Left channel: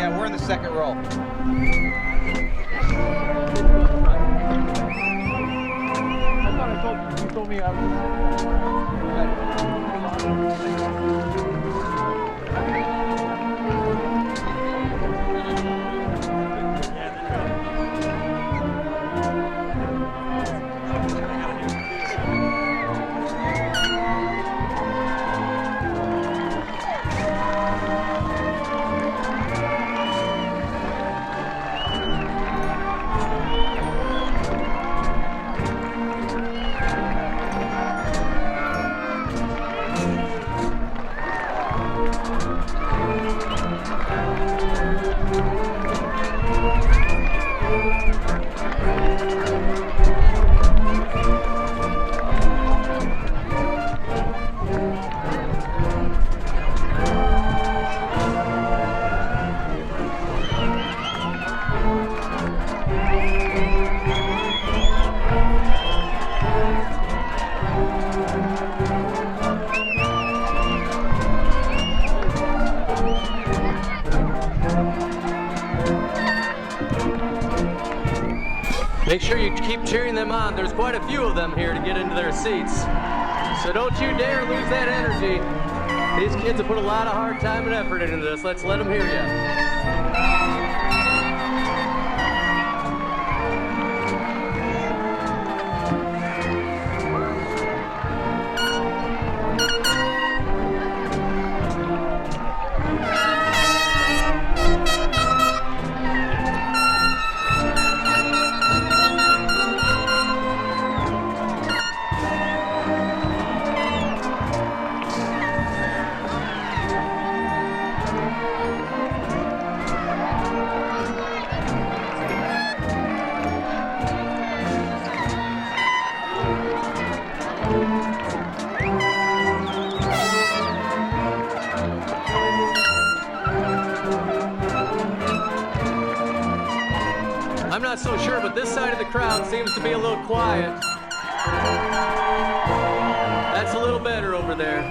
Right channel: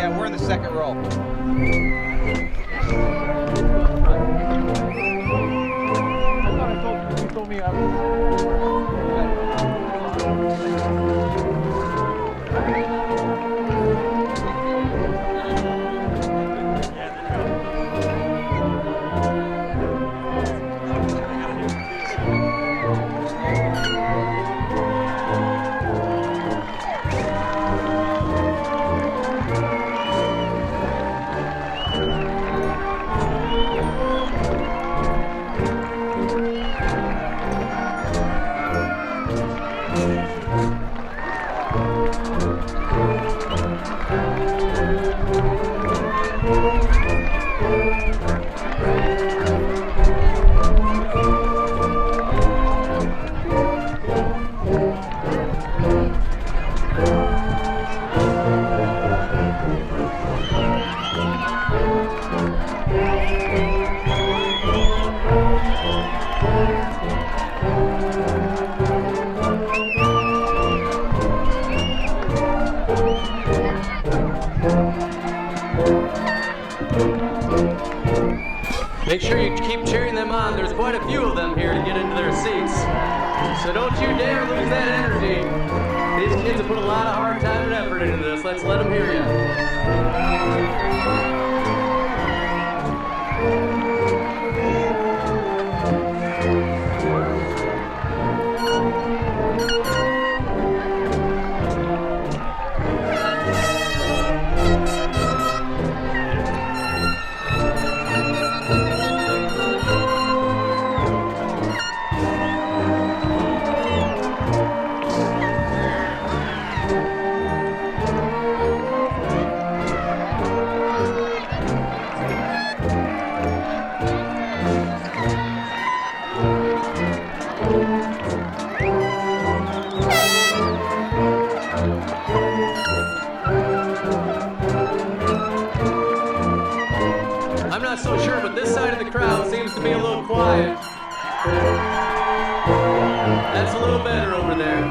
Yeah, we're in the second row. I thought I told you. You told me I was. Make sure you keep cheering them on. There's quite a few of them here to get into their seats. So don't you dare lose that energy. These kids have put a lot of hard time and effort into this. Let's let them hear you. I'm not so sure, but this side of the crowd seems to be a little quiet. That's a little better over there.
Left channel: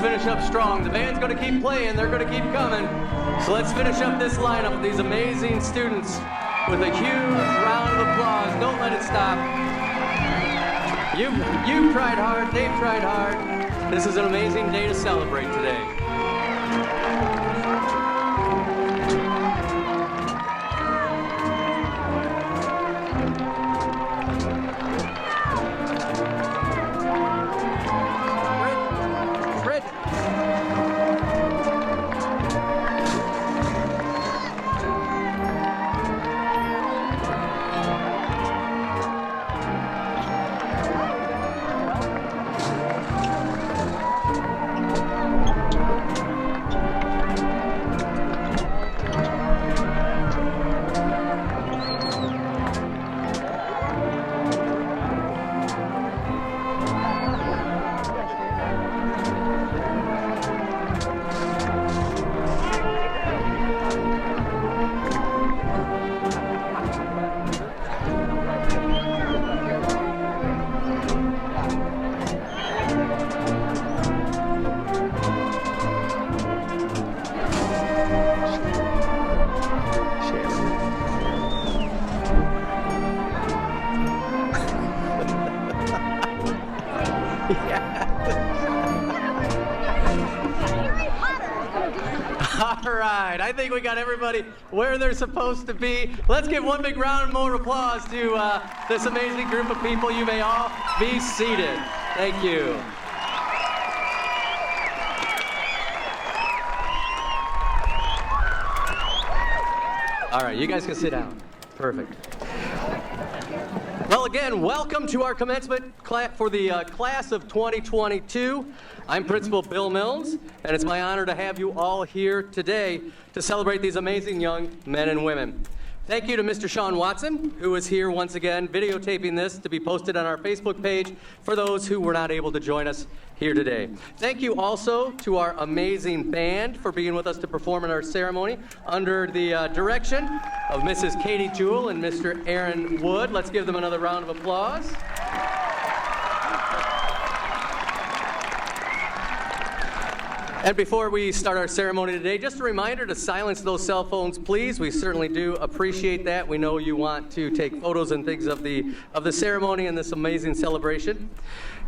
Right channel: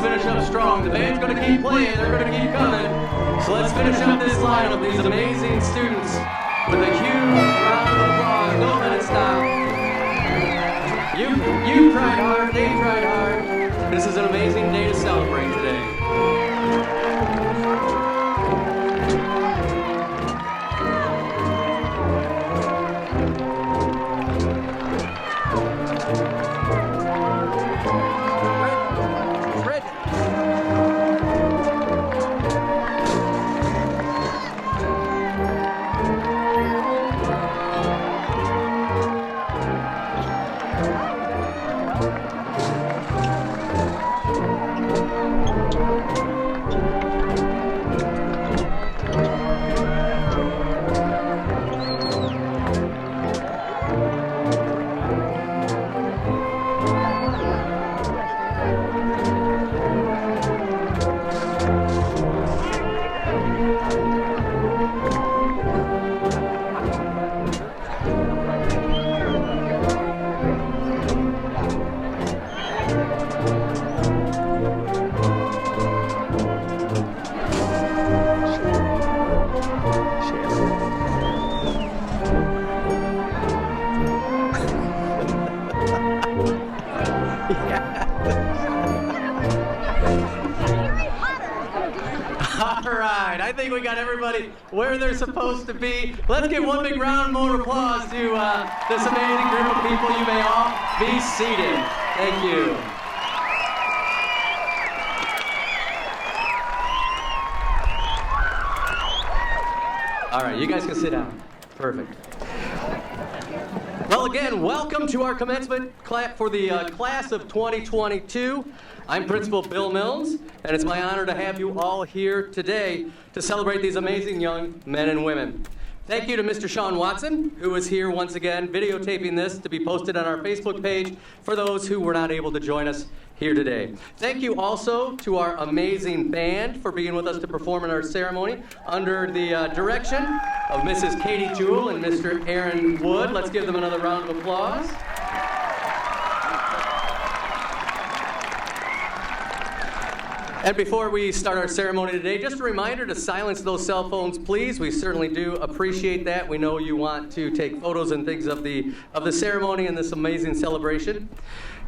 Finish up strong. The band's going to keep playing. They're going to keep coming. So let's finish up this lineup with these amazing students with a huge round of applause. Don't let it stop. You've tried hard. They've tried hard. This is an amazing day to celebrate today. right, I think we got everybody where they're supposed to be. Let's give one big round more applause to this amazing group of people. You may all be seated. Thank you. All right, you guys can sit down. Perfect. Well, again, welcome to our commencement class for the class of 2022. I'm Principal Bill Milnes, and it's my honor to have you all here today to celebrate these amazing young men and women. Thank you to Mr. Sean Watson, who is here once again videotaping this to be posted on our Facebook page for those who were not able to join us here today. Thank you also to our amazing band for being with us to perform in our ceremony under the direction of Mrs. Katie Jewell and Mr. Aaron Wood. Let's give them another round of applause. And before we start our ceremony today, just a reminder to silence those cell phones, please. We certainly do appreciate that. We know you want to take photos and things of the ceremony and this amazing celebration.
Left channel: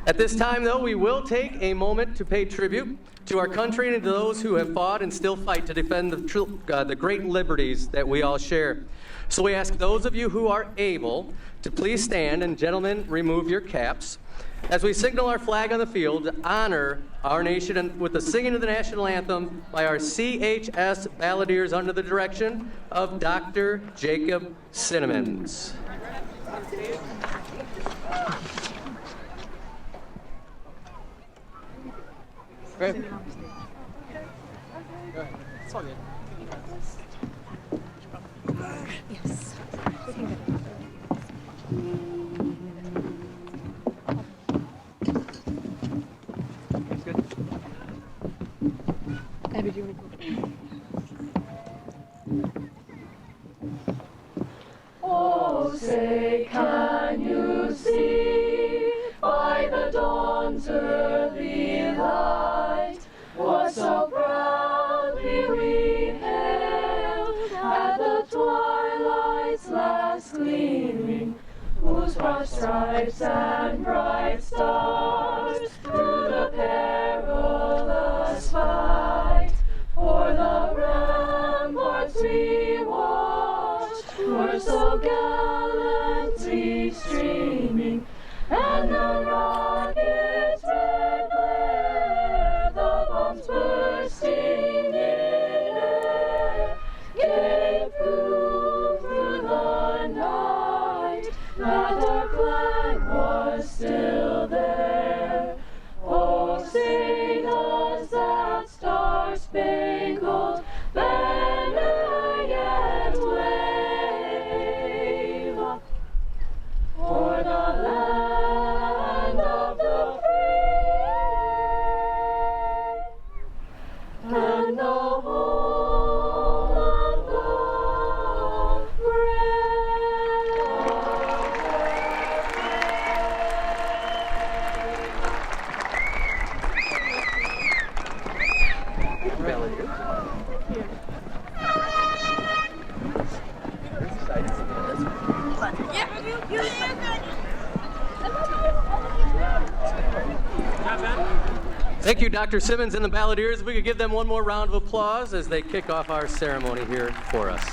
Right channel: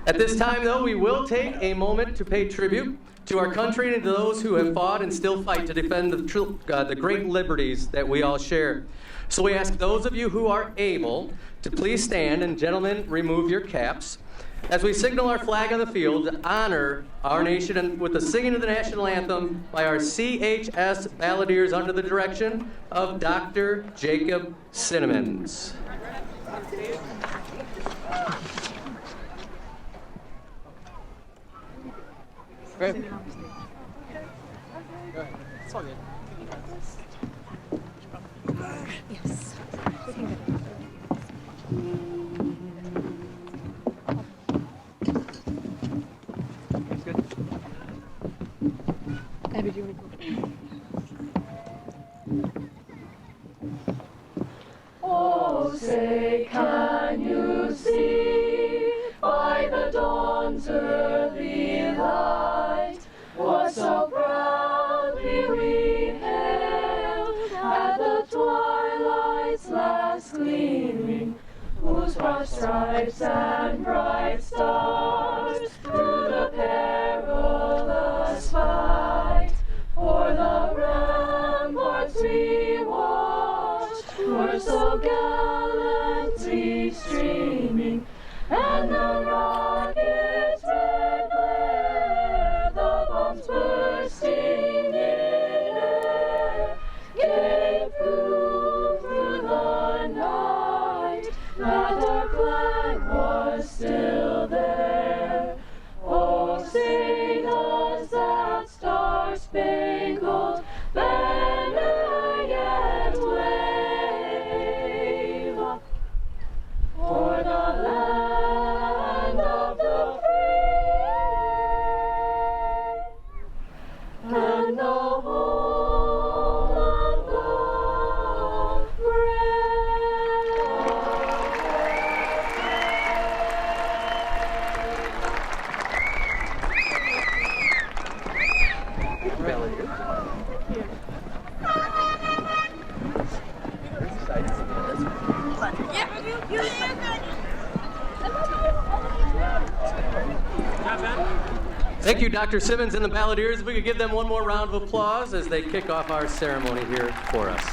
At this time, though, we will take a moment to pay tribute to our country and to those who have fought and still fight to defend the great liberties that we all share. So we ask those of you who are able to please stand, and gentlemen, remove your caps, as we signal our flag on the field to honor our nation and with the singing of the national anthem by our CHS Balladeers under the direction of Dr. Jacob Cinnamons. Great. Yes. Abby, do you want to go? Oh, say, can you see by the dawn's early light what so proudly we hailed at the twilight's last gleaming, whose broad stripes and bright stars through the perilous fight o'er the ramparts we watched were so gallantly streaming, and the rocket's red glare, the bombs bursting in air, gave proof through the night that our flag was still there. Oh, say does that star-spangled banner yet wave o'er the land of the free and the home of the Thank you, Dr. Simmons and the Balladeers. If we could give them one more round of applause as they kick off our ceremony here for us.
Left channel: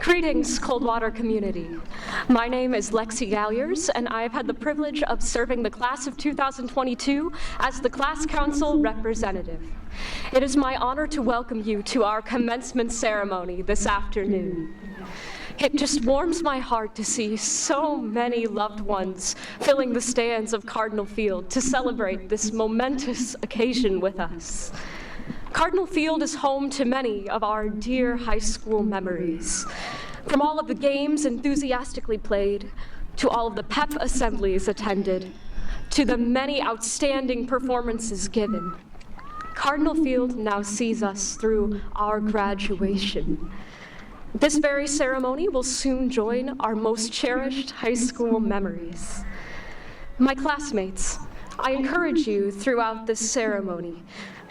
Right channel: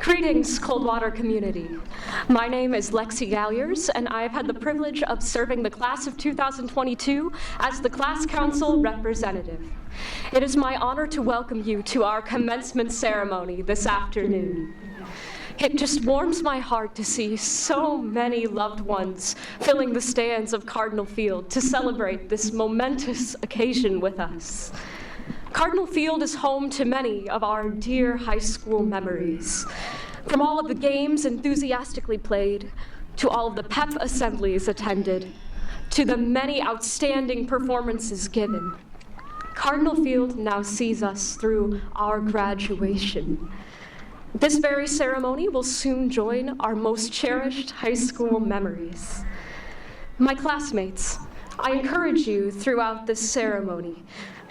Greetings, Coldwater community. My name is Lexi Galliers, and I have had the privilege of serving the class of 2022 as the class council representative. It is my honor to welcome you to our commencement ceremony this afternoon. It just warms my heart to see so many loved ones filling the stands of Cardinal Field to celebrate this momentous occasion with us. Cardinal Field is home to many of our dear high school memories. From all of the games enthusiastically played, to all of the pep assemblies attended, to the many outstanding performances given, Cardinal Field now sees us through our graduation. This very ceremony will soon join our most cherished high school memories. My classmates, I encourage you throughout this ceremony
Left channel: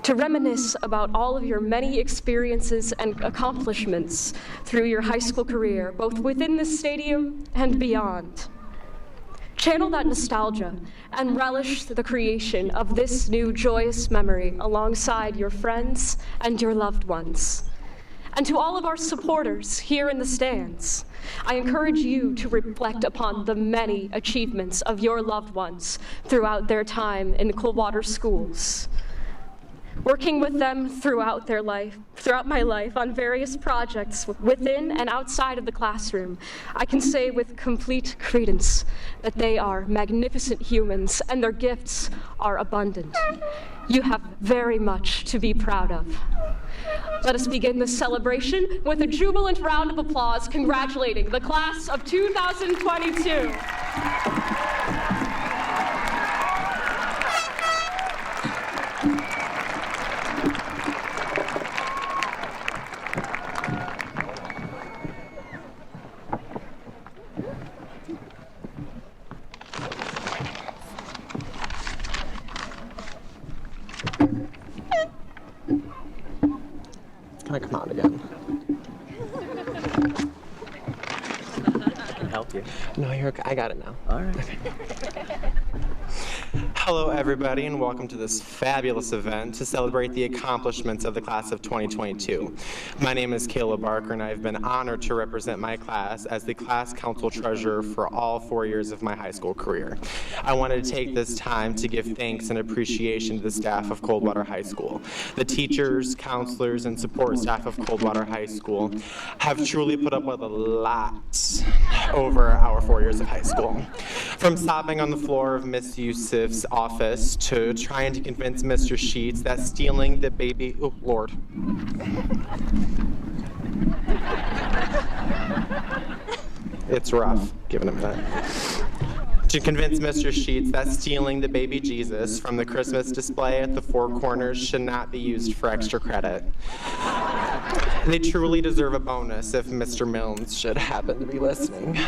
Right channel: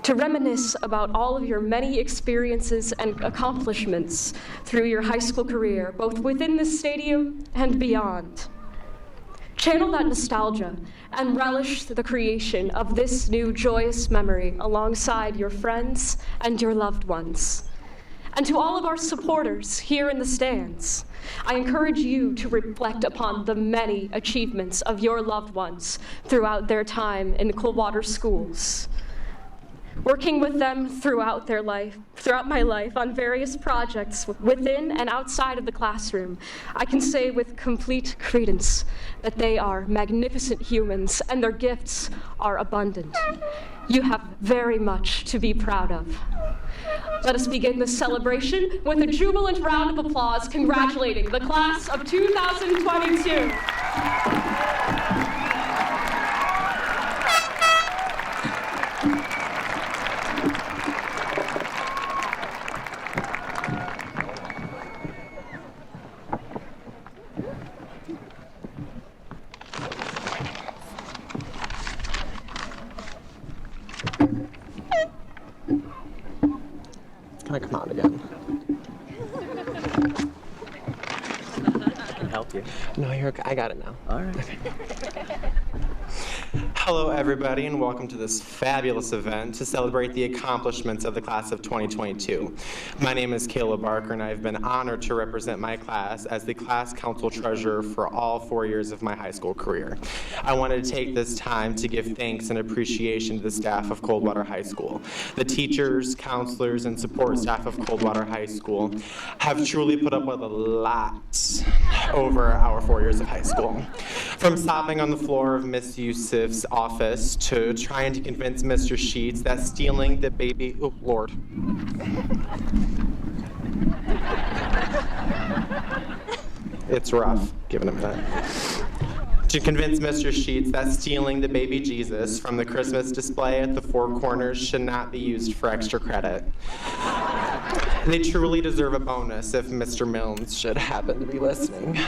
to reminisce about all of your many experiences and accomplishments through your high school career, both within the stadium and beyond. Channel that nostalgia and relish the creation of this new joyous memory alongside your friends and your loved ones. And to all of our supporters here in the stands, I encourage you to reflect upon the many achievements of your loved ones throughout their time in Coldwater schools. Working with them throughout my life on various projects within and outside of the classroom, I can say with complete credence that they are magnificent humans and their gifts are abundant. You have very much to be proud of. Let us begin this celebration with a jubilant round of applause congratulating the class of 2022. Can I come out again? I can help you. No, you're okay. I got it now. All right. Hello, everybody, and welcome to this fabulous event to celebrate the accomplishments of the class of 2022. My name is Caleb Barker, and I've been honored to represent my class as the class council treasurer for all 4 years of my high school career. I wanted to take this time to give thanks and appreciation to the staff of Coldwater High School. The teachers, counselors, and support staff of Coldwater High School have truly put up with a lot over our 4 years of high school. From stopping on the floor of Miss Yusuf's office to trying to convince Mr. Sheets that stealing the baby, oh Lord. It's rough, giving him that. To convince Mr. Sheets that stealing the baby Jesus from the Christmas display at the Four Corners should not be used for extra credit. They truly deserve a bonus if Mr. Milnes should happen to be listening.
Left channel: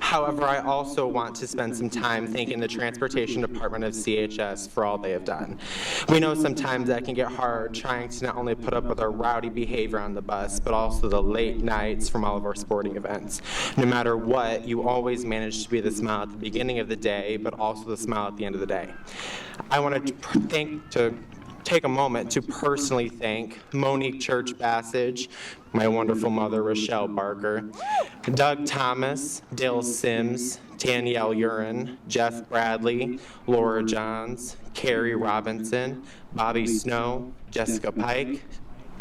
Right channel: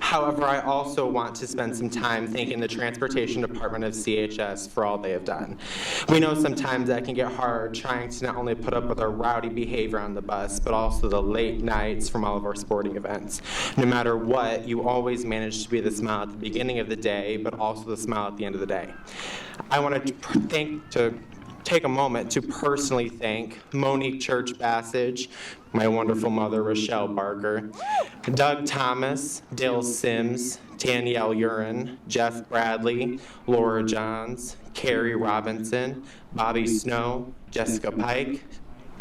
However, I also want to spend some time thanking the Transportation Department of CHS for all they have done. We know sometimes that can get hard trying to not only put up with our rowdy behavior on the bus, but also the late nights from all of our sporting events. No matter what, you always manage to be the smile at the beginning of the day, but also the smile at the end of the day. I want to take a moment to personally thank Monique Church Bassage, my wonderful mother, Rochelle Barker, Doug Thomas, Dale Sims, Danielle Urin, Jeff Bradley, Laura Johns, Carrie Robinson, Bobby Snow, Jessica Pike,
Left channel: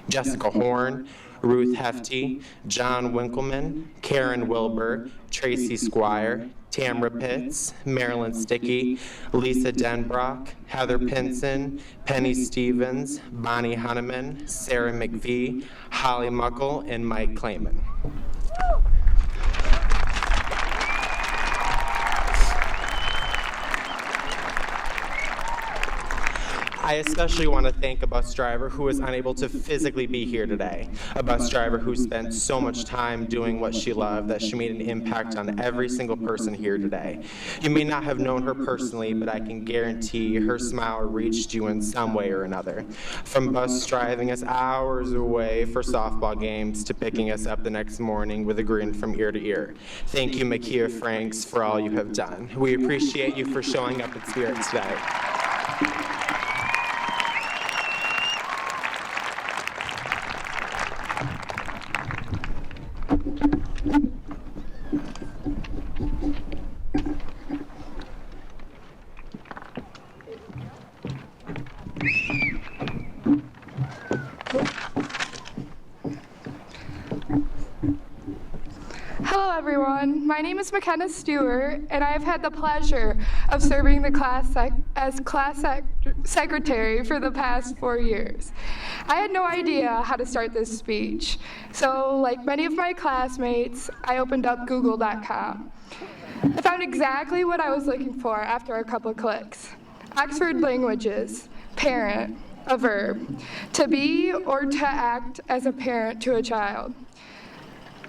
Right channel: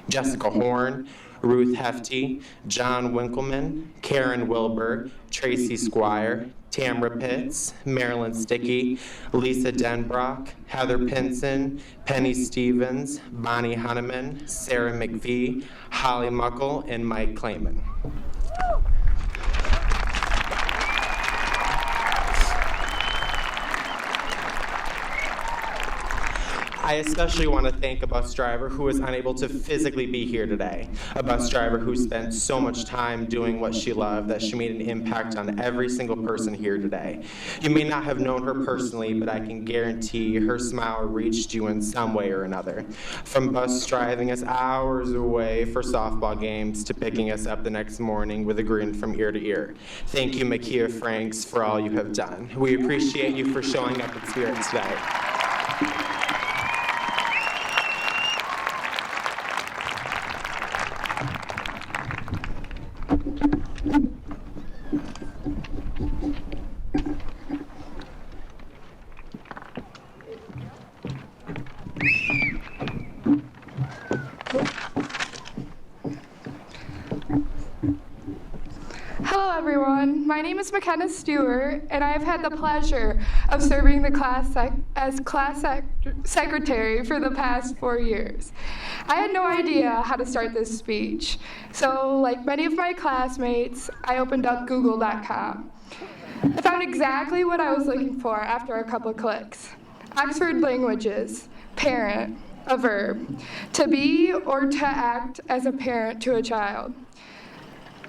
Jessica Horn, Ruth Hefty, John Winkleman, Karen Wilbur, Tracy Squire, Tamra Pitts, Marilyn Sticky, Lisa Denbrock, Heather Pinson, Penny Stevens, Bonnie Hunneman, Sarah McVie, Holly Muckle, and Mike Clayman. I especially want to thank a bus driver who was unable to physically be here today. A bus driver who spent so much time doing what she loved that she made an impact on every single person here today. You may not have known her personally, but I can guarantee her smile reached you in some way or another. From bus driving us hours away for softball games to picking us up the next morning with a grin from ear to ear. Thank you, Makia Franks, for all you have done. We appreciate you for showing up in spirit today. Hello everyone, my name is McKenna Stewart and I have had the pleasure of serving the class as class secretary for the past 4 years. I had no idea how to start this speech, so like many of my classmates, I opened up google.com. I found exactly what I was looking for after a couple of clicks. Oxford Languages, parent, a verb, to be or to act as a parent to a child.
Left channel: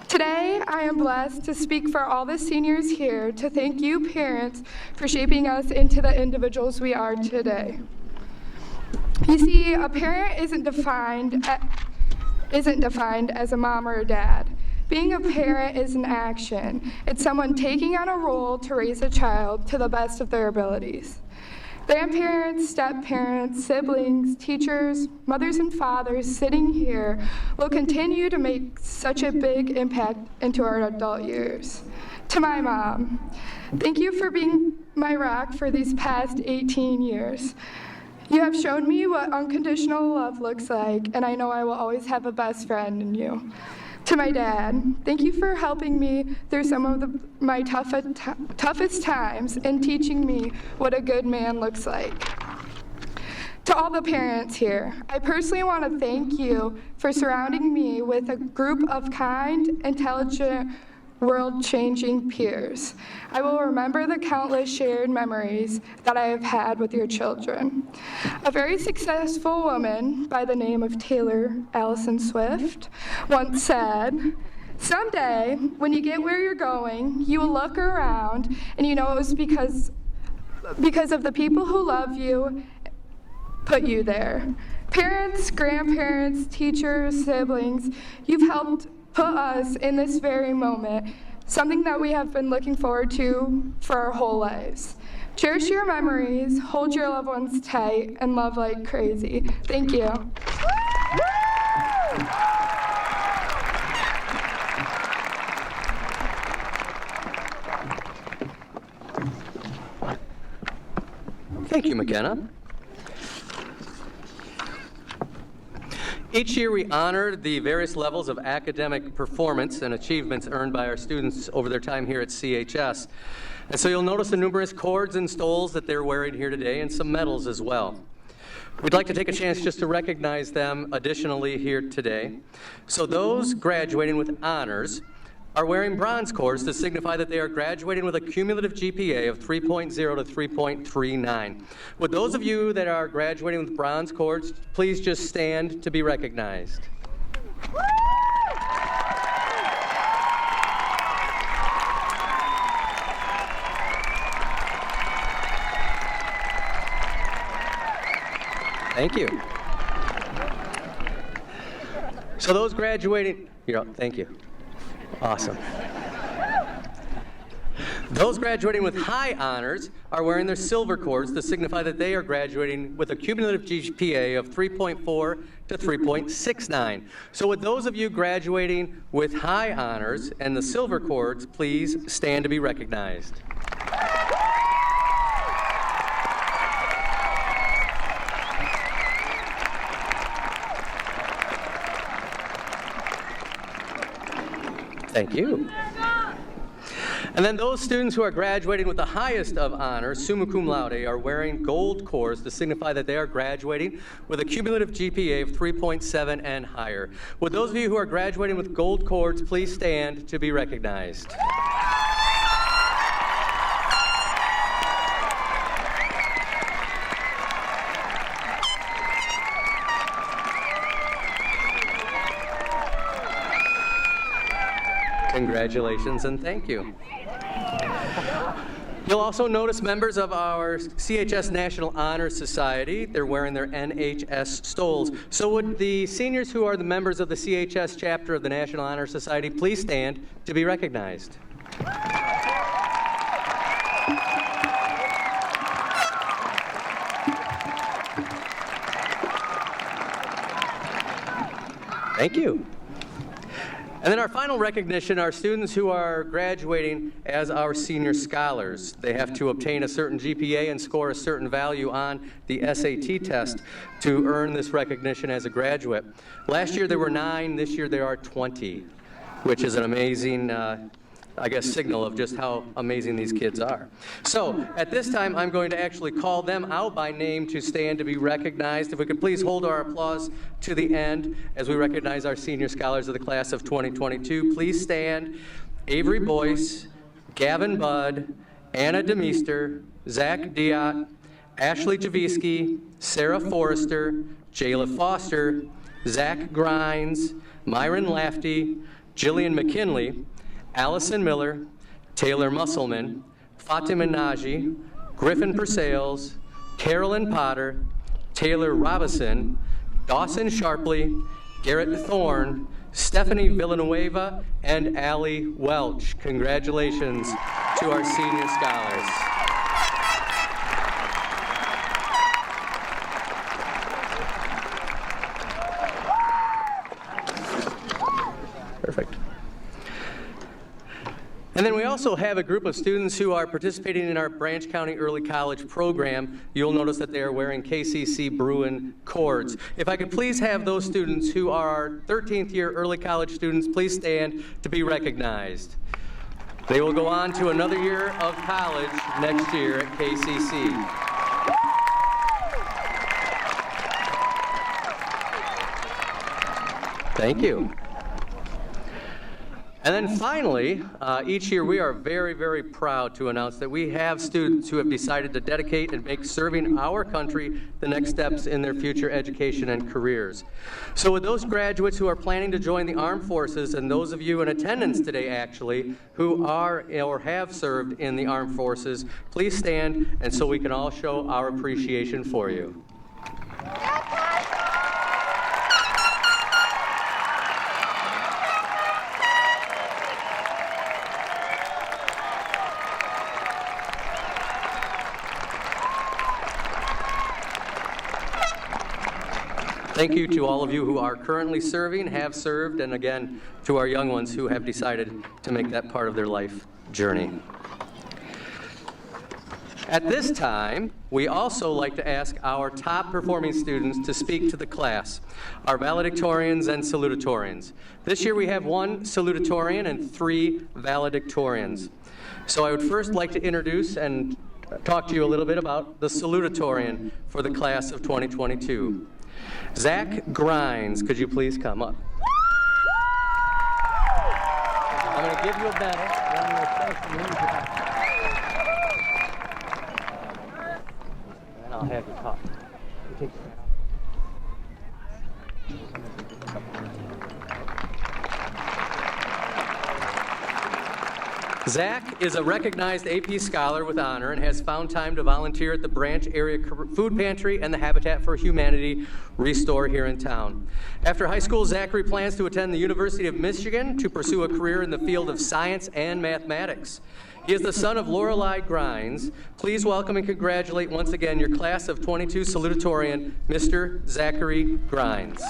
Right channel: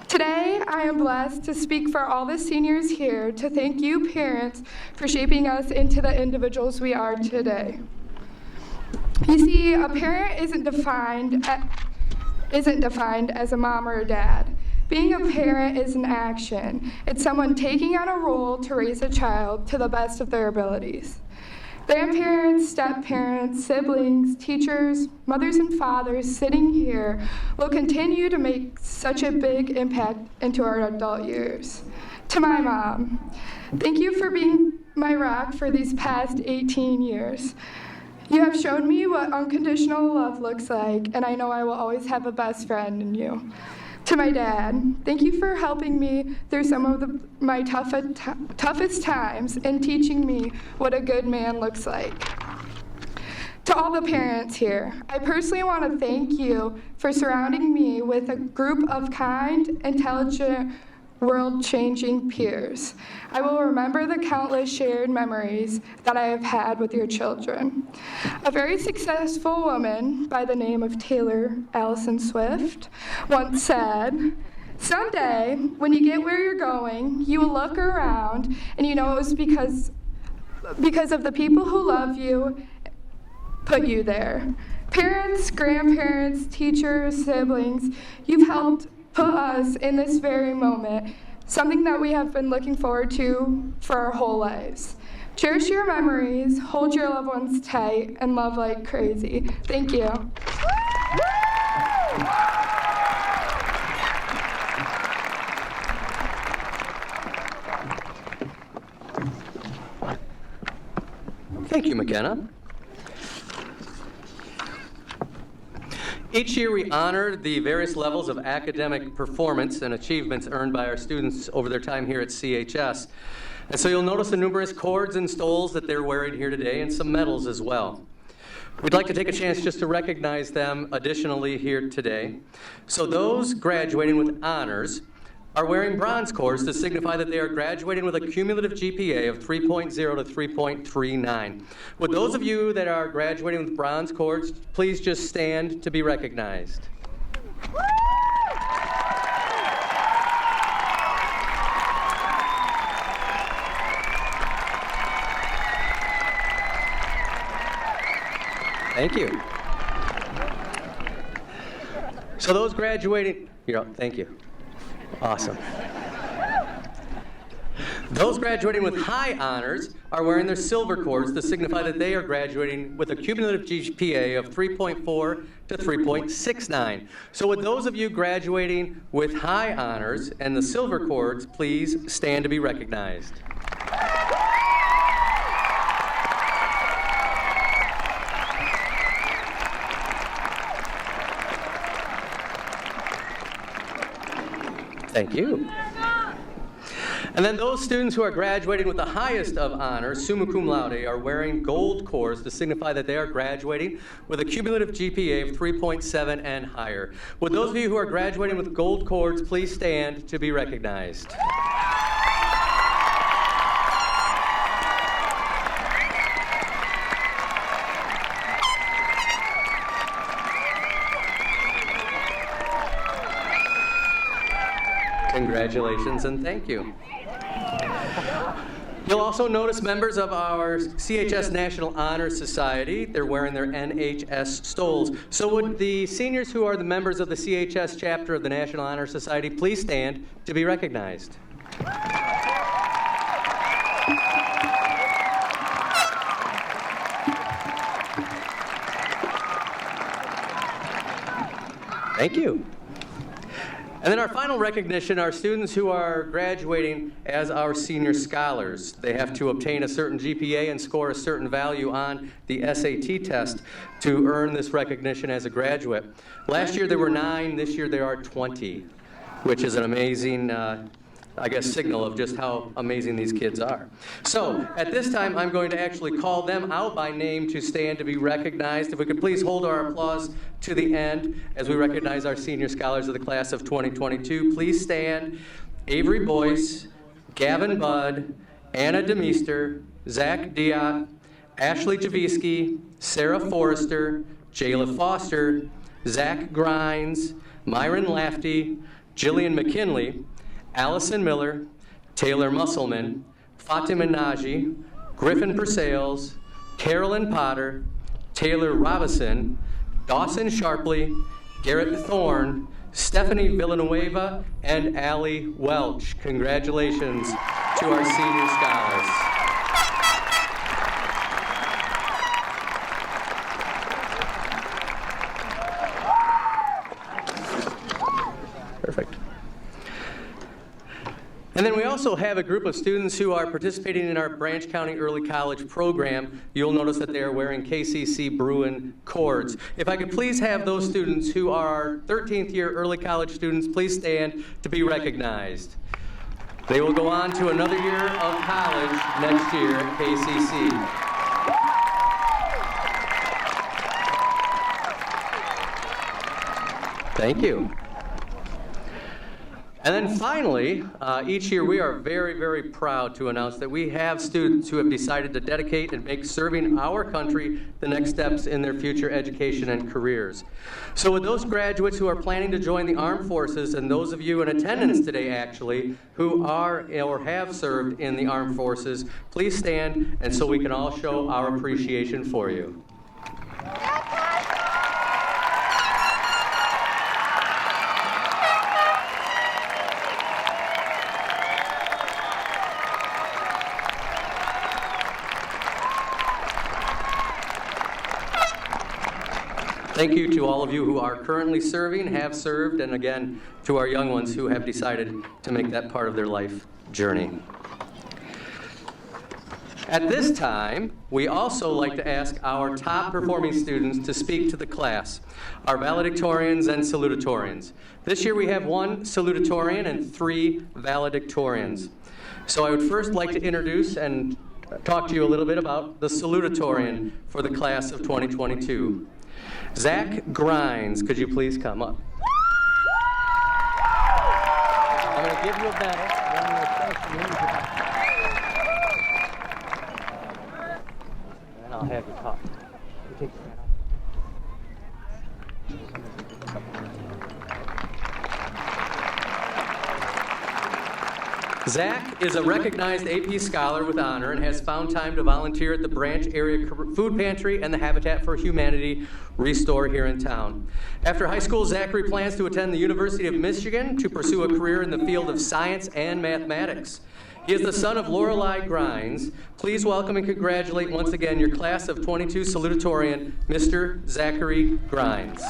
Today, I am blessed to speak for all the seniors here to thank you parents for shaping us into the individuals we are today. You see, a parent isn't defined as a mom or a dad. Being a parent is an action. It's someone taking on a role to raise a child to the best of their abilities. Grandparents, step-parents, siblings, teachers, mothers and fathers sitting here will continue to make such a big impact into our adult years. To my mom, thank you for being my rock for these past 18 years. You have shown me what unconditional love looks like, and I know I will always have a best friend in you. To my dad, thank you for helping me through some of my toughest times and teaching me what a good man looks like. To all the parents here, I personally want to thank you for surrounding me with a group of kind, intelligent, world-changing peers. I will remember the countless shared memories that I have had with your children. A very successful woman by the name of Taylor Allison Swift once said, "Someday, when you get where you're going, you will look around and you know it was because of the people who love you put you there." Parents, grandparents, teachers, siblings, you've helped put us in this very moment, something that we have been looking forward to for our whole lives. Cherish your memories, hold your loved ones tight, and love like crazy. Thank you. Thank you, McKenna. Each year we honor the various levels of academic performance and achievements earned by our students over their time here at CHS. And so you'll notice the numerous cords and stoles that they're wearing here today and some medals as well. We'd like to take a chance just to recognize them additionally here today. So those graduating with honors are wearing bronze cords to signify that they are graduating with a cumulative GPA of 3.0 to 3.39. Would those of you that are graduating with bronze cords please just stand to be recognized? Thank you. So those graduating, thank you. Awesome. Those graduating with high honors are wearing their silver cords to signify that they are graduating with a cumulative GPA of 3.4 to 3.69. So would those of you graduating with high honors and the silver cords please stand to be recognized? Thank you. And then those students who are graduating with the highest of honors, summa cum laude, are wearing gold cords to signify that they are graduating with a cumulative GPA of 3.7 and higher. Would those of you who are graduating with gold cords please stand to be recognized? Congratulations and thank you. You'll also notice members of our CHS National Honor Society. They're wearing their NHS stoles. So would the seniors who are the members of the CHS chapter of the National Honor Society please stand to be recognized? Thank you. And then our final recognition are students who are graduating as our senior scholars. They have to obtain a certain GPA and score a certain value on the SAT test to earn this recognition as a graduate. Last year there were 9, this year there are 20, which is an amazing signal of just how amazing these kids are. So at this time, I'm going to actually call them out by name to stand to be recognized. If we could please hold our applause to the end as we recognize our senior scholars of the class of 2022. Please stand. Avery Boyce, Gavin Budd, Anna Demeester, Zach Diot, Ashley Javisky, Sarah Forrester, Jayla Foster, Zach Grines, Myron Lafty, Jillian McKinley, Allison Miller, Taylor Musselman, Fatima Naji, Griffin Persales, Carolyn Potter, Taylor Robison, Dawson Sharpley, Garrett Thorne, Stephanie Villanueva, and Allie Welch. Congratulations to our senior scholars. Perfect. And then we also have a group of students who are participating in our Branch County Early College program. You'll notice that they are wearing KCC Bruin cords. If I could please have those students who are our 13th year early college students, please stand to be recognized. They will go on to another year of college next year at KCC. Thank you. And then finally, each year we are very, very proud to announce that we have students who have decided to dedicate and make serving our country the next steps in their future education and careers. So with those graduates who are planning to join the armed forces, and those of you in attendance today actually who are or have served in the armed forces, please stand and so we can all show our appreciation for you. Thank you to all of you who are currently serving, have served, and again, to our young ones who have decided to make that part of their life journey. At this time, we also like to ask our top performing students to speak to the class, our valedictorians and salutatorians. This year we have 1 salutatorian and 3 valedictorians. So I would first like to introduce and talk to you a little bit about the salutatorian for the class of 2022. Zach Grimes, could you please come up? I'm going to give you a medal. And I'll have you talk. You take your hat off. Zach is a recognized AP Scholar with honor and has found time to volunteer at the Branch Area Food Pantry and the Habitat for Humanity Restore here in town. After high school, Zachary plans to attend the University of Michigan to pursue a career in the field of science and mathematics. He is the son of Lorelei Grimes. Please welcome and congratulate once again your class of 22 salutatorian, Mr. Zachary Grimes.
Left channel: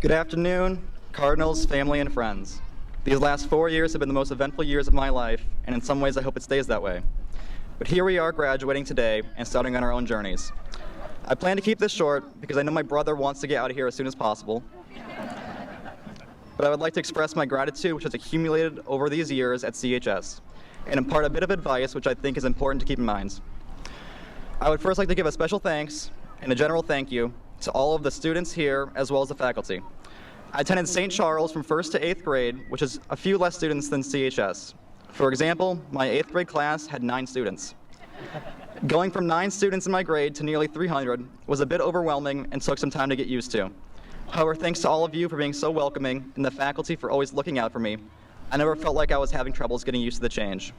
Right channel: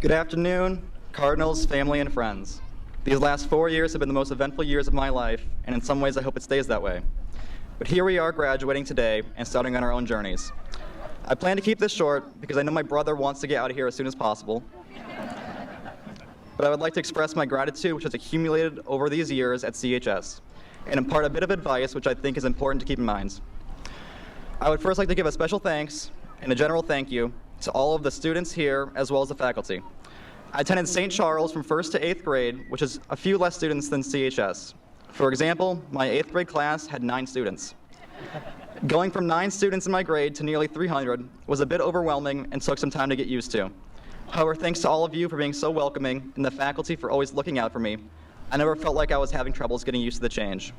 Good afternoon, Cardinals, family, and friends. These last 4 years have been the most eventful years of my life, and in some ways I hope it stays that way. But here we are graduating today and starting on our own journeys. I plan to keep this short because I know my brother wants to get out of here as soon as possible. But I would like to express my gratitude which has accumulated over these years at CHS, and impart a bit of advice which I think is important to keep in mind. I would first like to give a special thanks and a general thank you to all of the students here as well as the faculty. I attended St. Charles from 1st to 8th grade, which is a few less students than CHS. For example, my 8th grade class had 9 students. Going from 9 students in my grade to nearly 300 was a bit overwhelming and took some time to get used to. However, thanks to all of you for being so welcoming and the faculty for always looking out for me, I never felt like I was having troubles getting used to the change.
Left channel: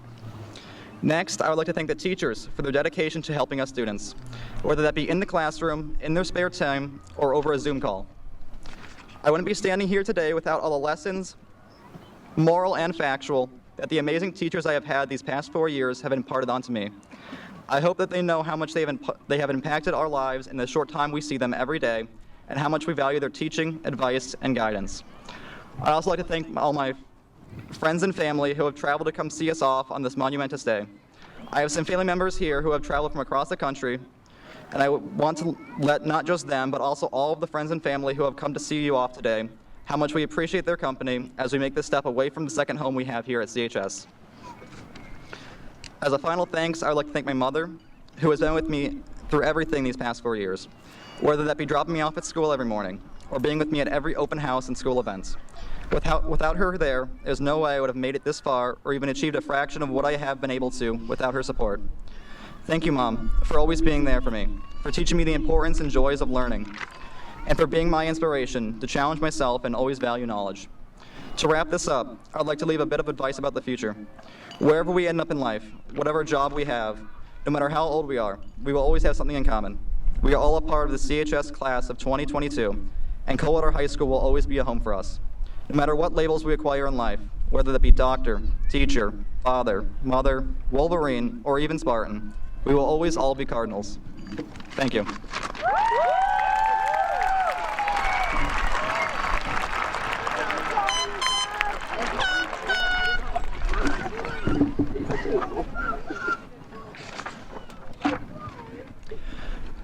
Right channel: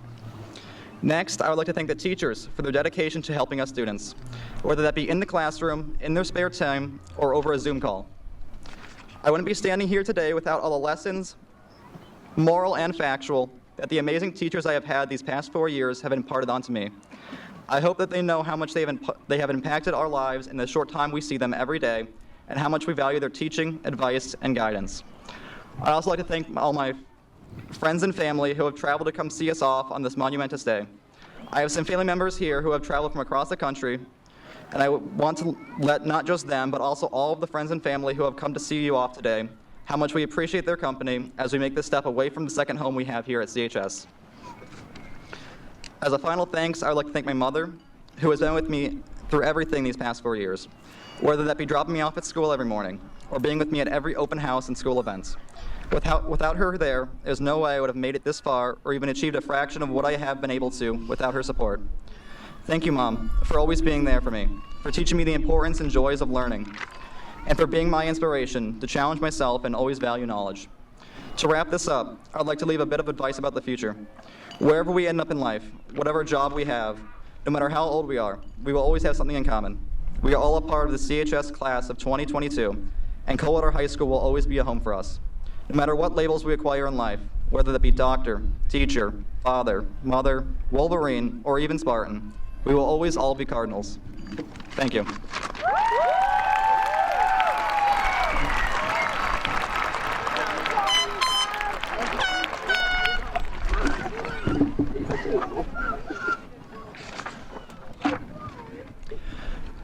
Next, I would like to thank the teachers for their dedication to helping us students, whether that be in the classroom, in their spare time, or over a Zoom call. I wouldn't be standing here today without all the lessons, moral and factual, that the amazing teachers I have had these past 4 years have imparted onto me. I hope that they know how much they have impacted our lives in the short time we see them every day, and how much we value their teaching, advice, and guidance. I'd also like to thank all my friends and family who have traveled to come see us off on this monumentous day. I have some family members here who have traveled from across the country, and I want to let not just them, but also all of the friends and family who have come to see you off today, how much we appreciate their company as we make this step away from the second home we have here at CHS. As a final thanks, I would like to thank my mother, who has been with me through everything these past 4 years, whether that be dropping me off at school every morning, or being with me at every open house and school events. Without her there's no way I would have made it this far or even achieved a fraction of what I have been able to without her support. Thank you, Mom, for always being there for me, for teaching me the importance and joys of learning, and for being my inspiration to challenge myself and always value knowledge. To wrap this up, I'd like to leave a bit of advice about the future. Wherever we end up in life, whatever job we have, no matter how old we are, we will always have something in common. We are all a part of the CHS class of 2022, and Coldwater High School will always be a home for us. No matter what labels we acquire in life, whether that be doctor, teacher, father, mother, Wolverine, or even Spartan, we will always all be Cardinals. Thank you.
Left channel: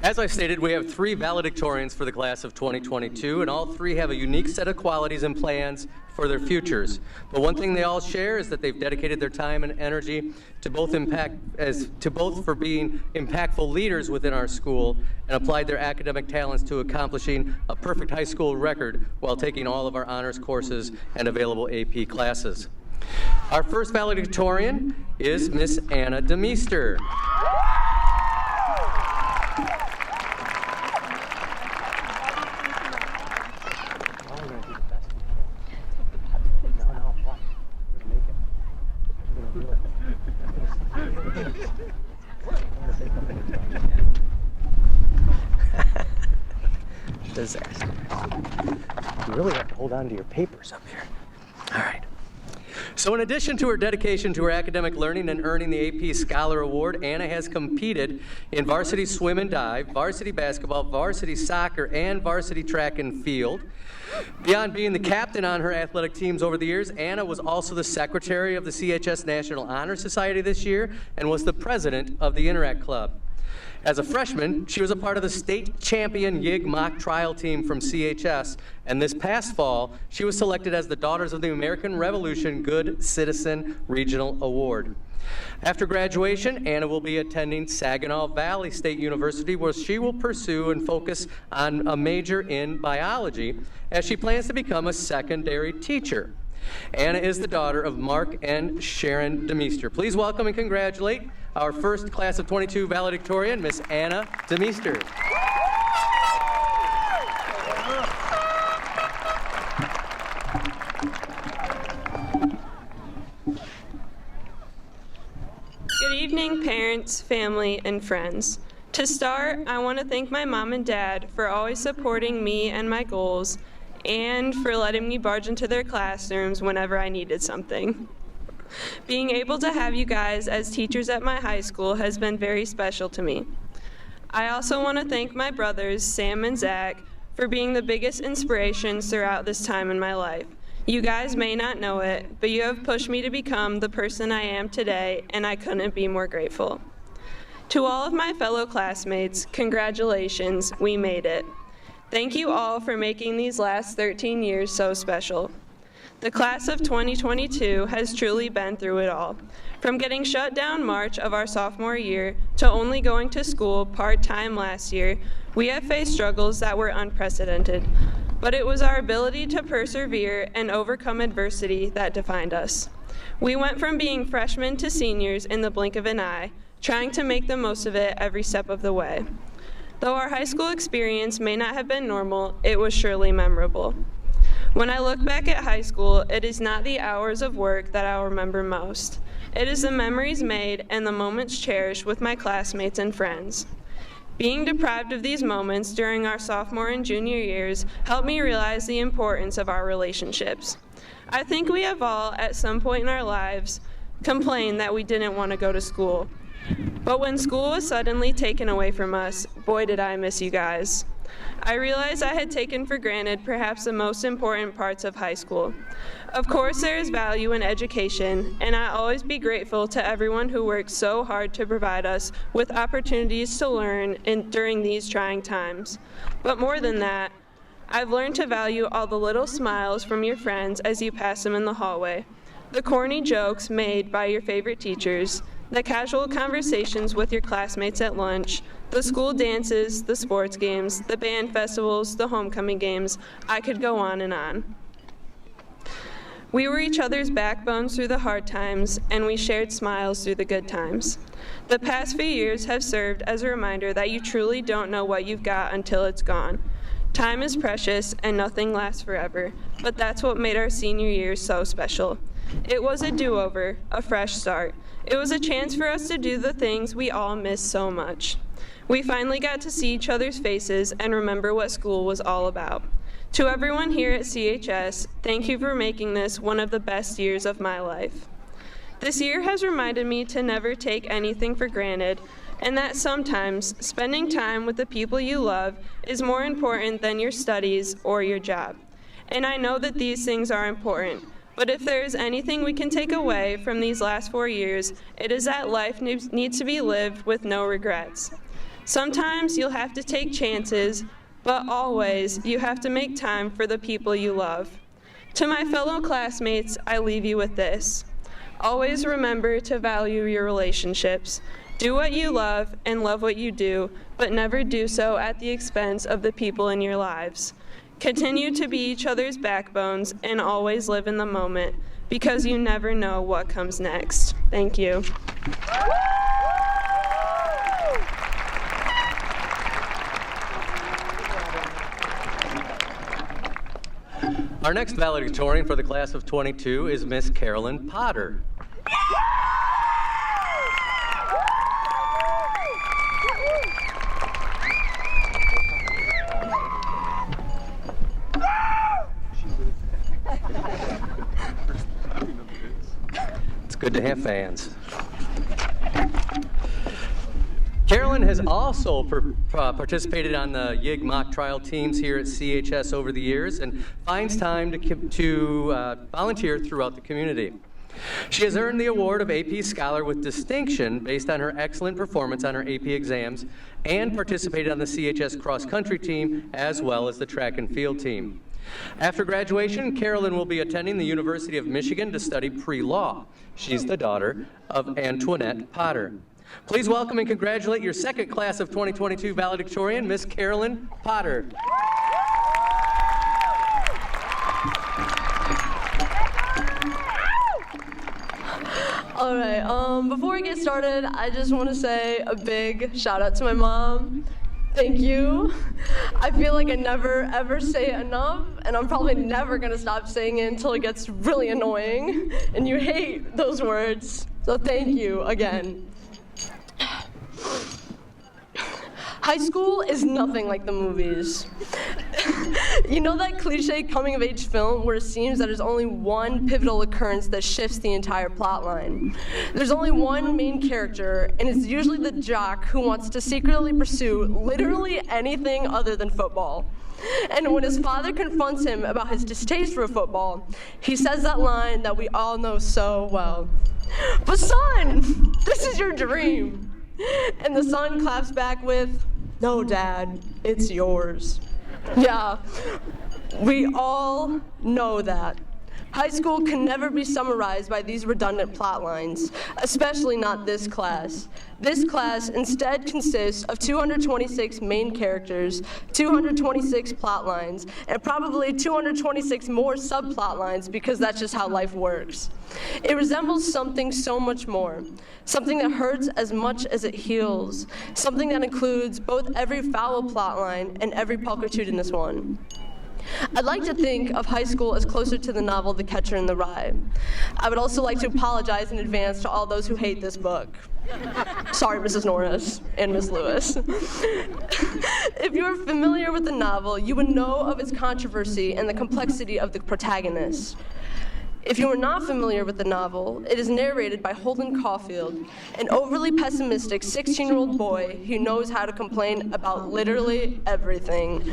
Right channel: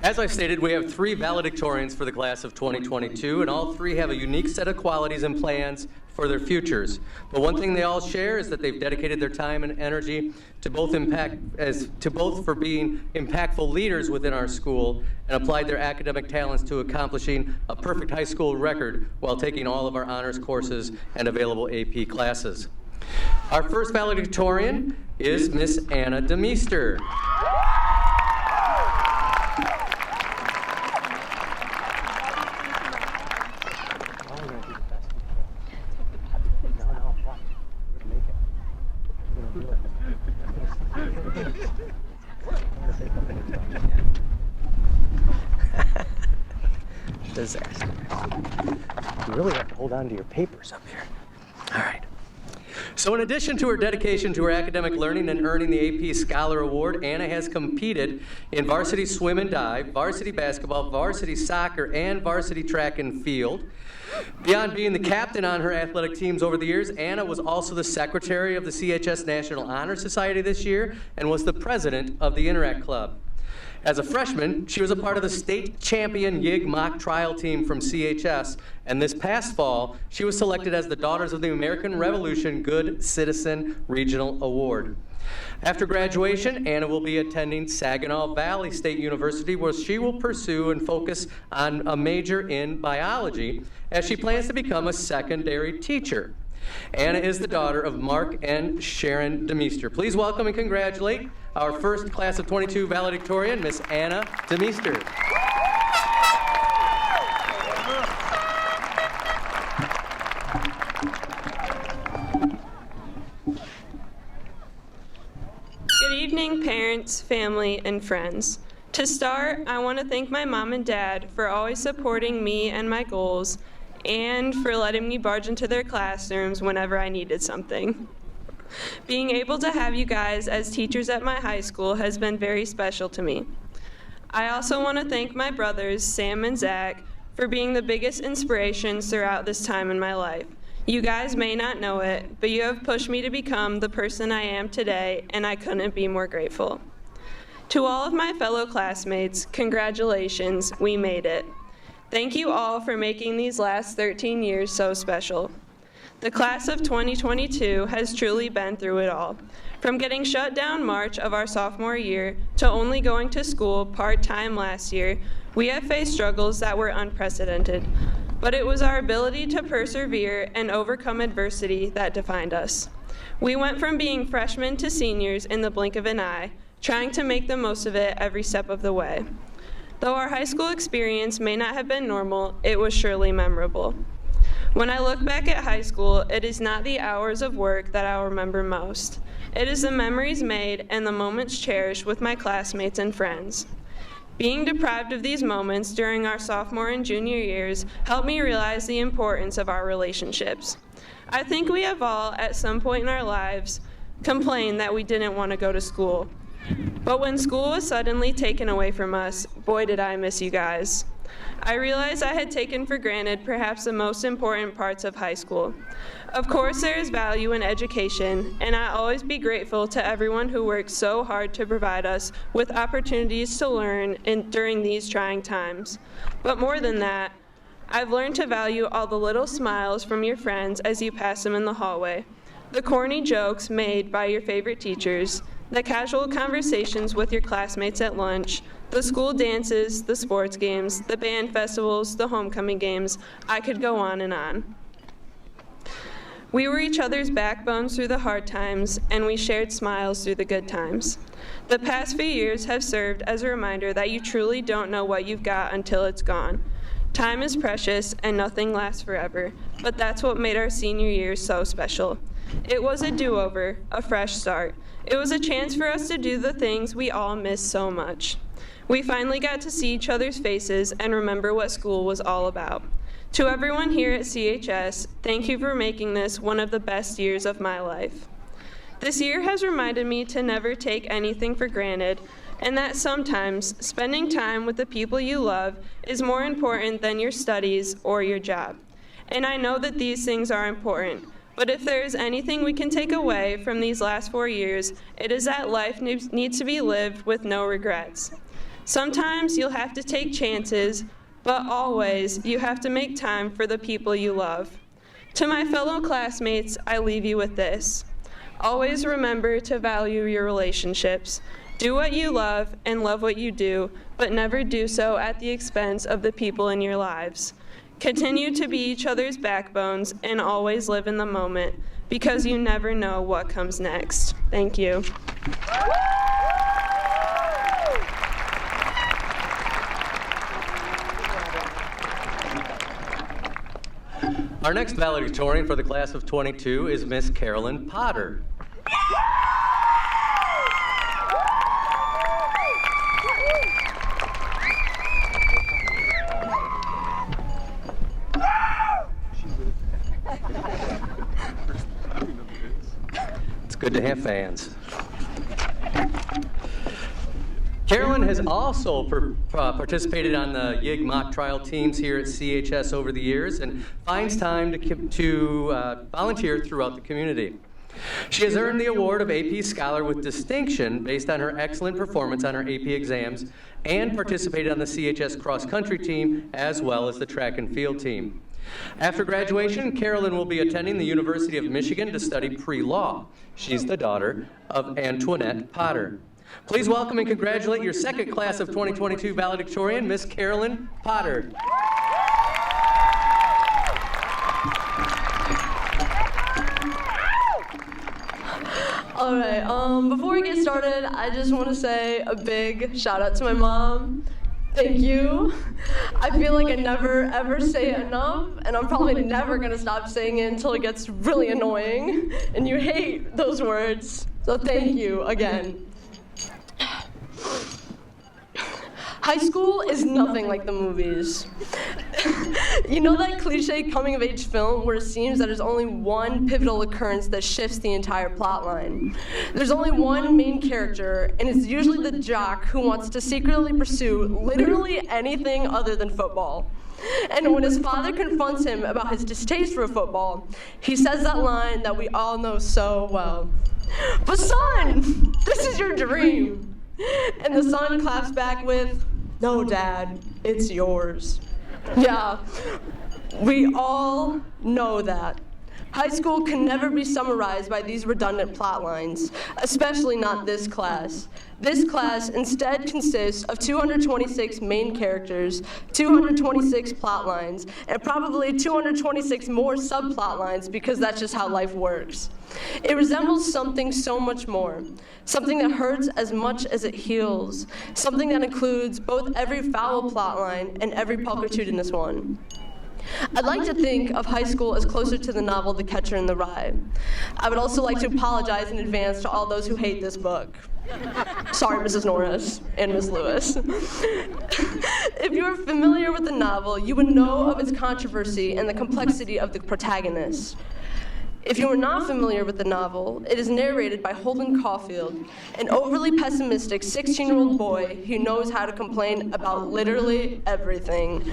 As I stated, we have 3 valedictorians for the class of 2022, and all 3 have a unique set of qualities and plans for their futures. But one thing they all share is that they've dedicated their time and energy to both for being impactful leaders within our school and applied their academic talents to accomplishing a perfect high school record while taking all of our honors courses and available AP classes. Our first valedictorian is Miss Anna DeMeester. Disaster. You really have to hold on to your papers up here. All right. So in addition to her dedication to her academic learning and earning the AP Scholar Award, Anna has competed in varsity swim and dive, varsity basketball, varsity soccer, and varsity track and field. Beyond being the captain on her athletic teams over the years, Anna was also the secretary of the CHS National Honor Society this year and was the president of the Interact Club. As a freshman, she was a part of the state champion YIG mock trial team from CHS, and this past fall, she was selected as the Daughters of the American Revolution Good Citizen Regional Award. After graduation, Anna will be attending Saginaw Valley State University, where she will pursue and focus on a major in biology, as she plans to become a secondary teacher. Anna is the daughter of Mark and Sharon DeMeester. Please welcome and congratulate our first class of 22 valedictorian, Miss Anna DeMeester. Good evening, parents, family, and friends. To start, I want to thank my mom and dad for always supporting me and my goals, and for letting me barge into their classrooms whenever I needed something. Being able to have you guys as teachers at my high school has been very special to me. I also want to thank my brothers, Sam and Zach, for being the biggest inspirations throughout this time in my life. You guys may not know it, but you have pushed me to become the person I am today, and I couldn't be more grateful. To all of my fellow classmates, congratulations, we made it. Thank you all for making these last 13 years so special. The class of 2022 has truly been through it all. From getting shut down March of our sophomore year to only going to school part-time last year, we have faced struggles that were unprecedented. But it was our ability to persevere and overcome adversity that defined us. We went from being freshmen to seniors in the blink of an eye, trying to make the most of it every step of the way. Though our high school experience may not have been normal, it was surely memorable. When I look back at high school, it is not the hours of work that I'll remember most. It is the memories made and the moments cherished with my classmates and friends. Being deprived of these moments during our sophomore and junior years helped me realize the importance of our relationships. I think we have all, at some point in our lives, complained that we didn't want to go to school. But when school was suddenly taken away from us, boy did I miss you guys. I realized I had taken for granted perhaps the most important parts of high school. Of course, there is value in education, and I'll always be grateful to everyone who worked so hard to provide us with opportunities to learn during these trying times. But more than that, I've learned to value all the little smiles from your friends as you pass them in the hallway, the corny jokes made by your favorite teachers, the casual conversations with your classmates at lunch, the school dances, the sports games, the band festivals, the homecoming games. I could go on and on. We were each other's backbones through the hard times, and we shared smiles through the good times. The past few years have served as a reminder that you truly don't know what you've got until it's gone. Time is precious and nothing lasts forever, but that's what made our senior year so special. It was a do-over, a fresh start. It was a chance for us to do the things we all miss so much. We finally got to see each other's faces and remember what school was all about. To everyone here at CHS, thank you for making this one of the best years of my life. This year has reminded me to never take anything for granted, and that sometimes spending time with the people you love is more important than your studies or your job. And I know that these things are important, but if there is anything we can take away from these last 4 years, it is that life needs to be lived with no regrets. Sometimes you'll have to take chances, but always you have to make time for the people you love. To my fellow classmates, I leave you with this. Always remember to value your relationships. Do what you love and love what you do, but never do so at the expense of the people in your lives. Continue to be each other's backbones and always live in the moment, because you never know what comes next. Thank you. Our next valedictorian for the class of 22 is Miss Carolyn Potter. It's good to have fans. Carolyn has also participated on the YIG mock trial teams here at CHS over the years and finds time to volunteer throughout the community. She has earned the award of AP Scholar with distinction based on her excellent performance on her AP exams and participated on the CHS cross-country team as well as the track and field team. After graduation, Carolyn will be attending the University of Michigan to study pre-law. She's the daughter of Antoinette Potter. Please welcome and congratulate your second class of 2022 valedictorian, Miss Carolyn Potter. All right, before we get started, I just want to say a big shout out to my mom. Thank you. I feel like I never ever say it enough, and I'm probably never gonna stop saying it until it gets really annoying, and you hate those words. So thank you again. High school is nothing like the movies. You know that cliche coming-of-age film where it seems that there's only one pivotal occurrence that shifts the entire plot line? There's only one main character, and it's usually the jock who wants to secretly pursue literally anything other than football. And when his father confronts him about his distaste for football, he says that line that we all know so well. "But son, this is your dream." And the son claps back with, "No, Dad, it's yours." Yeah, we all know that. High school can never be summarized by these redundant plot lines, especially not this class. This class instead consists of 226 main characters, 226 plot lines, and probably 226 more subplot lines because that's just how life works. It resembles something so much more, something that hurts as much as it heals, something that includes both every foul plot line and every pulchritude one. I'd like to think of high school as closer to the novel The Catcher in the Rye. I would also like to apologize in advance to all those who hate this book. Sorry, Mrs. Norris and Ms. Lewis. If you are familiar with the novel, you would know of its controversy and the complexity of the protagonist. If you are not familiar with the novel, it is narrated by Holden Caulfield, an overly pessimistic 16-year-old boy who knows how to complain about literally everything.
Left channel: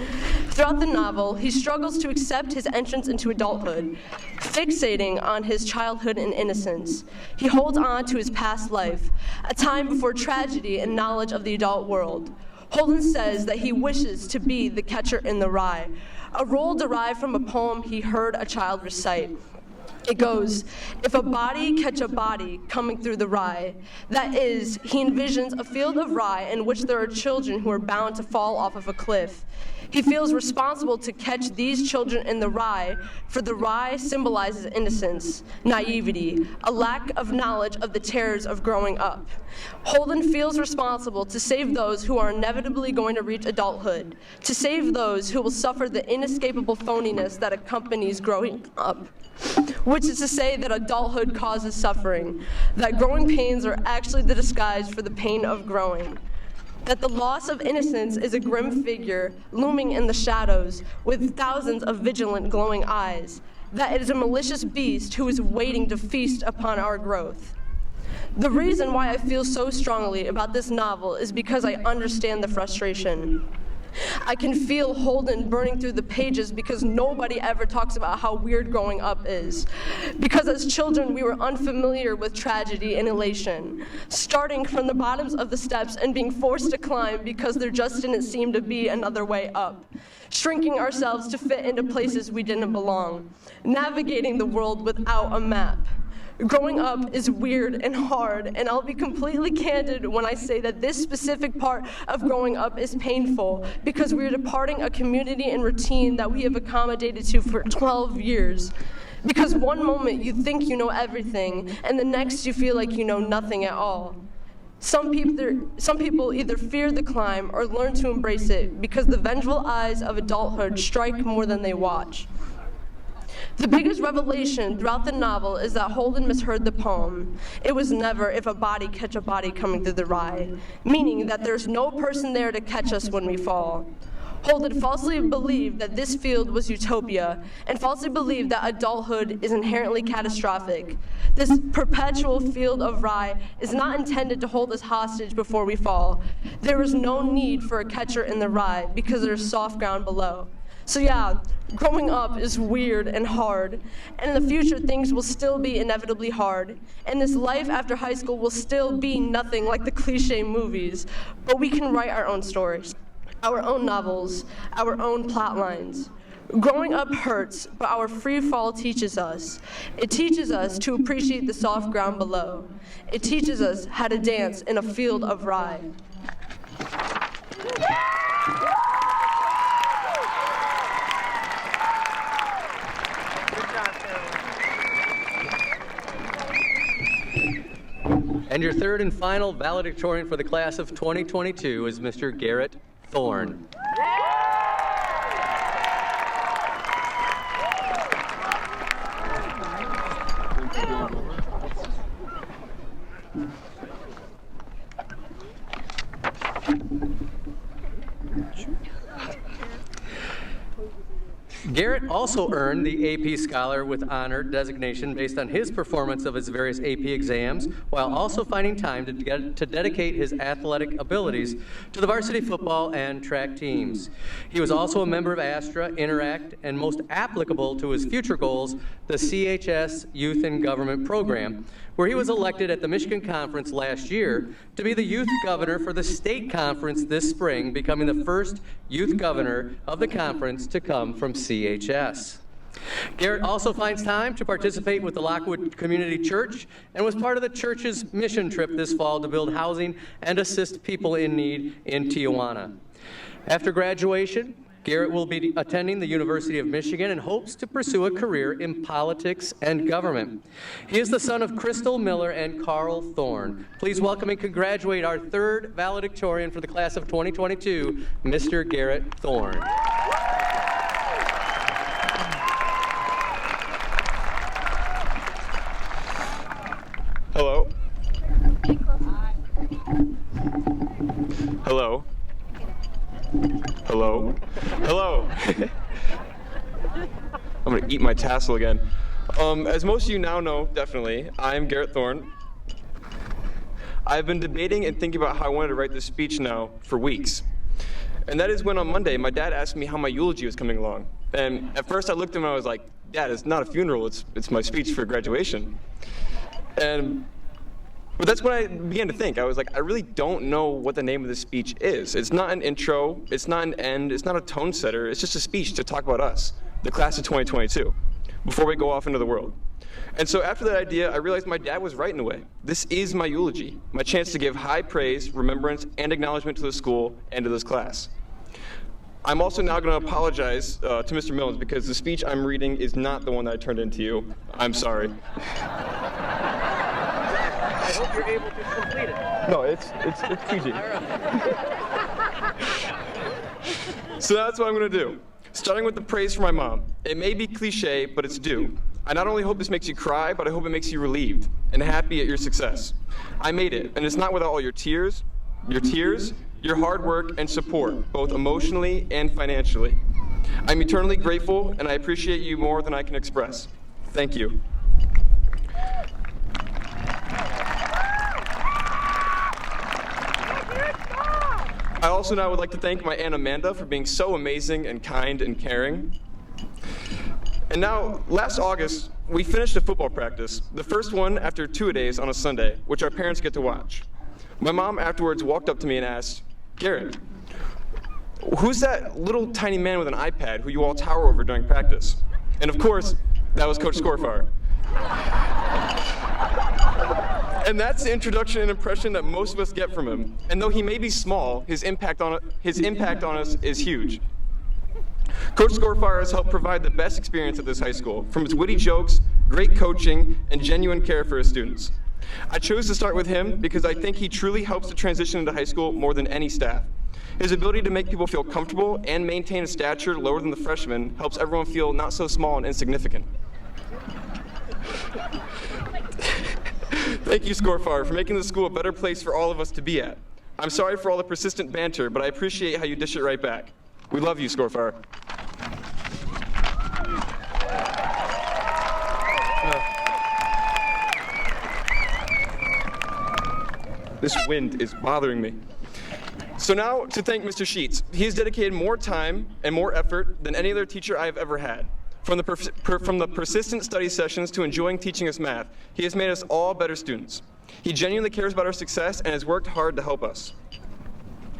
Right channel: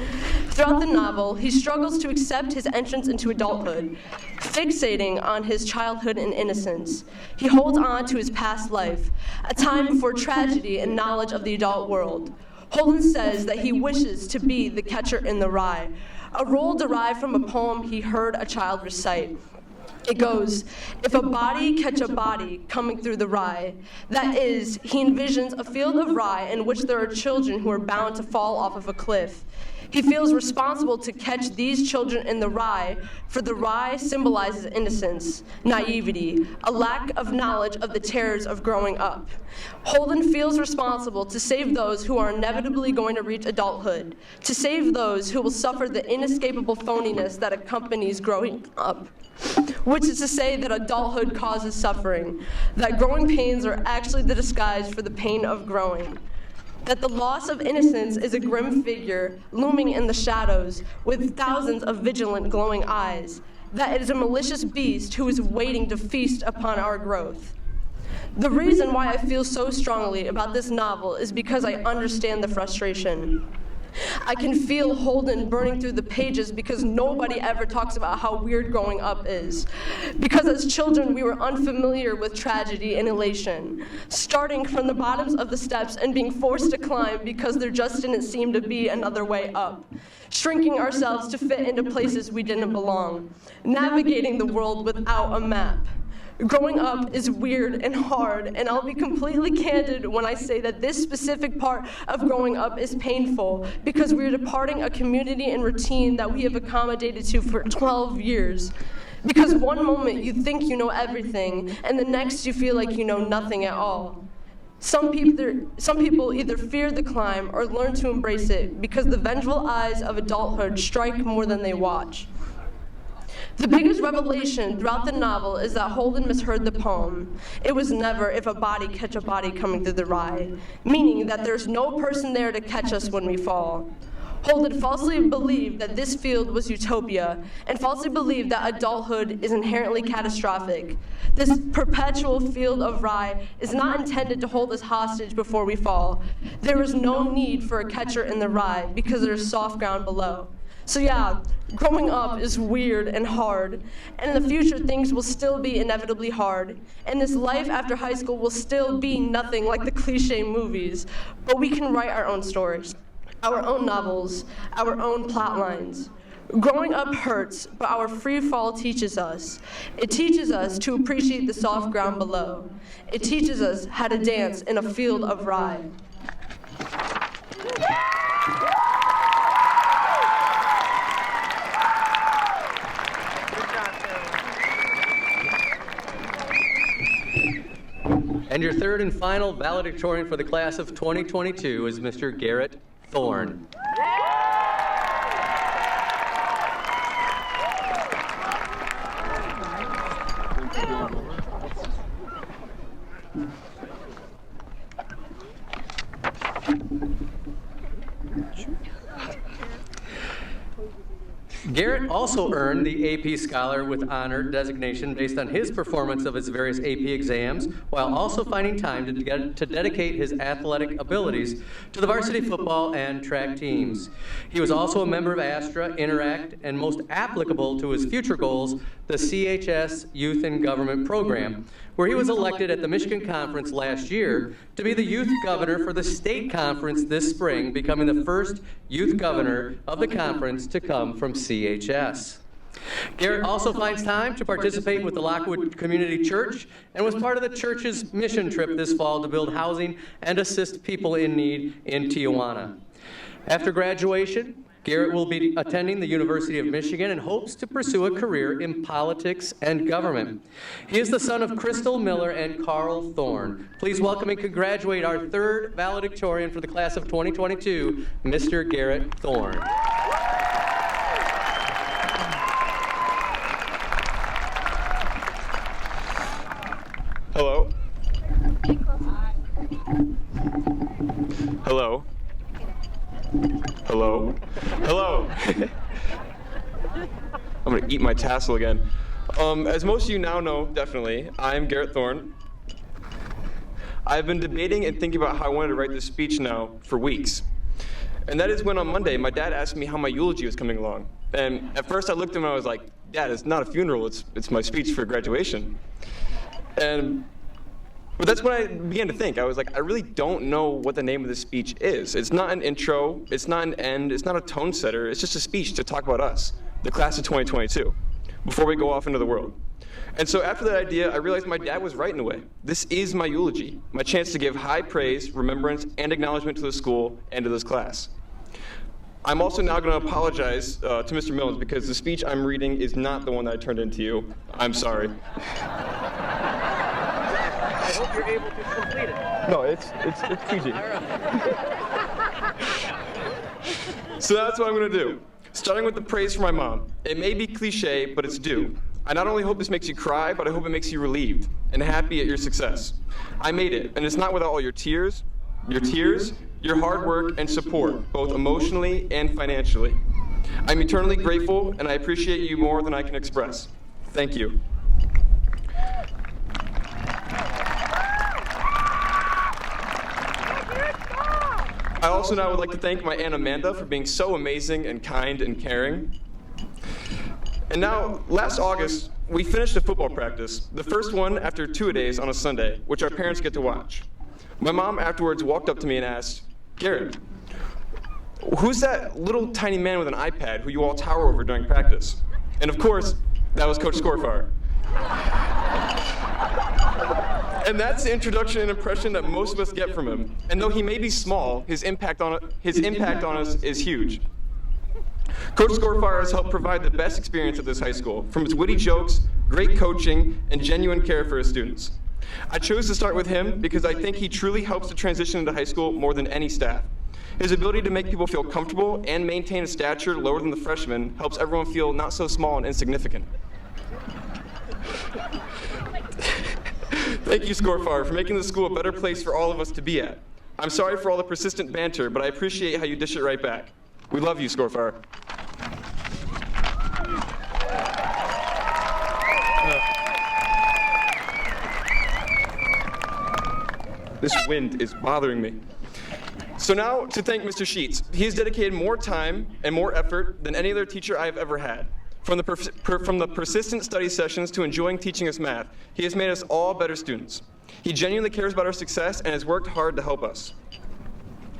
Throughout the novel, he struggles to accept his entrance into adulthood, fixating on his childhood and innocence. He holds on to his past life, a time before tragedy and knowledge of the adult world. Holden says that he wishes to be the catcher in the rye, a role derived from a poem he heard a child recite. It goes, if a body catch a body coming through the rye, that is, he envisions a field of rye in which there are children who are bound to fall off of a cliff. He feels responsible to catch these children in the rye, for the rye symbolizes innocence, naivety, a lack of knowledge of the terrors of growing up. Holden feels responsible to save those who are inevitably going to reach adulthood, to save those who will suffer the inescapable phoniness that accompanies growing up. Which is to say that adulthood causes suffering, that growing pains are actually the disguise for the pain of growing, that the loss of innocence is a grim figure looming in the shadows with thousands of vigilant glowing eyes, that it is a malicious beast who is waiting to feast upon our growth. The reason why I feel so strongly about this novel is because I understand the frustration. I can feel Holden burning through the pages because nobody ever talks about how weird growing up is. Because as children, we were unfamiliar with tragedy and elation, starting from the bottoms of the steps and being forced to climb because there just didn't seem to be another way up, shrinking ourselves to fit into places we didn't belong, navigating the world without a map. Growing up is weird and hard, and I'll be completely candid when I say that this specific part of growing up is painful because we're departing a community and routine that we have accommodated to for 12 years. Because one moment you think you know everything, and the next you feel like you know nothing at all. Some people either fear the climb or learn to embrace it because the vengeful eyes of adulthood strike more than they watch. The biggest revelation throughout the novel is that Holden misheard the poem. It was never if a body catch a body coming through the rye, meaning that there's no person there to catch us when we fall. Holden falsely believed that this field was utopia, and falsely believed that adulthood is inherently catastrophic. This perpetual field of rye is not intended to hold us hostage before we fall. There is no need for a catcher in the rye because there's soft ground below. So yeah, growing up is weird and hard, and in the future things will still be inevitably hard, and this life after high school will still be nothing like the cliche movies, but we can write our own stories, our own novels, our own plot lines. Growing up hurts, but our free fall teaches us. It teaches us to appreciate the soft ground below. It teaches us how to dance in a field of rye. And your third and final valedictorian for the class of 2022 is Mr. Garrett Thorne. Garrett also earned the AP Scholar with Honor designation based on his performance of his various AP exams, while also finding time to dedicate his athletic abilities to the varsity football and track teams. He was also a member of Astra, Interact, and most applicable to his future goals, the CHS Youth in Government Program, where he was elected at the Michigan Conference last year to be the youth governor for the state conference this spring, becoming the first youth governor of the conference to come from CHS. Garrett also finds time to participate with the Lockwood Community Church and was part of the church's mission trip this fall to build housing and assist people in need in Tijuana. After graduation, Garrett will be attending the University of Michigan and hopes to pursue a career in politics and government. He is the son of Crystal Miller and Carl Thorne. Please welcome and congratulate our third valedictorian for the class of 2022, Mr. Garrett Thorne. Hello. Hello. Hello. Hello. I'm gonna eat my tassel again. As most of you now know, definitely, I'm Garrett Thorne. I've been debating and thinking about how I wanted to write this speech now for weeks. And that is when on Monday, my dad asked me how my eulogy was coming along. And at first I looked at him and I was like, Dad, it's not a funeral, it's my speech for graduation. But that's when I began to think. I was like, I really don't know what the name of this speech is. It's not an intro, it's not an end, it's not a tone setter, it's just a speech to talk about us, the class of 2022, before we go off into the world. And so after that idea, I realized my dad was right in a way. This is my eulogy, my chance to give high praise, remembrance, and acknowledgement to the school and to this class. I'm also now going to apologize to Mr. Mills because the speech I'm reading is not the one that I turned into you. I'm sorry. I hope you're able to complete it. No, it's PG. So that's what I'm going to do. Starting with the praise for my mom. It may be cliche, but it's due. I not only hope this makes you cry, but I hope it makes you relieved and happy at your success. I made it, and it's not without all your tears, your hard work and support, both emotionally and financially. I'm eternally grateful, and I appreciate you more than I can express. Thank you. I also now would like to thank my Aunt Amanda for being so amazing and kind and caring. And now, last August, we finished a football practice, the first one after two-a-days on a Sunday, which our parents get to watch. My mom afterwards walked up to me and asked, "Garrett, who's that little tiny man with an iPad who you all tower over during practice?" And of course, that was Coach Scorfar. And that's the introduction and impression that most of us get from him. And though he may be small, his impact on us is huge. Coach Scorfar has helped provide the best experience at this high school, from his witty jokes, great coaching, and genuine care for his students. I chose to start with him because I think he truly helps the transition into high school more than any staff. His ability to make people feel comfortable and maintain a stature lower than the freshmen helps everyone feel not so small and insignificant. Thank you, Scorfar, for making the school a better place for all of us to be at. I'm sorry for all the persistent banter, but I appreciate how you dish it right back. We love you, Scorfar. This wind is bothering me. So now to thank Mr. Sheets. He has dedicated more time and more effort than any other teacher I have ever had. From the persistent study sessions to enjoying teaching us math, he has made us all better students. He genuinely cares about our success and has worked hard to help us.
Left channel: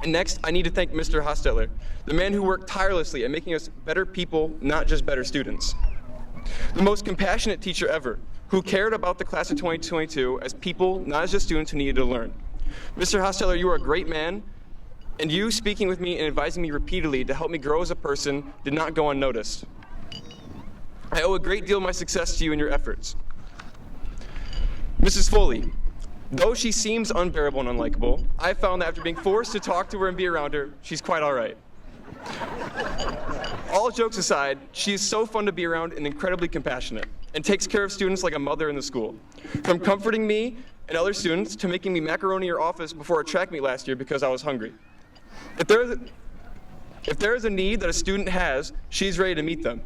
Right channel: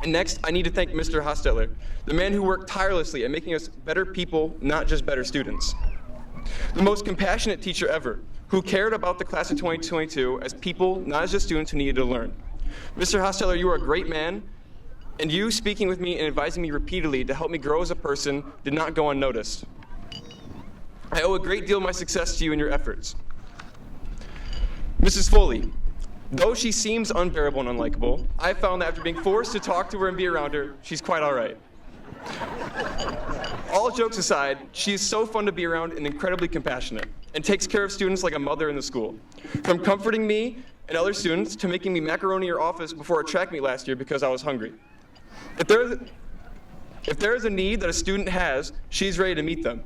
And next, I need to thank Mr. Hostetler, the man who worked tirelessly at making us better people, not just better students. The most compassionate teacher ever, who cared about the class of 2022 as people, not as just students who needed to learn. Mr. Hostetler, you are a great man, and you speaking with me and advising me repeatedly to help me grow as a person did not go unnoticed. I owe a great deal of my success to you and your efforts. Mrs. Foley, though she seems unbearable and unlikable, I found that after being forced to talk to her and be around her, she's quite all right. All jokes aside, she is so fun to be around and incredibly compassionate, and takes care of students like a mother in the school. From comforting me and other students to making me macaroni in her office before a track meet last year because I was hungry. If there is a need that a student has, she's ready to meet them.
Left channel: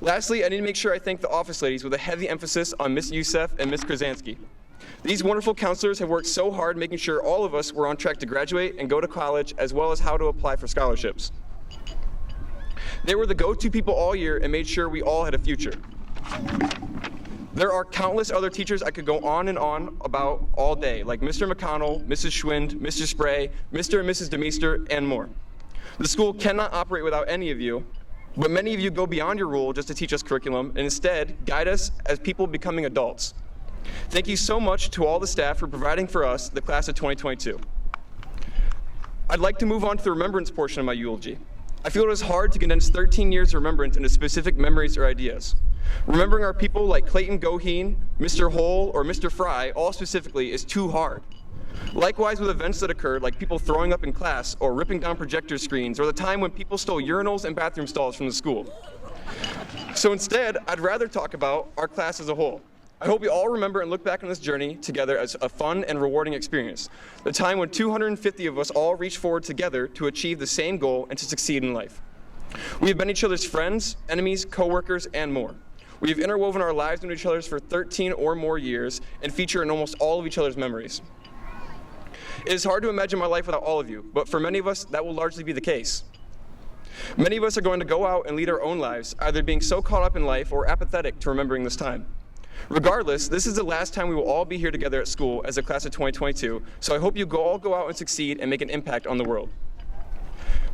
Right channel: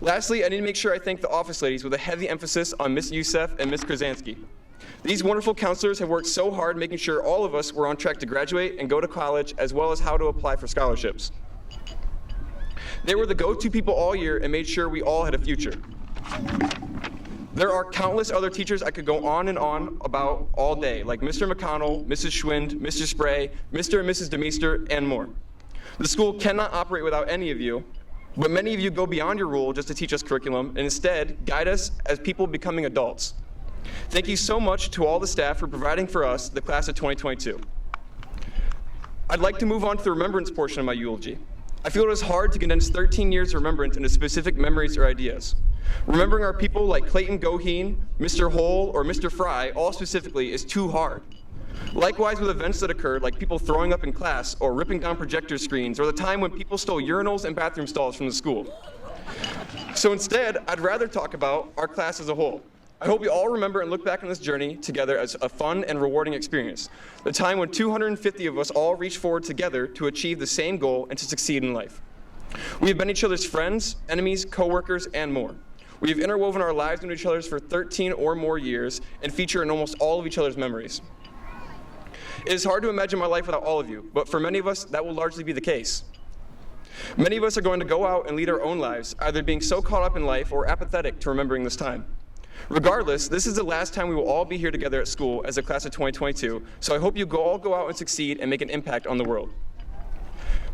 Lastly, I need to make sure I thank the office ladies with a heavy emphasis on Miss Youssef and Miss Krasansky. These wonderful counselors have worked so hard making sure all of us were on track to graduate and go to college, as well as how to apply for scholarships. They were the go-to people all year and made sure we all had a future. There are countless other teachers I could go on and on about all day, like Mr. McConnell, Mrs. Schwind, Mr. Spray, Mr. and Mrs. DeMeester, and more. The school cannot operate without any of you, but many of you go beyond your role just to teach us curriculum and instead guide us as people becoming adults. Thank you so much to all the staff for providing for us, the class of 2022. I'd like to move on to the remembrance portion of my eulogy. I feel it is hard to condense 13 years of remembrance into specific memories or ideas. Remembering our people like Clayton Goheen, Mr. Hole, or Mr. Fry, all specifically, is too hard. Likewise with events that occurred, like people throwing up in class or ripping down projector screens, or the time when people stole urinals and bathroom stalls from the school. So instead, I'd rather talk about our class as a whole. I hope we all remember and look back on this journey together as a fun and rewarding experience. The time when 250 of us all reached forward together to achieve the same goal and to succeed in life. We have been each other's friends, enemies, co-workers, and more. We have interwoven our lives into each other's for 13 or more years and feature in almost all of each other's memories. It is hard to imagine my life without all of you, but for many of us, that will largely be the case. Many of us are going to go out and lead our own lives, either being so caught up in life or apathetic to remembering this time. Regardless, this is the last time we will all be here together at school as a class of 2022, so I hope you all go out and succeed and make an impact on the world.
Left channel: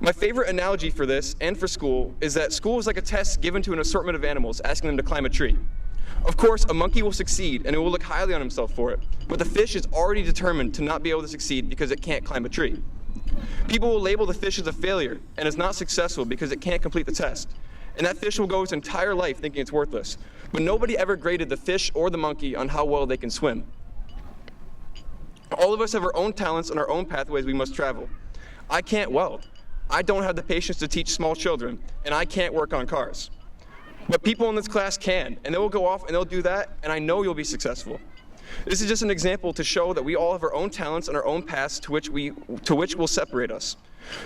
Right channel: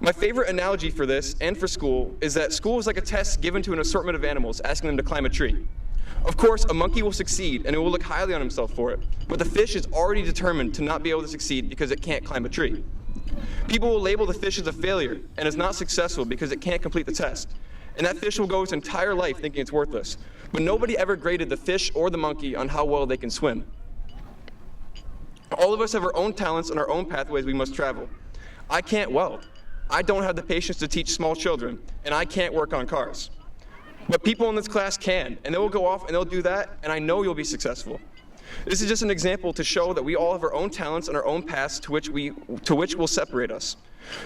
My favorite analogy for this and for school is that school is like a test given to an assortment of animals, asking them to climb a tree. Of course, a monkey will succeed and it will look highly on himself for it, but the fish is already determined to not be able to succeed because it can't climb a tree. People will label the fish as a failure and as not successful because it can't complete the test. And that fish will go its entire life thinking it's worthless. But nobody ever graded the fish or the monkey on how well they can swim. All of us have our own talents and our own pathways we must travel. I can't weld. I don't have the patience to teach small children, and I can't work on cars. But people in this class can, and they will go off and they'll do that, and I know you'll be successful. This is just an example to show that we all have our own talents and our own paths to which will separate us.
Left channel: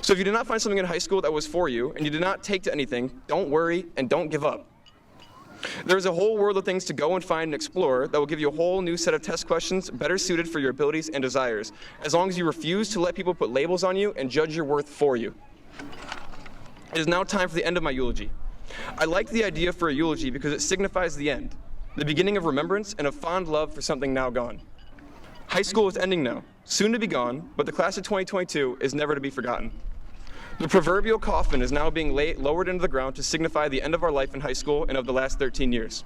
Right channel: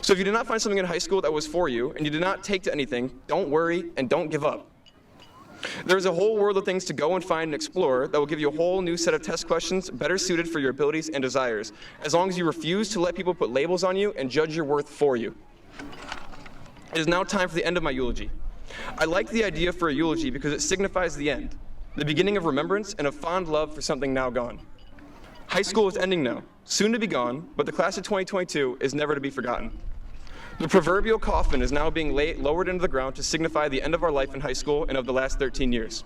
So if you did not find something in high school that was for you, and you did not take to anything, don't worry and don't give up. There is a whole world of things to go and find and explore that will give you a whole new set of test questions better suited for your abilities and desires, as long as you refuse to let people put labels on you and judge your worth for you. It is now time for the end of my eulogy. I like the idea for a eulogy because it signifies the end, the beginning of remembrance and of fond love for something now gone. High school is ending now, soon to be gone, but the class of 2022 is never to be forgotten. The proverbial coffin is now being lowered into the ground to signify the end of our life in high school and of the last 13 years.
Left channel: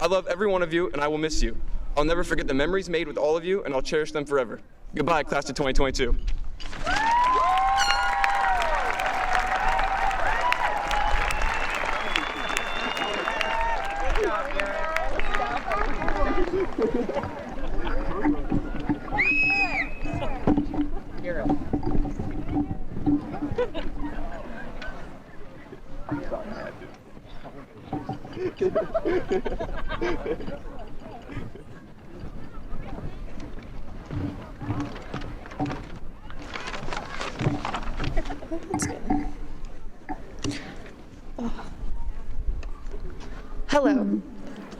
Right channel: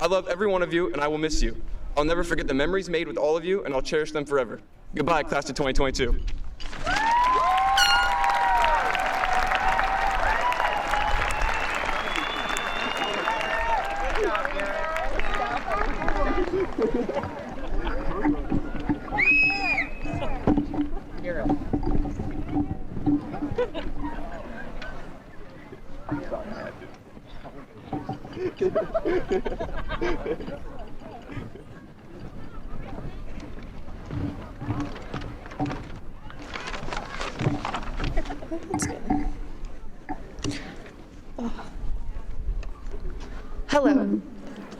I love every one of you, and I will miss you. I'll never forget the memories made with all of you, and I'll cherish them forever. Goodbye, class of 2022. Hello.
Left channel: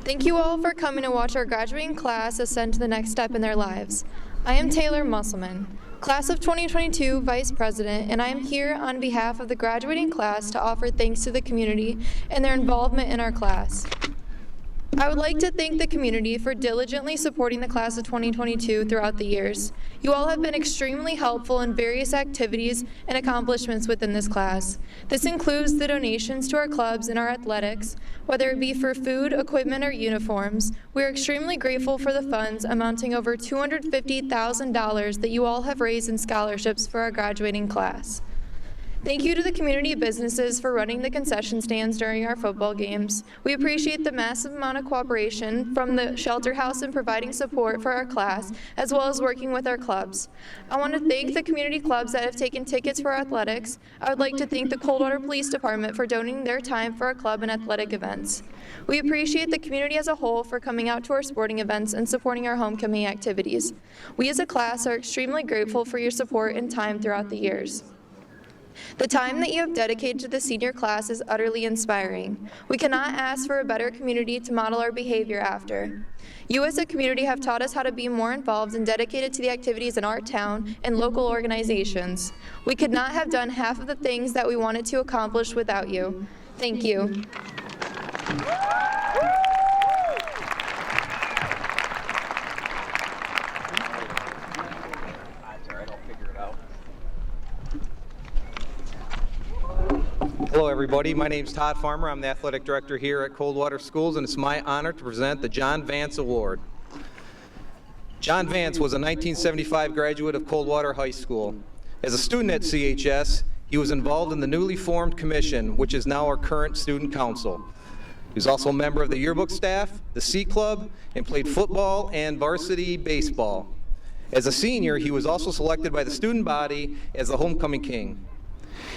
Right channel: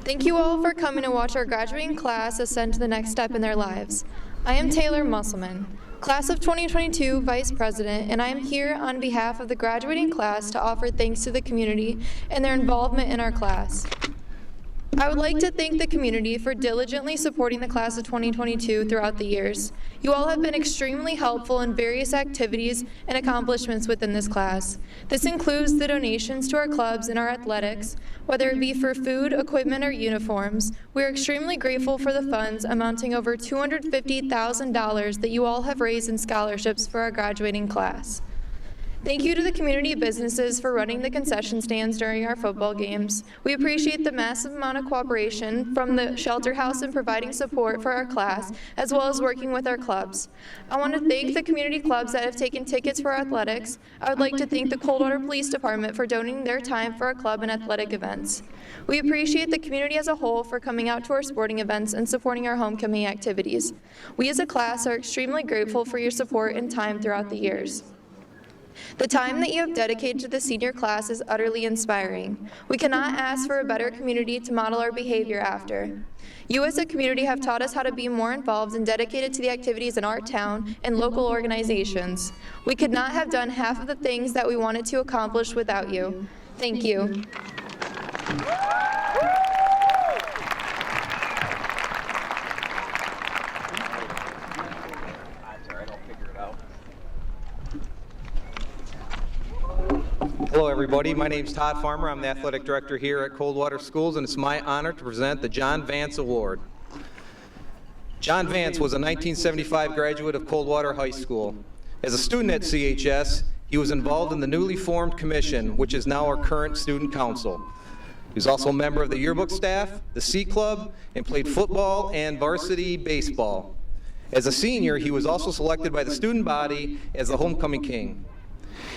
Thank you all for coming to watch our graduating class ascend to the next step in their lives. I am Taylor Musselman, Class of 2022 Vice President, and I am here on behalf of the graduating class to offer thanks to the community and their involvement in our class. I would like to thank the community for diligently supporting the class of 2022 throughout the years. You all have been extremely helpful in various activities and accomplishments within this class. This includes the donations to our clubs and our athletics, whether it be for food, equipment, or uniforms. We are extremely grateful for the funds amounting over $250,000 that you all have raised in scholarships for our graduating class. Thank you to the community businesses for running the concession stands during our football games. We appreciate the massive amount of cooperation from the shelter house in providing support for our class, as well as working with our clubs. I want to thank the community clubs that have taken tickets for our athletics. I would like to thank the Coldwater Police Department for donating their time for our club and athletic events. We appreciate the community as a whole for coming out to our sporting events and supporting our homecoming activities. We as a class are extremely grateful for your support and time throughout the years. The time that you have dedicated to the senior class is utterly inspiring. We cannot ask for a better community to model our behavior after. You as a community have taught us how to be more involved and dedicated to the activities in our town and local organizations. We could not have done half of the things that we wanted to accomplish without you. Thank you. Hello everybody, my name is Todd Farmer. I'm the athletic director here at Coldwater Schools, and it's my honor to present the John Vance Award. John Vance was a 1975 graduate of Coldwater High School. As a student at CHS, he was involved in the newly formed commission, which is now our current student council. He was also a member of the yearbook staff, the C Club, and played football and varsity baseball. As a senior, he was also selected by the student body as the homecoming king.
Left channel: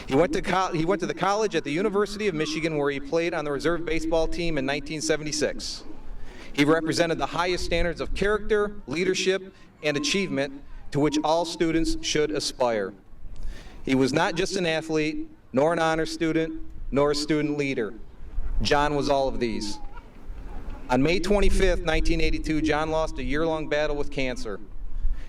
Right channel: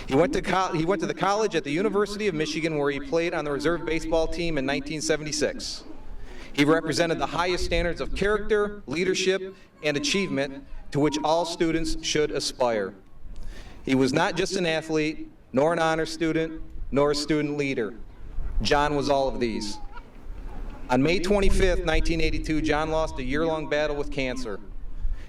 He went to the college at the University of Michigan, where he played on the reserve baseball team in 1976. He represented the highest standards of character, leadership, and achievement to which all students should aspire. He was not just an athlete, nor an honor student, nor a student leader. John was all of these. On May 25th, 1982, John lost a year-long battle with cancer.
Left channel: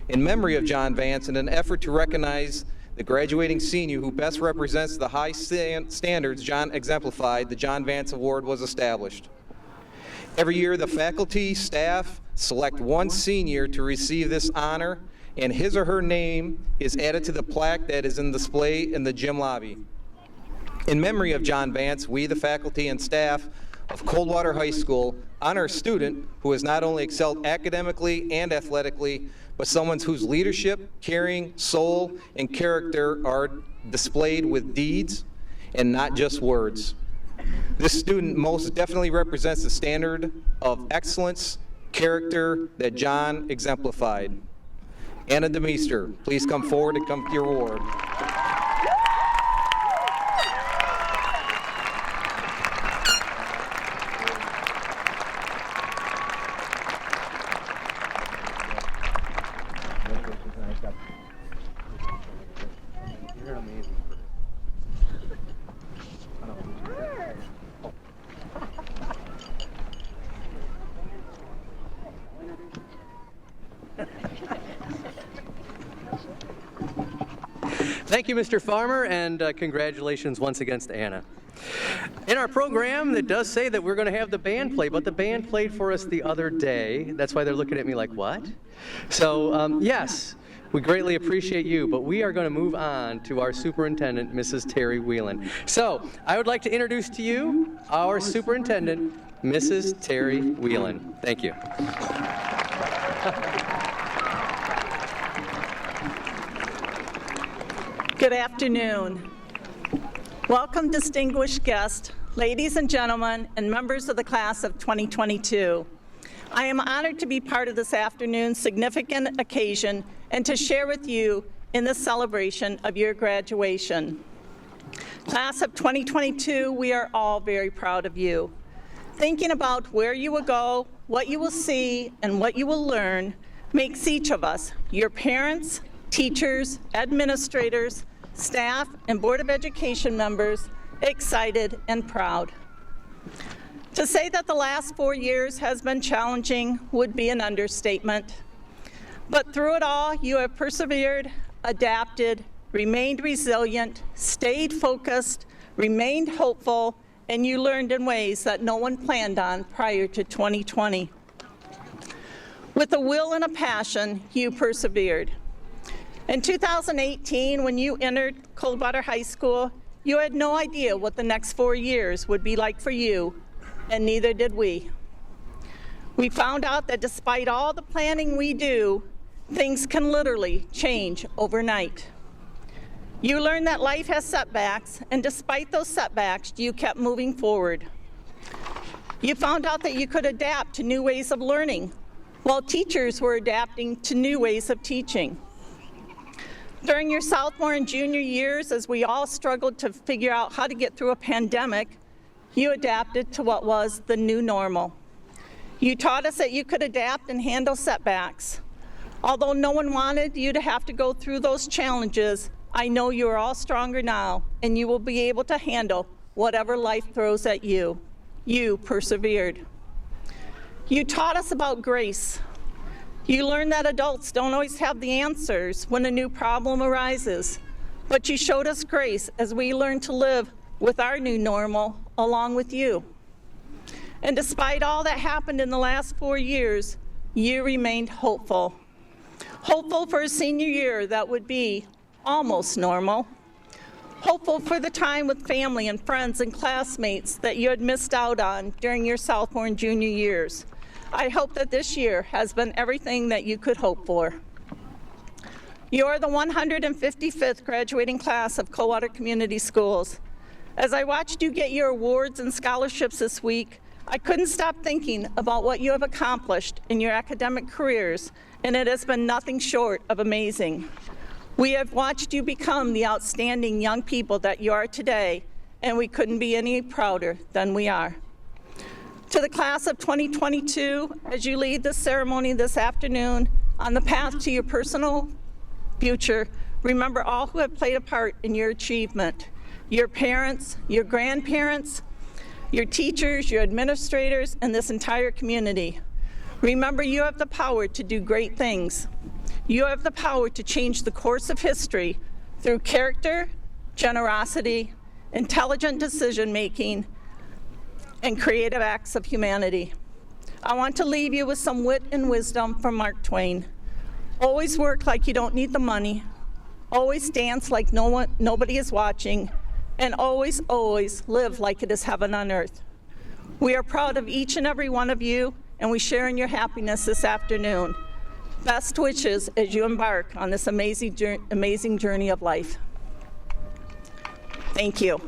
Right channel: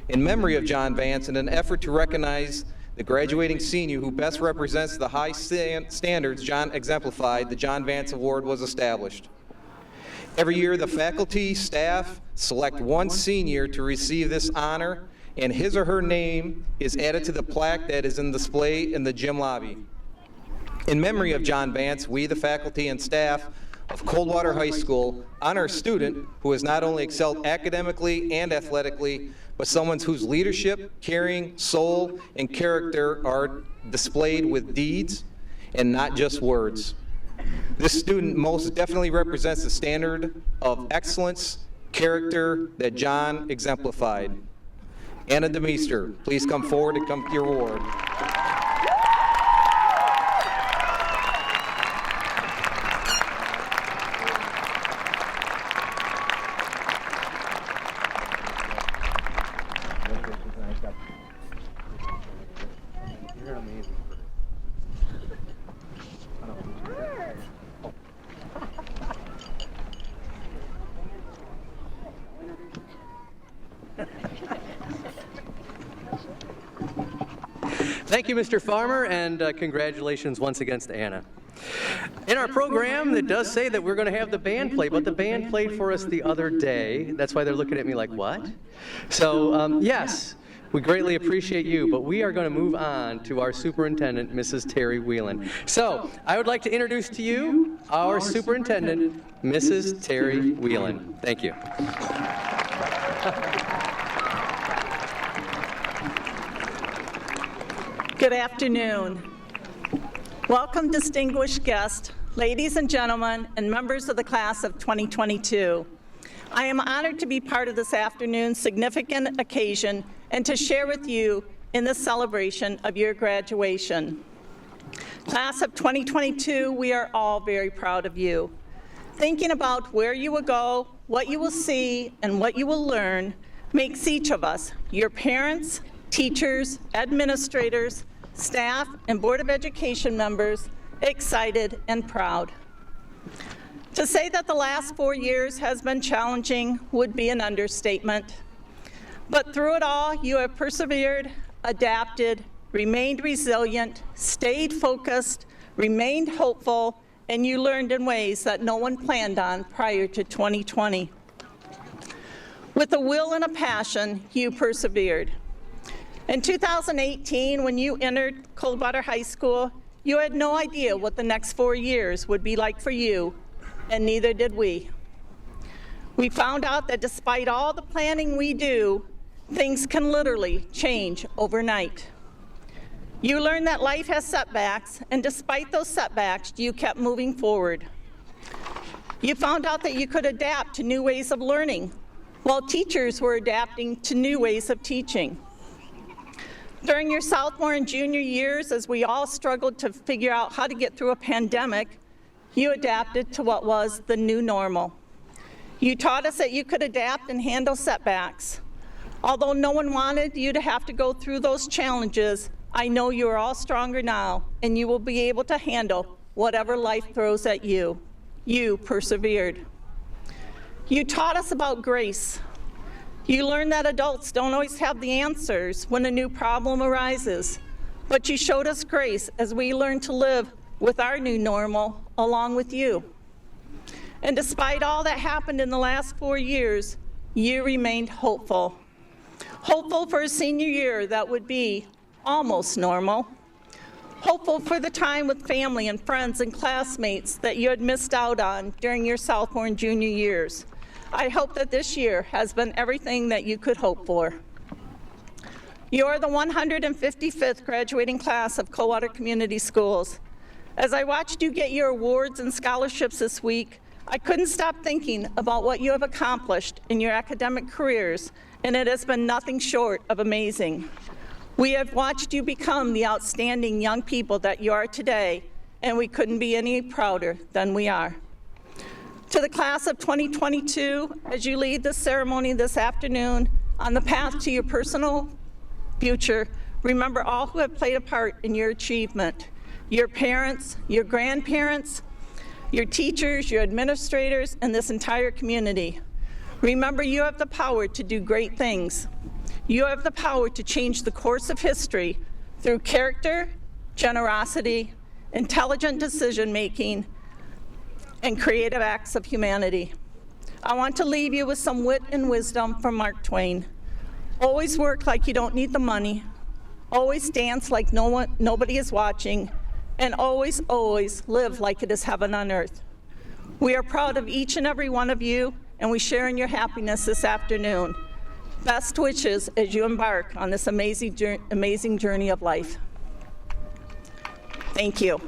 In memory of John Vance, in an effort to recognize the graduating senior who best represents the high standards John exemplified, the John Vance Award was established. Every year, the faculty, staff select one senior to receive this honor, and his or her name is added to the plaque that is in display in the gym lobby. In memory of John Vance, we, the faculty and staff of Coldwater High School honor a student who has not only excelled academically and athletically, but someone whose leadership, caring, soul, and character are displayed with deeds and not just words. This student most definitely represents the standard of excellence, character that John exemplified. Anna DeMeester, please come forward and come to your award. Thank you, Mr. Farmer, and congratulations once again to Anna. In our program, it does say that we're going to have the band play, but the band played for us the other day. That's why they're looking at me like, what? So, yes, we greatly appreciate you, but we are going to move on to our superintendent, Mrs. Terry Whelan. So, I would like to introduce to you our superintendent, Mrs. Terry Whelan. Thank you. Good afternoon. Welcome, distinguished guests, ladies and gentlemen, and members of the class of 2022. I am honored to be part of this afternoon's significant occasion and to share with you in the celebration of your graduation. Class of 2022, we are all very proud of you. Thinking about where you will go, what you will see, and what you will learn makes each of us, your parents, teachers, administrators, staff, and Board of Education members excited and proud. To say that the last 4 years has been challenging would be an understatement. But through it all, you have persevered, adapted, remained resilient, stayed focused, remained hopeful, and you learned in ways that no one planned on prior to 2020. With a will and a passion, you persevered. In 2018, when you entered Coldwater High School, you had no idea what the next 4 years would be like for you, and neither did we. We found out that despite all the planning we do, things can literally change overnight. You learned that life has setbacks, and despite those setbacks, you kept moving forward. You found out that you could adapt to new ways of learning, while teachers were adapting to new ways of teaching. During your sophomore and junior years, as we all struggled to figure out how to get through a pandemic, you adapted to what was the new normal. You taught us that you could adapt and handle setbacks. Although no one wanted you to have to go through those challenges, I know you are all stronger now, and you will be able to handle whatever life throws at you. You persevered. You taught us about grace. You learned that adults don't always have the answers when a new problem arises, but you showed us grace as we learned to live with our new normal along with you. And despite all that happened in the last 4 years, you remained hopeful. Hopeful for a senior year that would be almost normal. Hopeful for the time with family and friends and classmates that you had missed out on during your sophomore and junior years. I hope that this year has been everything that you could hope for. You're the 155th graduating class of Coldwater Community Schools. As I watched you get your awards and scholarships this week, I couldn't stop thinking about what you have accomplished in your academic careers, and it has been nothing short of amazing. We have watched you become the outstanding young people that you are today, and we couldn't be any prouder than we are. To the class of 2022, as you lead this ceremony this afternoon on the path to your personal future, remember all who have played a part in your achievement. Your parents, your grandparents, your teachers, your administrators, and this entire community. Remember, you have the power to do great things. You have the power to change the course of history through character, generosity, intelligent decision-making, and creative acts of humanity. I want to leave you with some wit and wisdom from Mark Twain. Always work like you don't need the money. Always dance like nobody is watching. And always, always live like it is heaven on earth. We are proud of each and every one of you, and we share in your happiness this afternoon. Best wishes as you embark on this amazing journey of life. Thank you.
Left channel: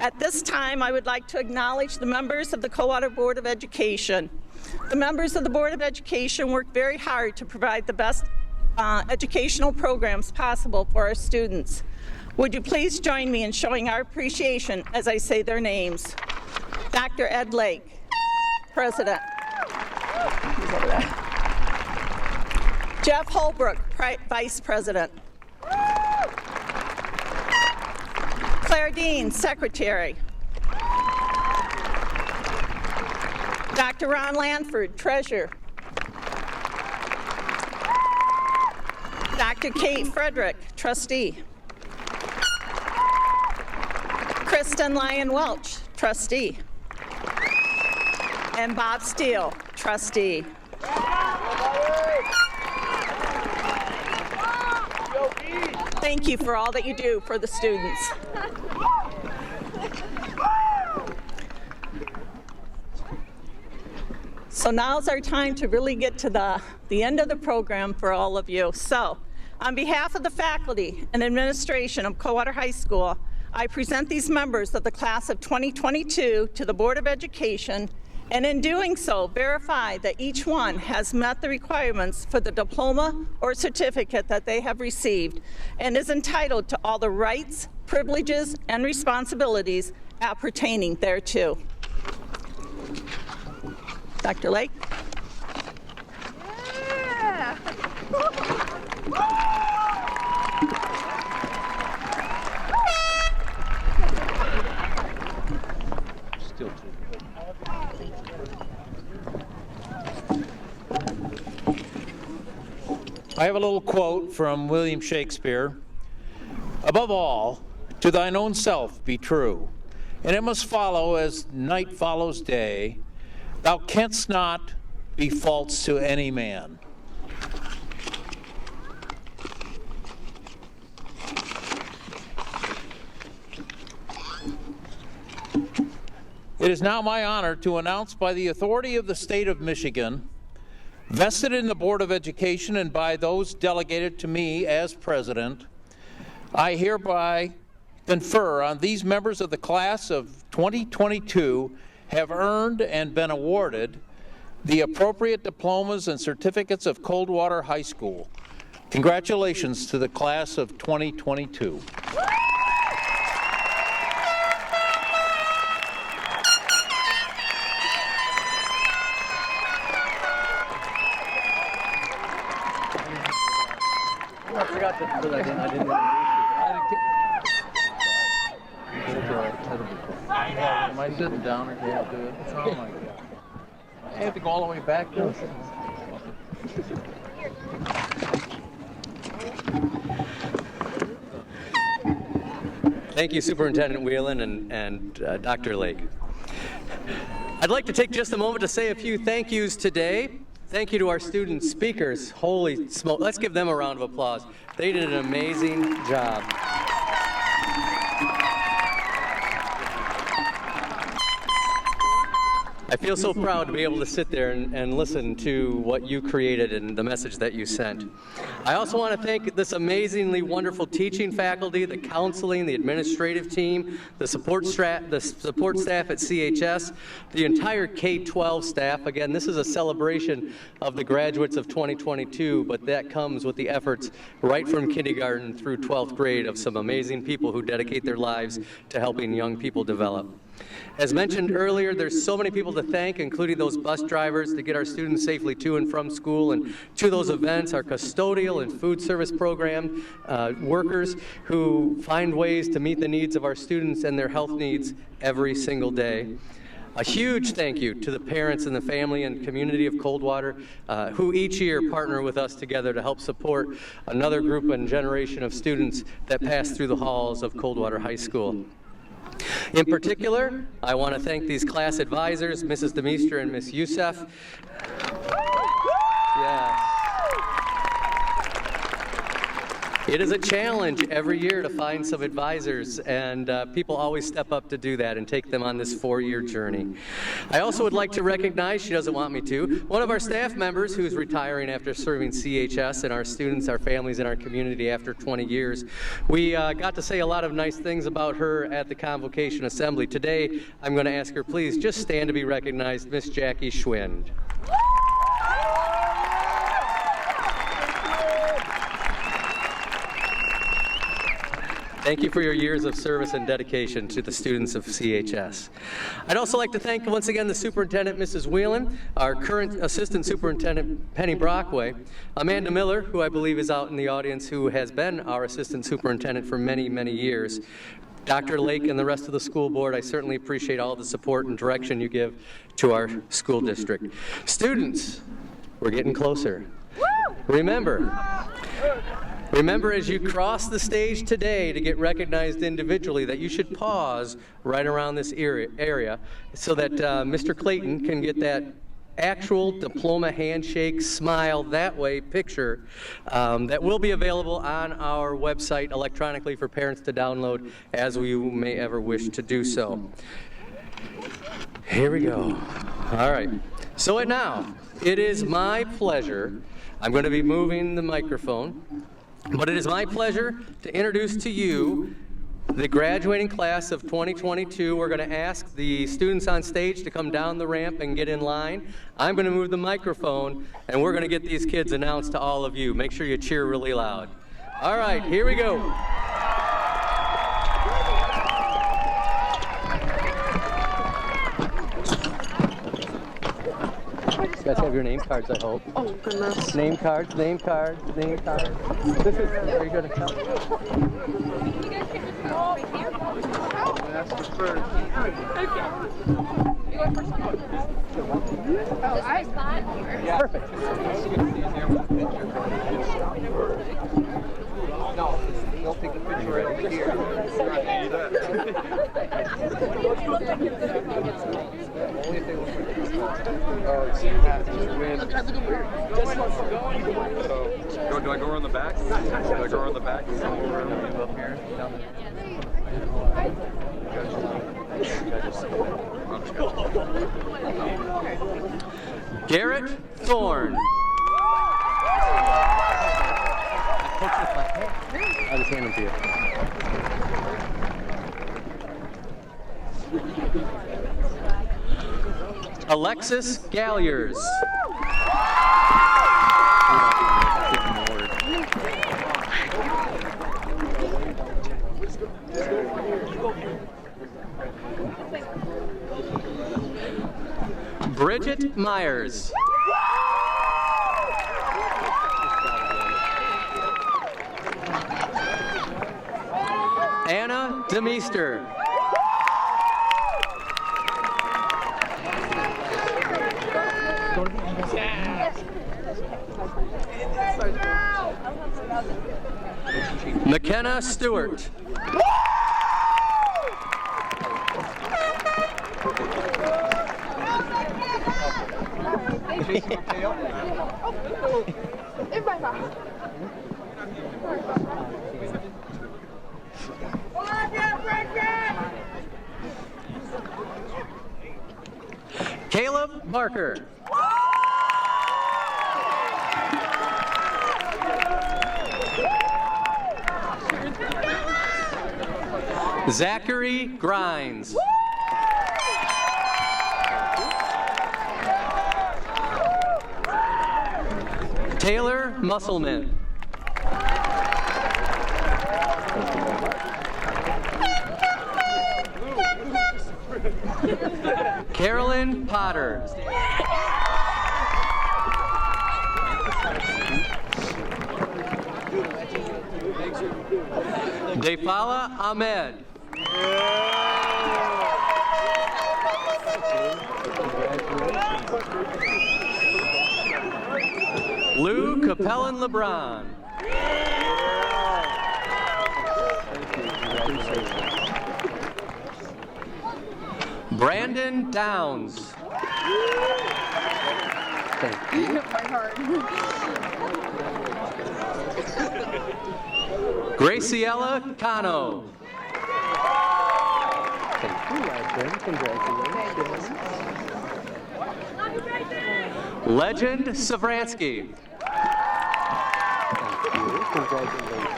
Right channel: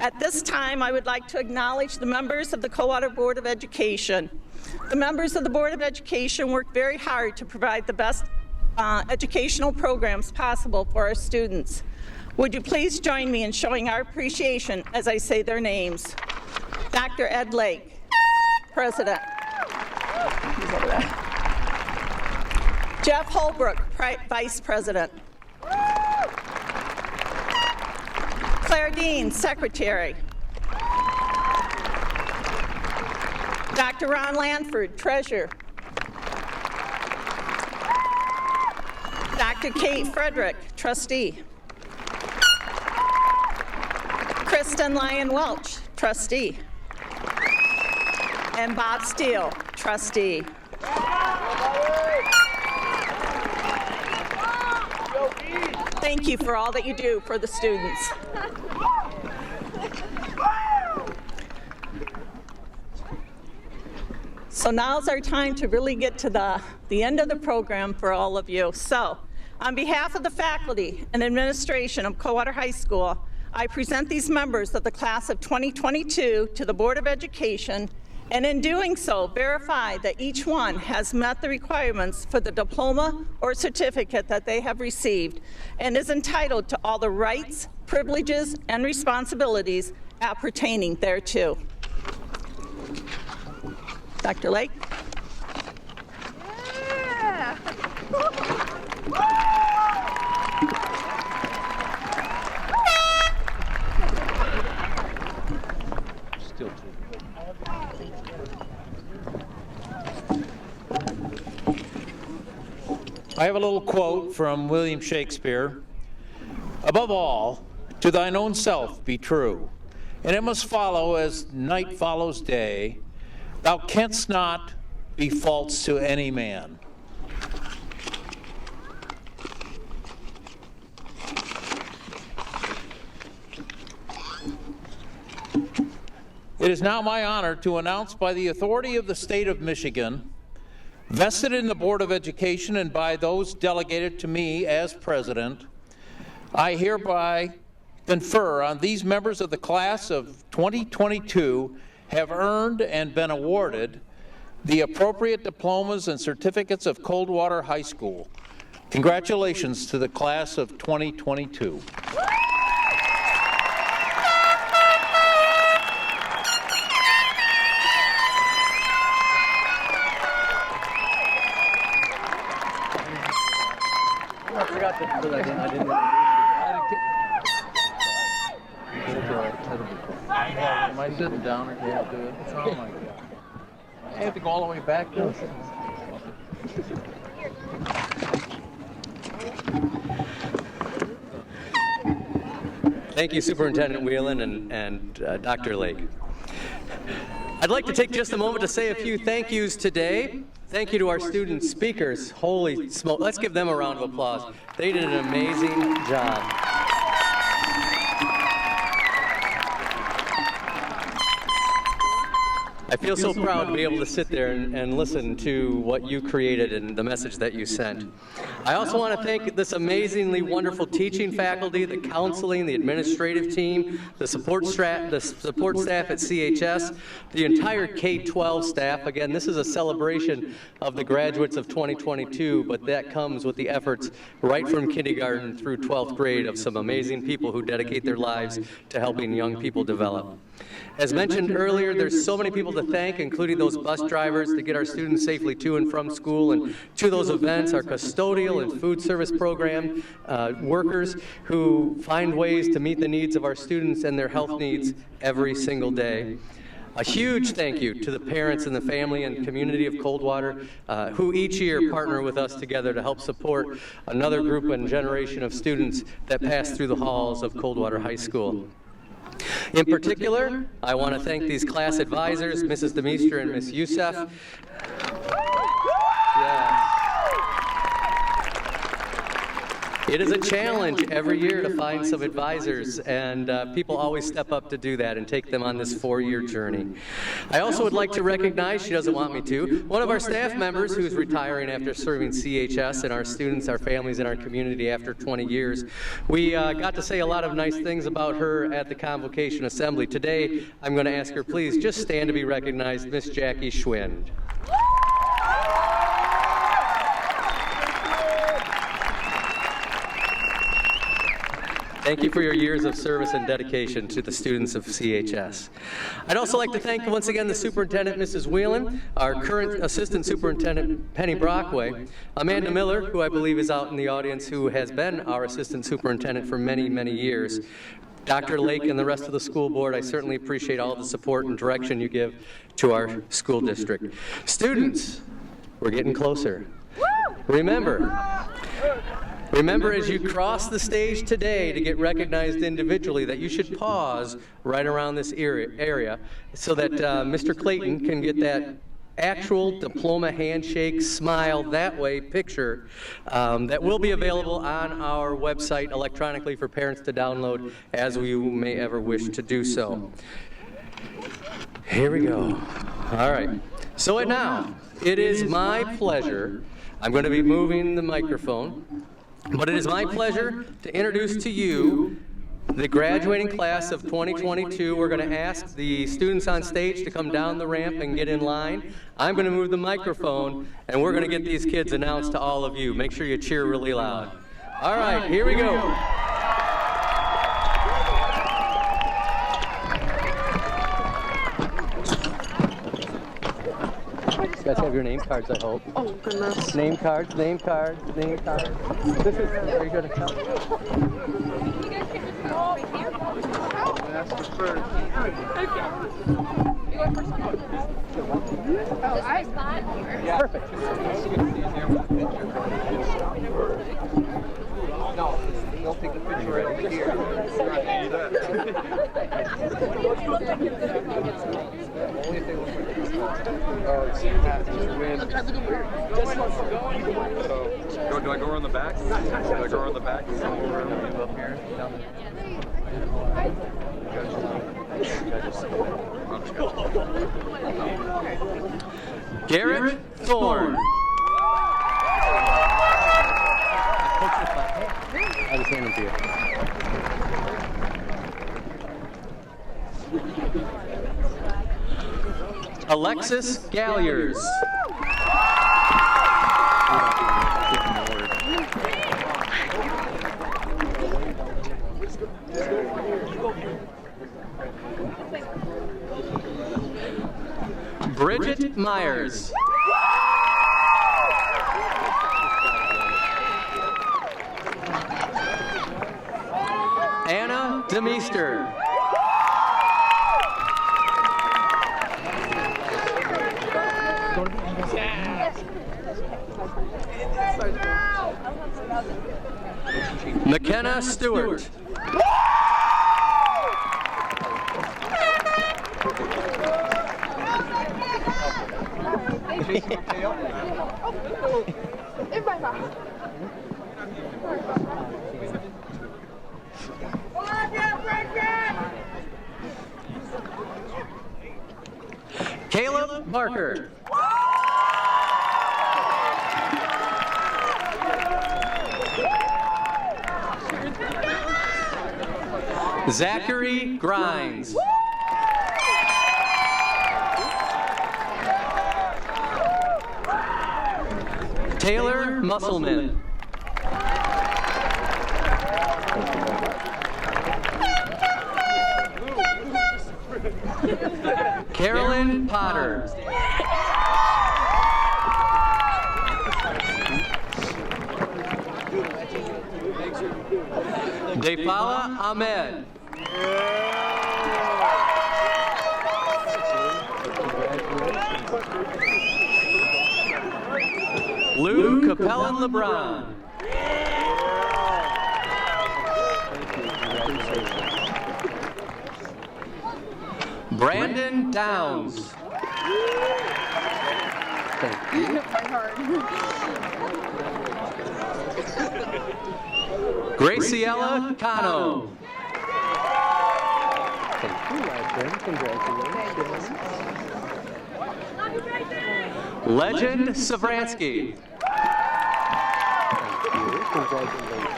At this time, I would like to acknowledge the members of the Coldwater Board of Education. The members of the Board of Education work very hard to provide the best educational programs possible for our students. Would you please join me in showing our appreciation as I say their names? Dr. Ed Lake, President. He's over there. Jeff Holbrook, Vice President. Claire Dean, Secretary. Dr. Ron Lanford, Treasurer. Dr. Kate Frederick, Trustee. Kristen Lyon Welch, Trustee. And Bob Steele, Trustee. Thank you for all that you do for the students. So now's our time to really get to the end of the program for all of you. So, on behalf of the faculty and administration of Coldwater High School, I present these members of the class of 2022 to the Board of Education, and in doing so, verify that each one has met the requirements for the diploma or certificate that they have received and is entitled to all the rights, privileges, and responsibilities appertaining thereto. Dr. Lake. Yeah. Still too. I have a little quote from William Shakespeare. Above all, to thine own self be true, and it must follow as night follows day. Thou canst not be false to any man. It is now my honor to announce by the authority of the state of Michigan, vested in the Board of Education and by those delegated to me as president, I hereby confer on these members of the class of 2022 have earned and been awarded the appropriate diplomas and certificates of Coldwater High School. Congratulations to the class of 2022. I forgot to put that in. I didn't Am I sitting down or can't do it? Oh my God. I have to go all the way back there. Thank you, Superintendent Whelan and Dr. Lake. I'd like to take just a moment to say a few thank yous today. Thank you to our student speakers. Holy smoke. Let's give them a round of applause. They did an amazing job. I feel so proud to be able to sit there and listen to what you created and the message that you sent. I also want to thank this amazingly wonderful teaching faculty, the counseling, the administrative team, the support staff at CHS, the entire K-12 staff. Again, this is a celebration of the graduates of 2022, but that comes with the efforts right from kindergarten through 12th grade of some amazing people who dedicate their lives to helping young people develop. As mentioned earlier, there's so many people to thank, including those bus drivers to get our students safely to and from school and to those events, our custodial and food service program workers who find ways to meet the needs of our students and their health needs every single day. A huge thank you to the parents and the family and community of Coldwater who each year partner with us together to help support another group and generation of students that pass through the halls of Coldwater High School. In particular, I want to thank these class advisors, Mrs. Demeester and Ms. Youssef. Yes. It is a challenge every year to find some advisors, and people always step up to do that and take them on this 4-year journey. I also would like to recognize, she doesn't want me to, one of our staff members who's retiring after serving CHS and our students, our families, and our community after 20 years. We got to say a lot of nice things about her at the Convocation Assembly. Today, I'm going to ask her, please just stand to be recognized, Miss Jackie Schwind. Thank you for your years of service and dedication to the students of CHS. I'd also like to thank once again the superintendent, Mrs. Whelan, our current assistant superintendent, Penny Brockway, Amanda Miller, who I believe is out in the audience, who has been our assistant superintendent for many, many years, Dr. Lake and the rest of the school board. I certainly appreciate all the support and direction you give to our school district. Students, we're getting closer. Remember as you cross the stage today to get recognized individually that you should pause right around this area so that Mr. Clayton can get that actual diploma handshake, smile, that way picture that will be available on our website electronically for parents to download as you may ever wish to do so. Here we go. All right. So now, it is my pleasure. I'm going to be moving the microphone. But it is my pleasure to introduce to you the graduating class of 2022. We're going to ask the students on stage to come down the ramp and get in line. I'm going to move the microphone, and we're going to get these kids announced to all of you. Make sure you cheer really loud. All right, here we go. You guys have your name cards, I hope. Oh, goodness. Name cards, name cards, name cards. This is, are you going to count? That's the first. Okay. Oh, I Perfect. No, they'll take the picture right over here. So, do I go around the back? Do I go around the back? Up here, down Garrett Thorne. I'll just hand them to you. Alexis Galliers. Bridget Myers. Anna Demeester. McKenna Stewart. Caleb Barker. Zachary Grimes. Taylor Musselman. Carolyn Potter. Defala Ahmed. Lou Capellan LeBron. Brandon Downs. Thank you. Graciela Cano. Thank you, Legend. Congratulations. Legend Savransky. Thank you. Congratulations.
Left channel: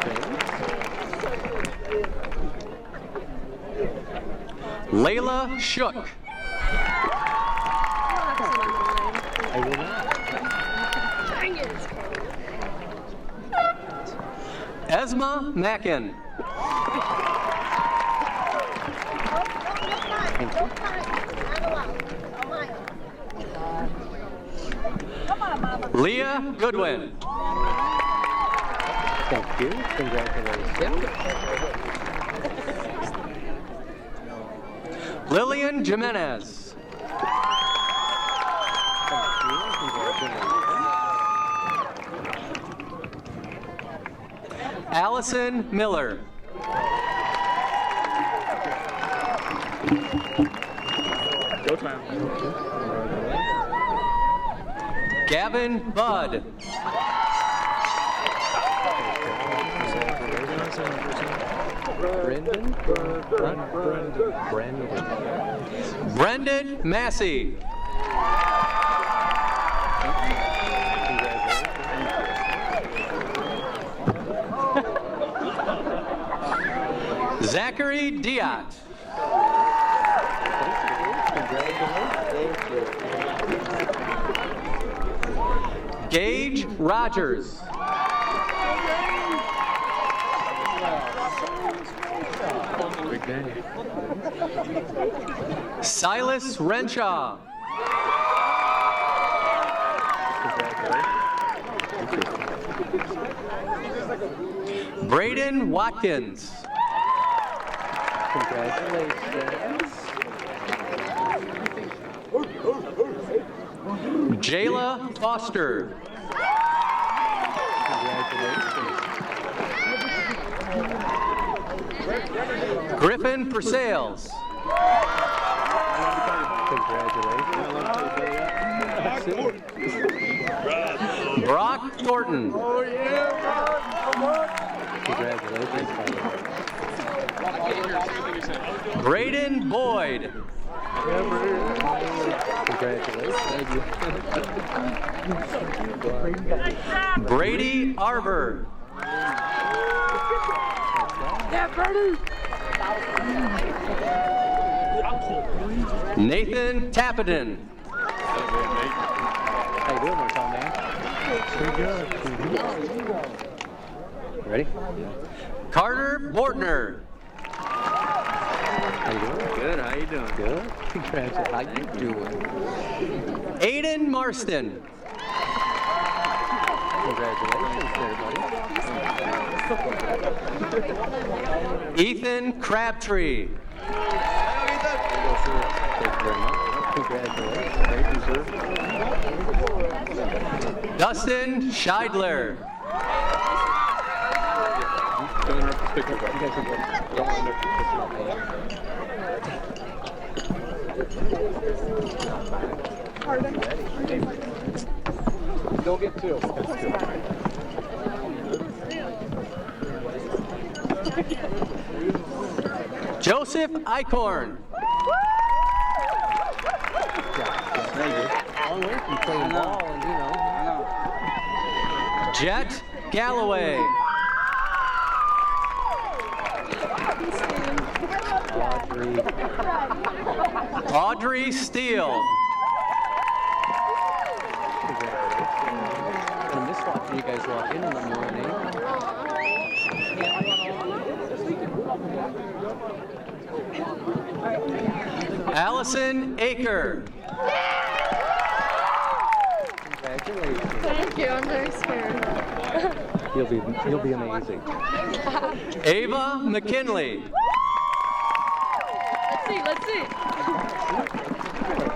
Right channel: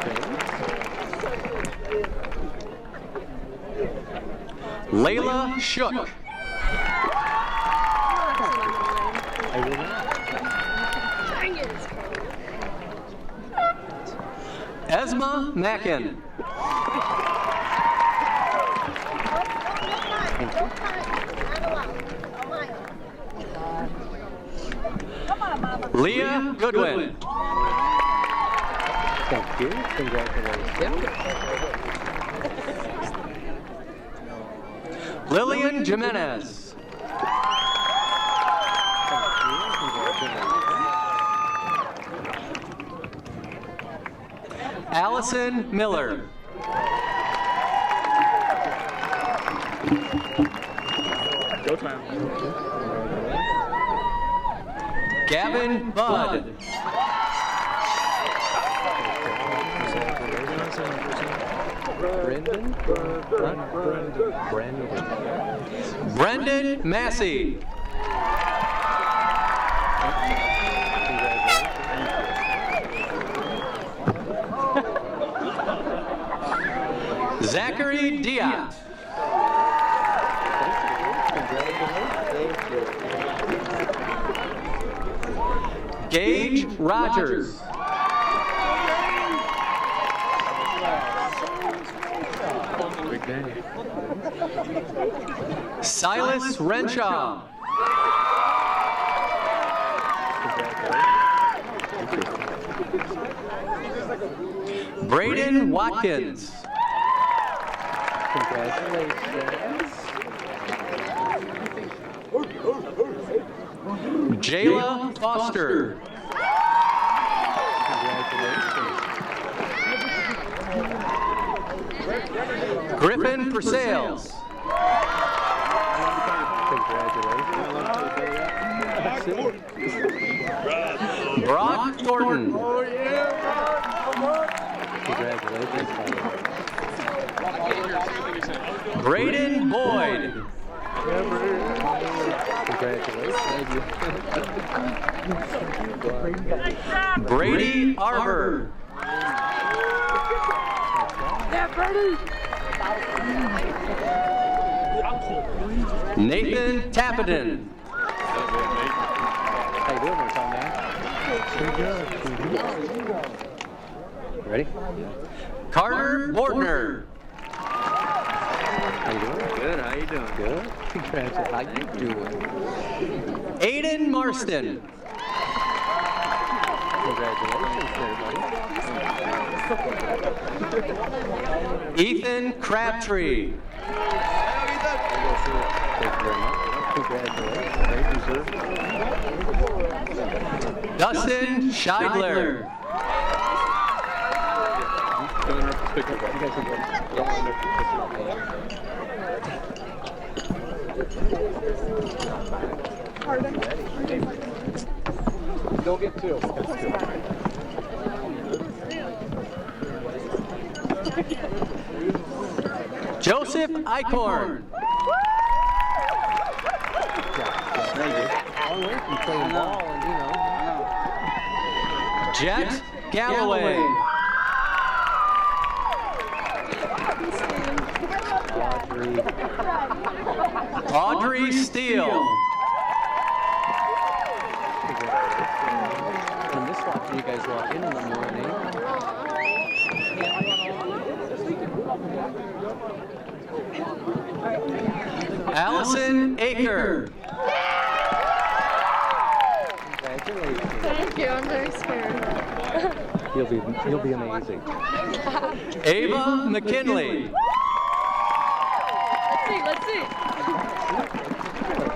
Layla Shook. I will not. Esma Mackin. Leah Goodwin. Thank you. Congratulations. Lillian Jimenez. Thank you. Congratulations. Allison Miller. Go time. Gavin Budd. Brendan? Brendan. Brendan Massey. Zachary Diat. Gage Rogers. Big day. Silas Renshaw. Braden Watkins. Congratulations. Jayla Foster. Griffin Purcelles. Brock Thornton. Braden Boyd. Brady Arbor. Nathan Tappenden. How you doing there, Tom, man? Pretty good. Ready? Carter Bordner. How you doing? Good. How you doing? Good. Congratulations. How you doing? Aiden Marston. Congratulations, everybody. Ethan Crabtree. Thank you very much. Congratulations. Thank you, sir. Dustin Scheidler. You guys can go. Don't get two. Joseph Eichhorn. Long way from playing ball and, Jet Galloway. Audrey Steele. And this watching you guys walk in the morning. Allison Aker. Congratulations. Thank you. I'm very scared. You'll be amazing. Ava McKinley. Let's see.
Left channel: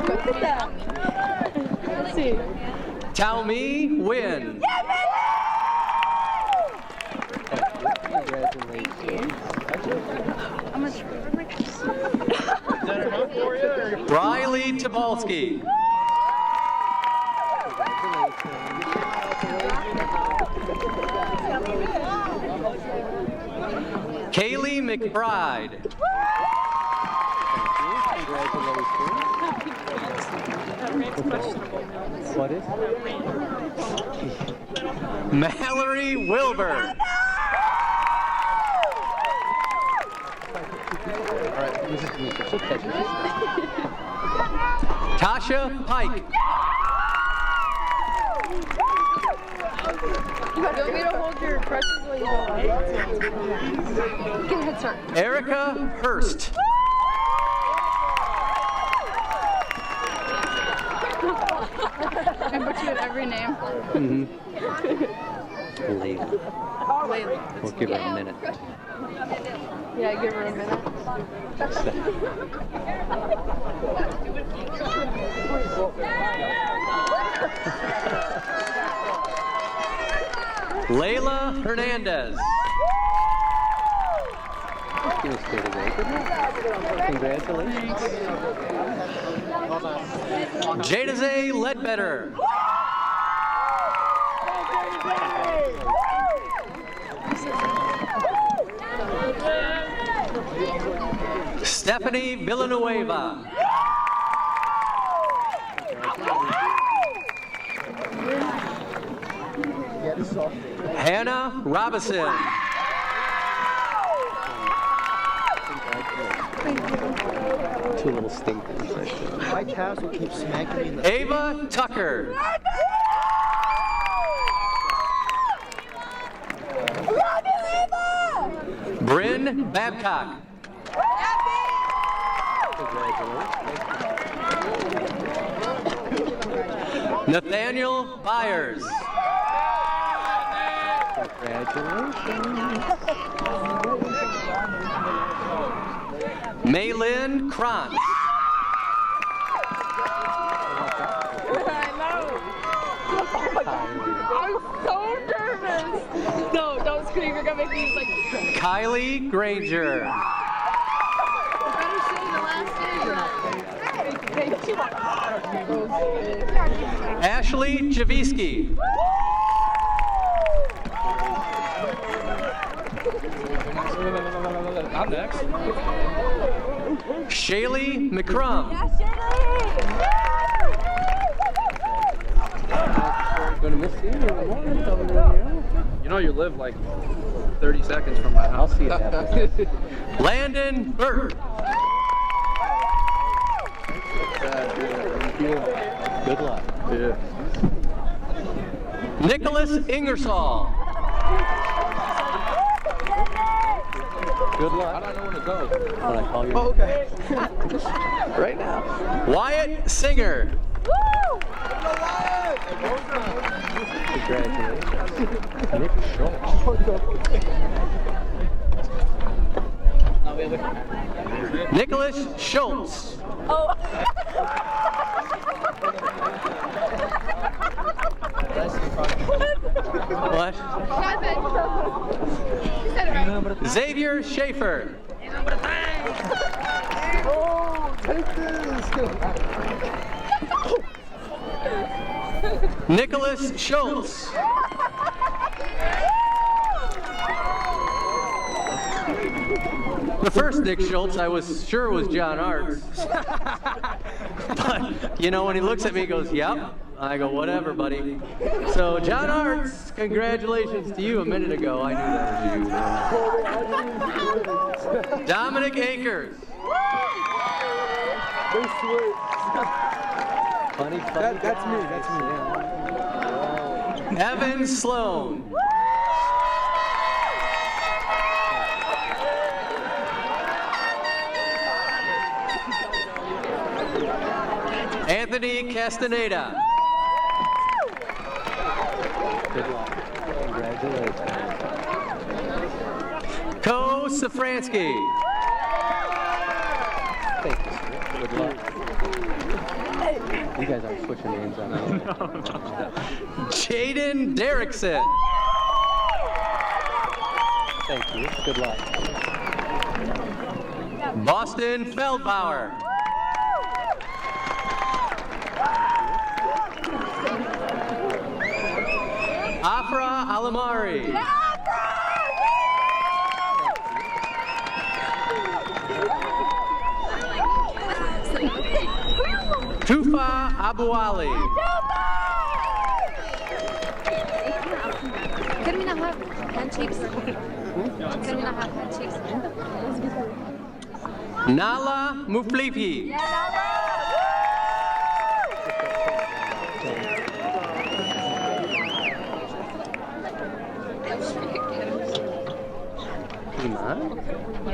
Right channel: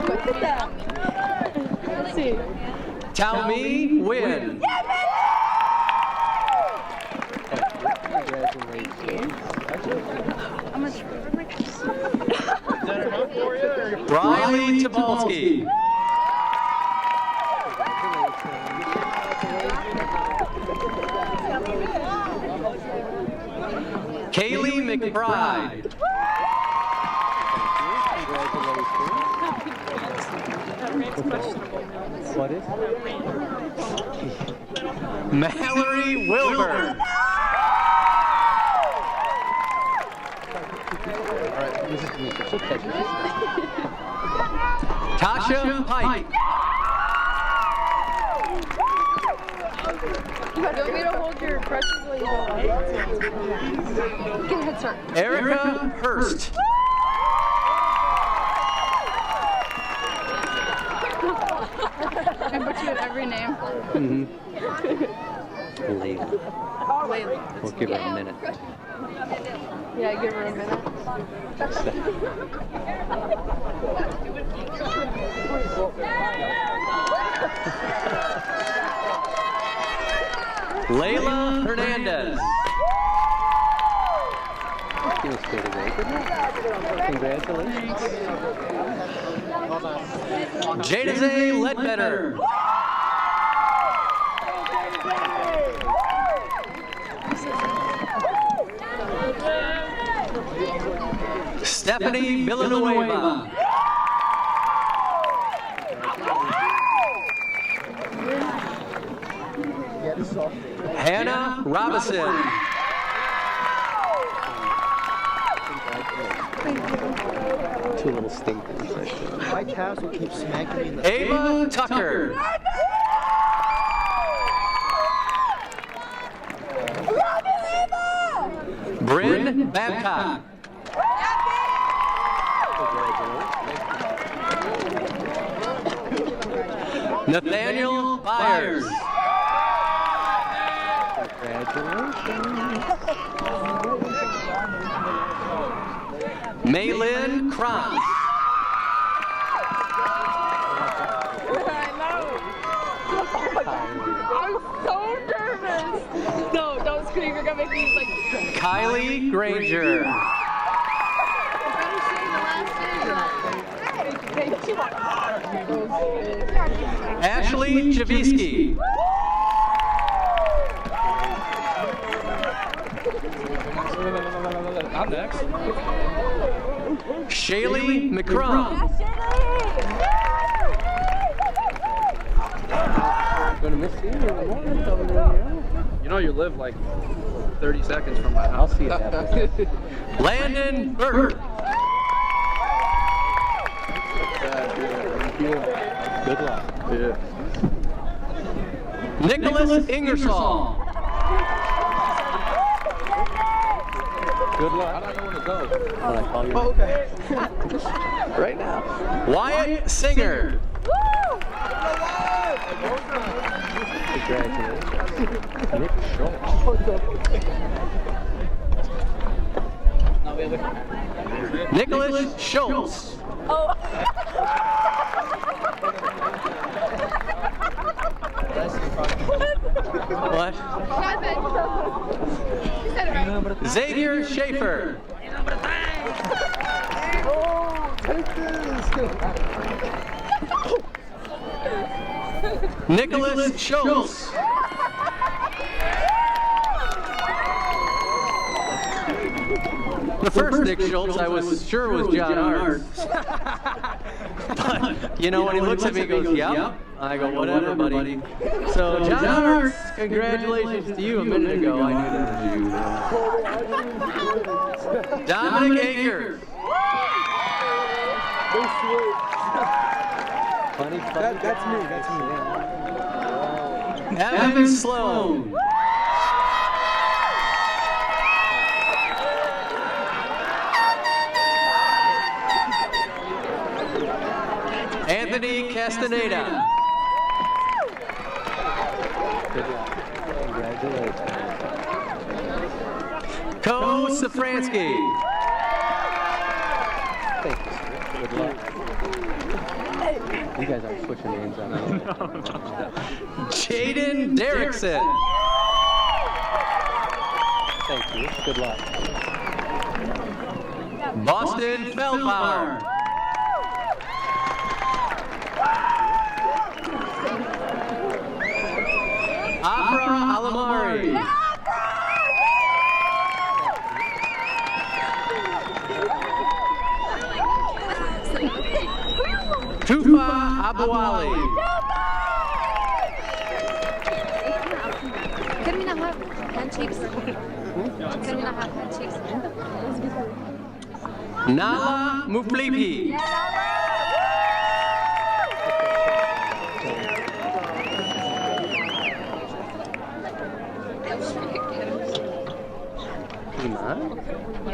Look at that. Let's see. Taomi Wynn. Congratulations. Riley Tobolsky. Kaylee McBride. What is? Mallory Wilbur. Tasha Pike. You want me to hold your crutches while you go? Get a head start. Erica Hurst. I put you in every name. Layla. Layla. We'll give her a minute. Yeah, give her a minute. Layla Hernandez. Congratulations. Jadaze Ledbetter. Stephanie Villanueva. Hannah Robinson. Two little stinkers. My tassel keeps smacking me in the Ava Tucker. Bryn Babcock. Nathaniel Byers. Maylin Krantz. I'm so nervous. No, don't scream. You're gonna make me like. Kylie Granger. Better say the last name. Ashley Javiski. I'm next. Shaylee McCrum. Gonna miss you. You know you live like 30 seconds from my house. I'll see you happen. Landon Burke. Thank you. Good luck. Yeah. Nicholas Ingersoll. Good luck. I don't know where to go. When I call you. Oh, okay. Right now. Wyatt Singer. Congratulations. Nick Schultz. Nicholas Schultz. Oh. What? Nothing. She said it right. Xavier Schaefer. Oh, take this. Nicholas Schultz. The first Nick Schultz I was sure was John Arts. But, you know, when he looks at me, he goes, yep. I go, whatever, buddy. So, John Arts, congratulations to you a minute ago. I knew that was you. Dominic Akers. Funny. That's me. That's me. Evan Sloan. Anthony Castaneda. Good luck. Congratulations. Ko Safransky. Thank you, sir. Good luck. You guys aren't switching names on me. Jaden Derrickson. Thank you. Good luck. Boston Feldbauer. Afra Alamari. Tufa Abu Ali. Can we not have handshakes? Can we not have handshakes? Nala Muflipi. Iman?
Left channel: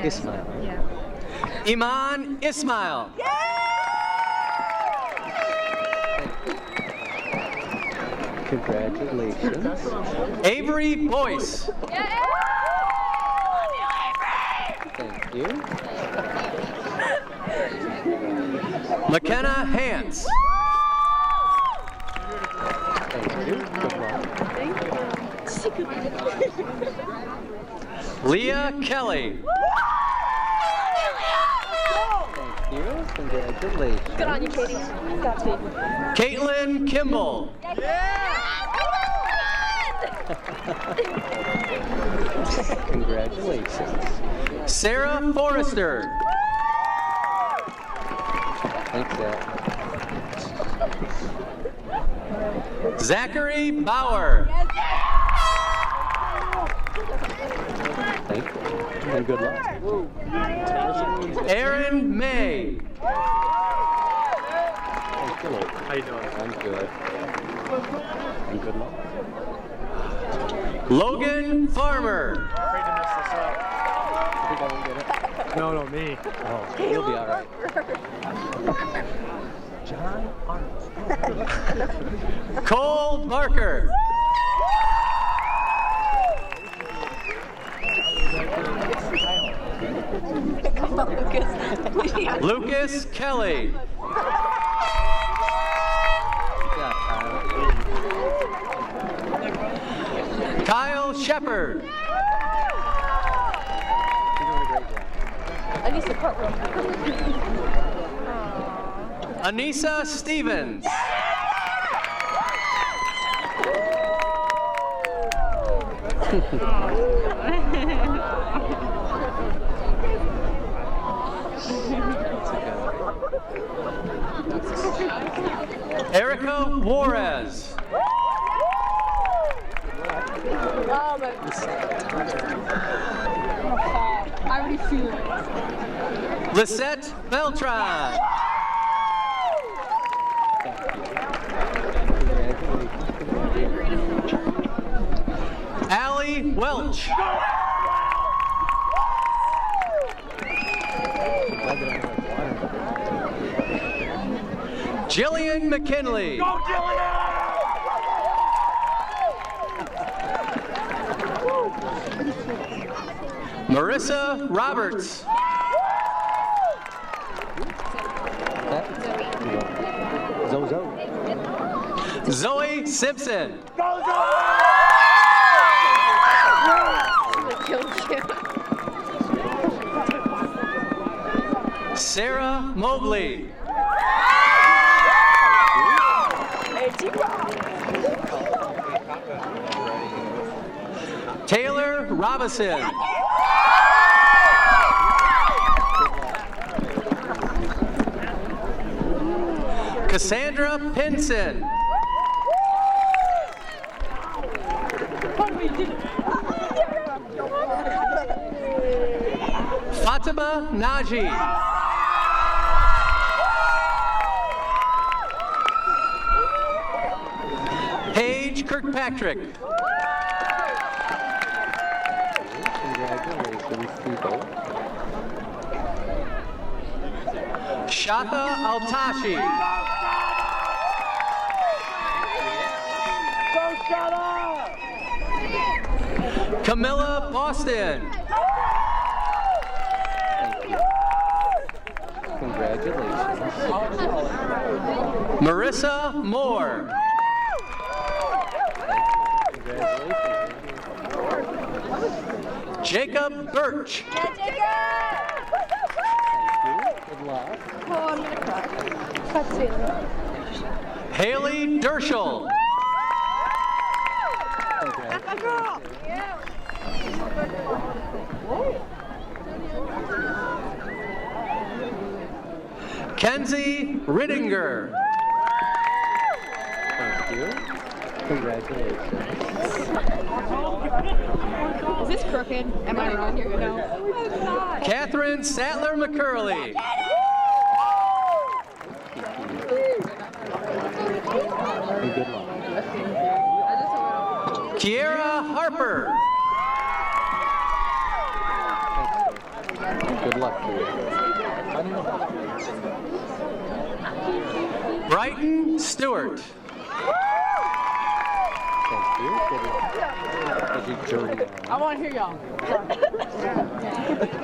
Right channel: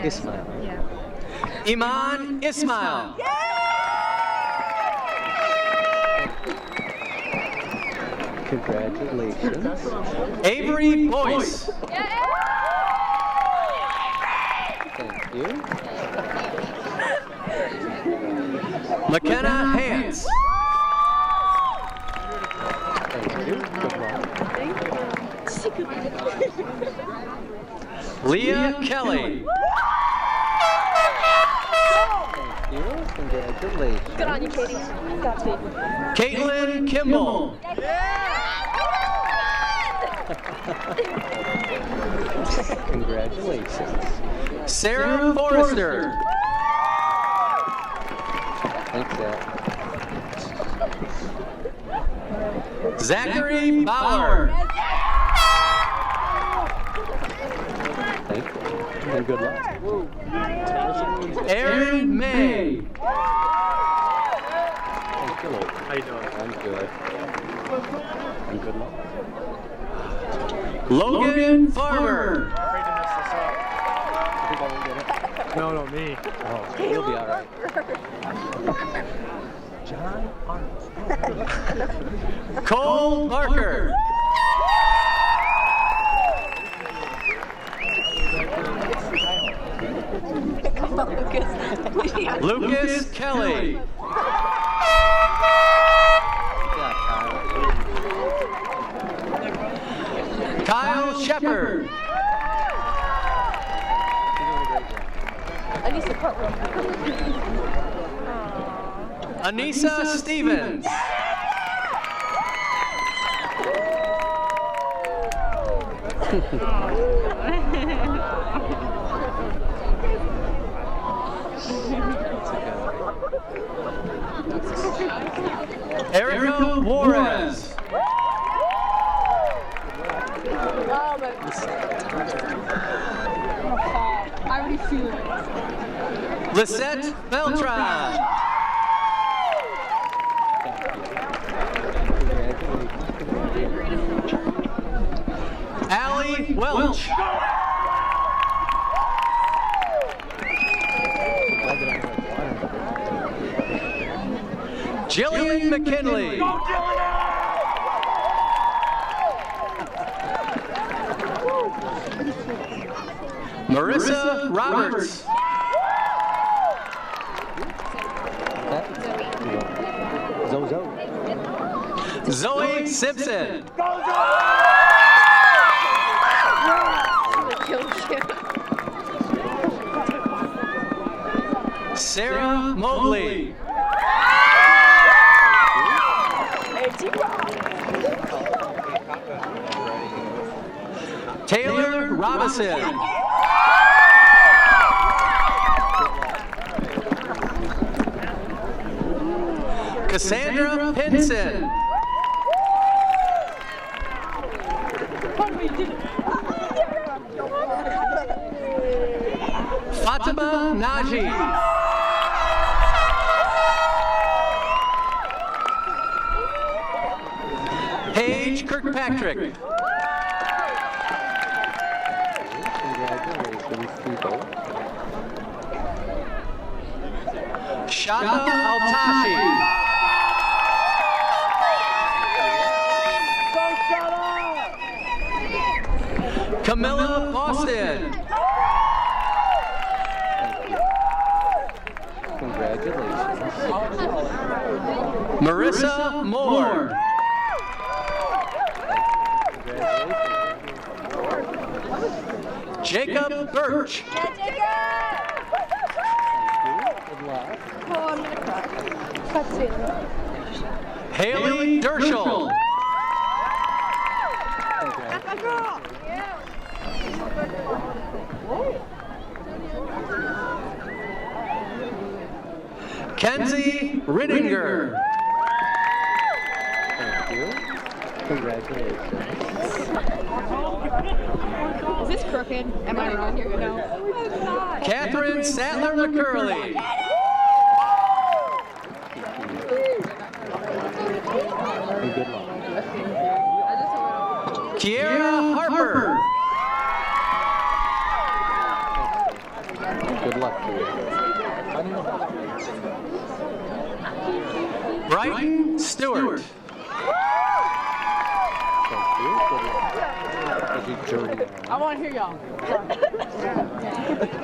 Ismail. Iman Ismail. Congratulations. Avery Boyce. Thank you. McKenna Hance. Thank you. Good luck. Leah Kelly. Thank you. Congratulations. Good on you, Katie. Got you. Caitlin Kimball. Congratulations. Sarah Forrester. Thanks, Dad. Zachary Bauer. Thank you. And good luck. Aaron May. Thank you. How you doing? I'm good. And good luck. Logan Farmer. Afraid to mess this up. You think I won't get it? No, me. Oh, you'll be all right. John Arnold. Cole Barker. Lucas Kelly. Kyle Shepard. Anissa Stevens. Erica Juarez. I already feel it. Lisette Beltran. Allie Welch. Jillian McKinley. Go, Jillian! Marissa Roberts. Zozo. Zoe Simpson. Go, Sarah Mobley. Taylor Robinson. Cassandra Pinson. Fatima Naji. Paige Kirkpatrick. Congratulations, people. Shata Altashi. Go, Shata! Camilla Boston. Thank you. Congratulations. Marissa Moore. Jacob Birch. Thank you. Good luck. Oh, I'm gonna cry. That's it. Haley Dershel. Kenzie Rittinger. you. Congratulations. Is this crooked? Am I wrong? No. Catherine Sattler McCurley. And good luck. Kiera Harper. Good luck to you. Brighton Stewart. Thank you. Good luck. As you journey on. I want to hear y'all.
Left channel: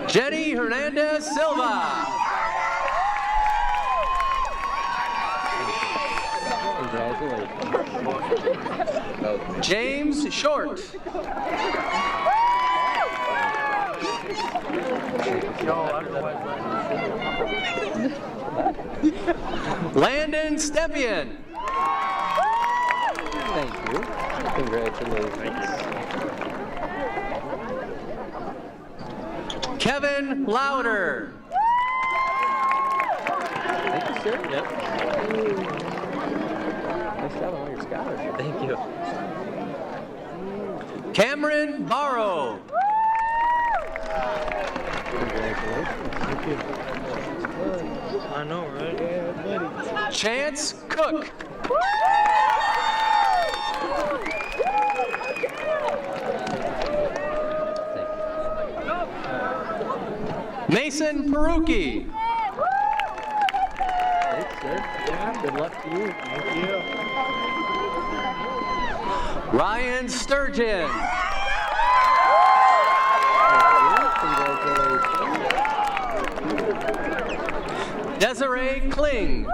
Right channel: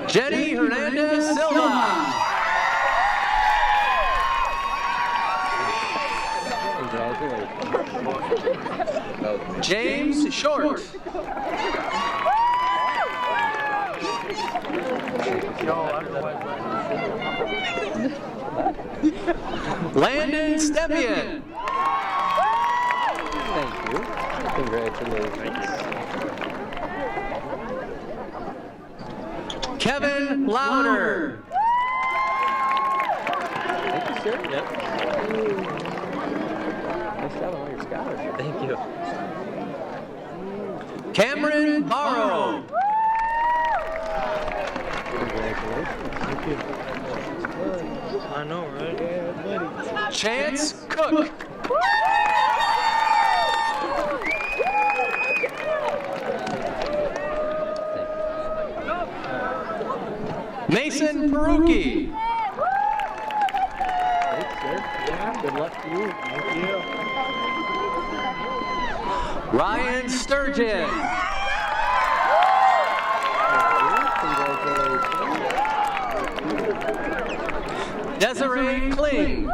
Jenny Hernandez Silva. Congratulations. James Short. Landon Stepien. Thank you. Congratulations. Kevin Louder. Thank you, sir. Yep. Nice job on all your scholarships. Thank you. Cameron Barrow. Congratulations. Thank you. I know, right? Yeah, buddy. Chance Cook. Mason Peruki. Thanks, sir. Yeah, good luck to you. Thank you. Ryan Sturgeon. Congratulations. Desiree Kling.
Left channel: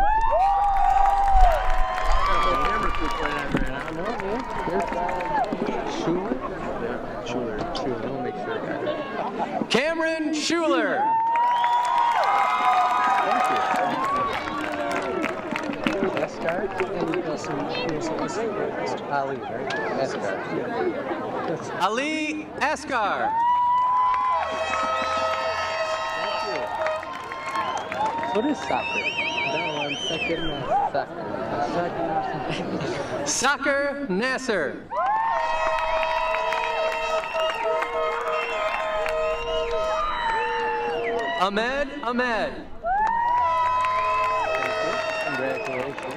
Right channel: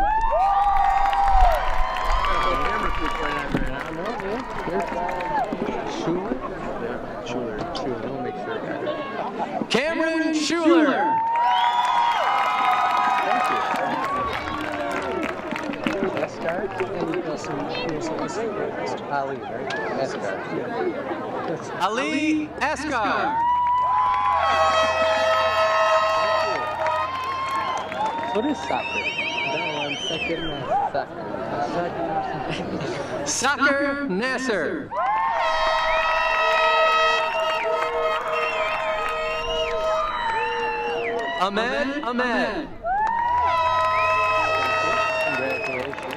Schuler? Yeah, Schuler. We'll make sure. Cameron Schuler. Thank you. Escar? Ali, right? Escar. Ali Escar. What is soccer? No, I'm second soccer. Soccer Nasser. Ahmed Ahmed. Congratulations.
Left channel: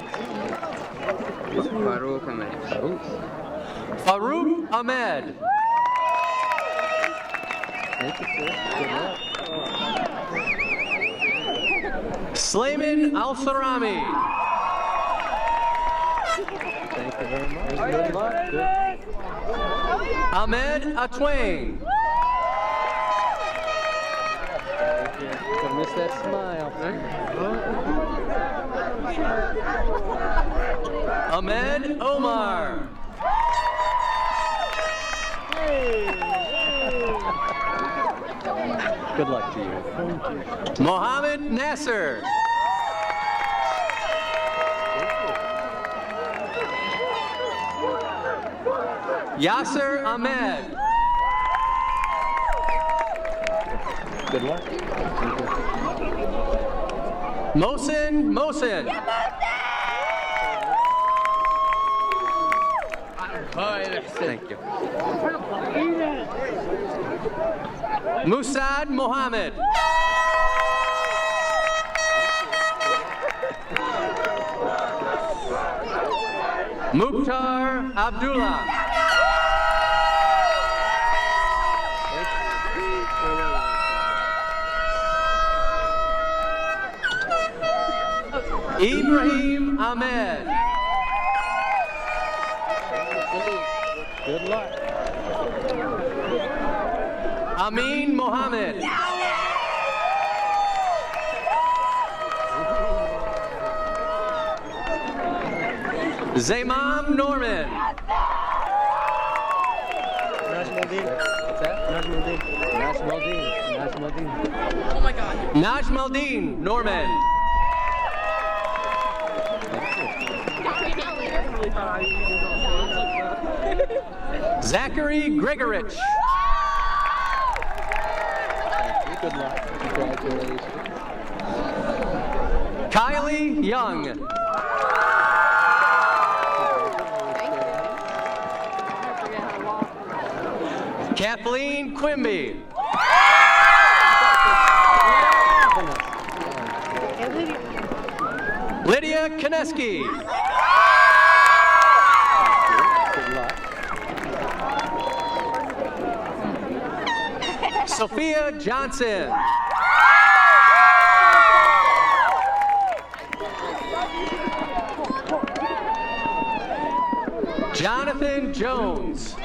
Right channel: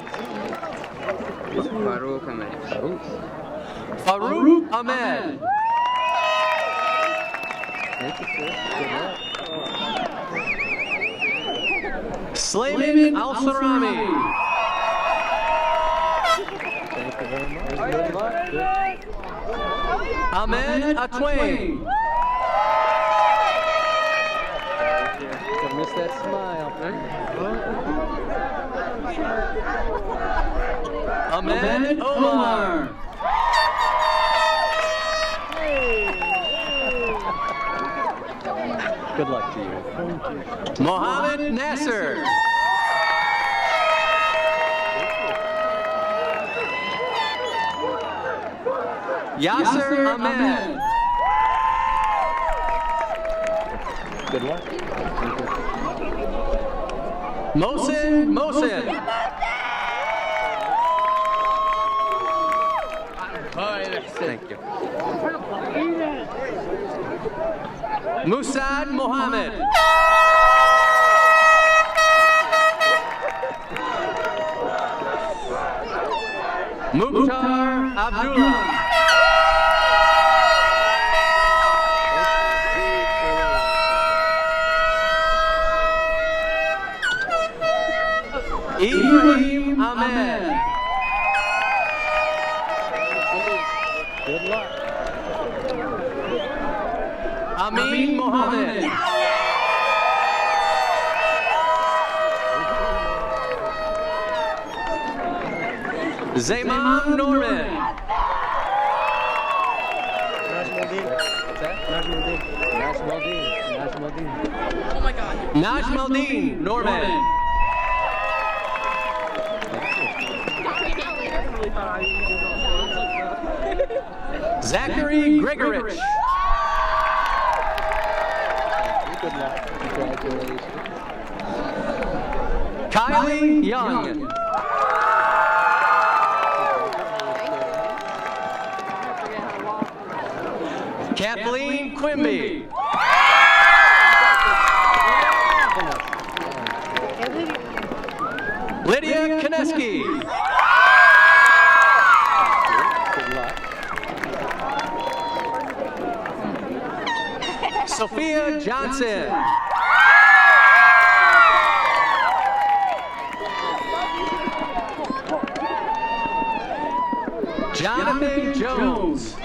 Farouk Ahmed. Farouk Ahmed. Thank you, sir. Good luck. Slayman Al-Sarami. Thank you very much. Good luck. Ahmed Atwain. Don't miss that smile. Ahmed Omar. Good luck to you. Thank you. Mohammed Nasser. Yasser Ahmed. Good luck. Mohsen Mohsen. Thank you. Musad Mohammed. Mukhtar Abdullah. Ibrahim Ahmed. Good luck. Amin Mohammed. Zaymam Norman. Najmuddin. What's that? Najmuddin. Najmuddin. Najmuddin. Oh my God. Najmuddin Norman. Zachary Gregorich. Good luck. Congratulations. Kylie Young. Kathleen Quimby. Lydia Kineski. Sophia Johnson. Jonathan Jones.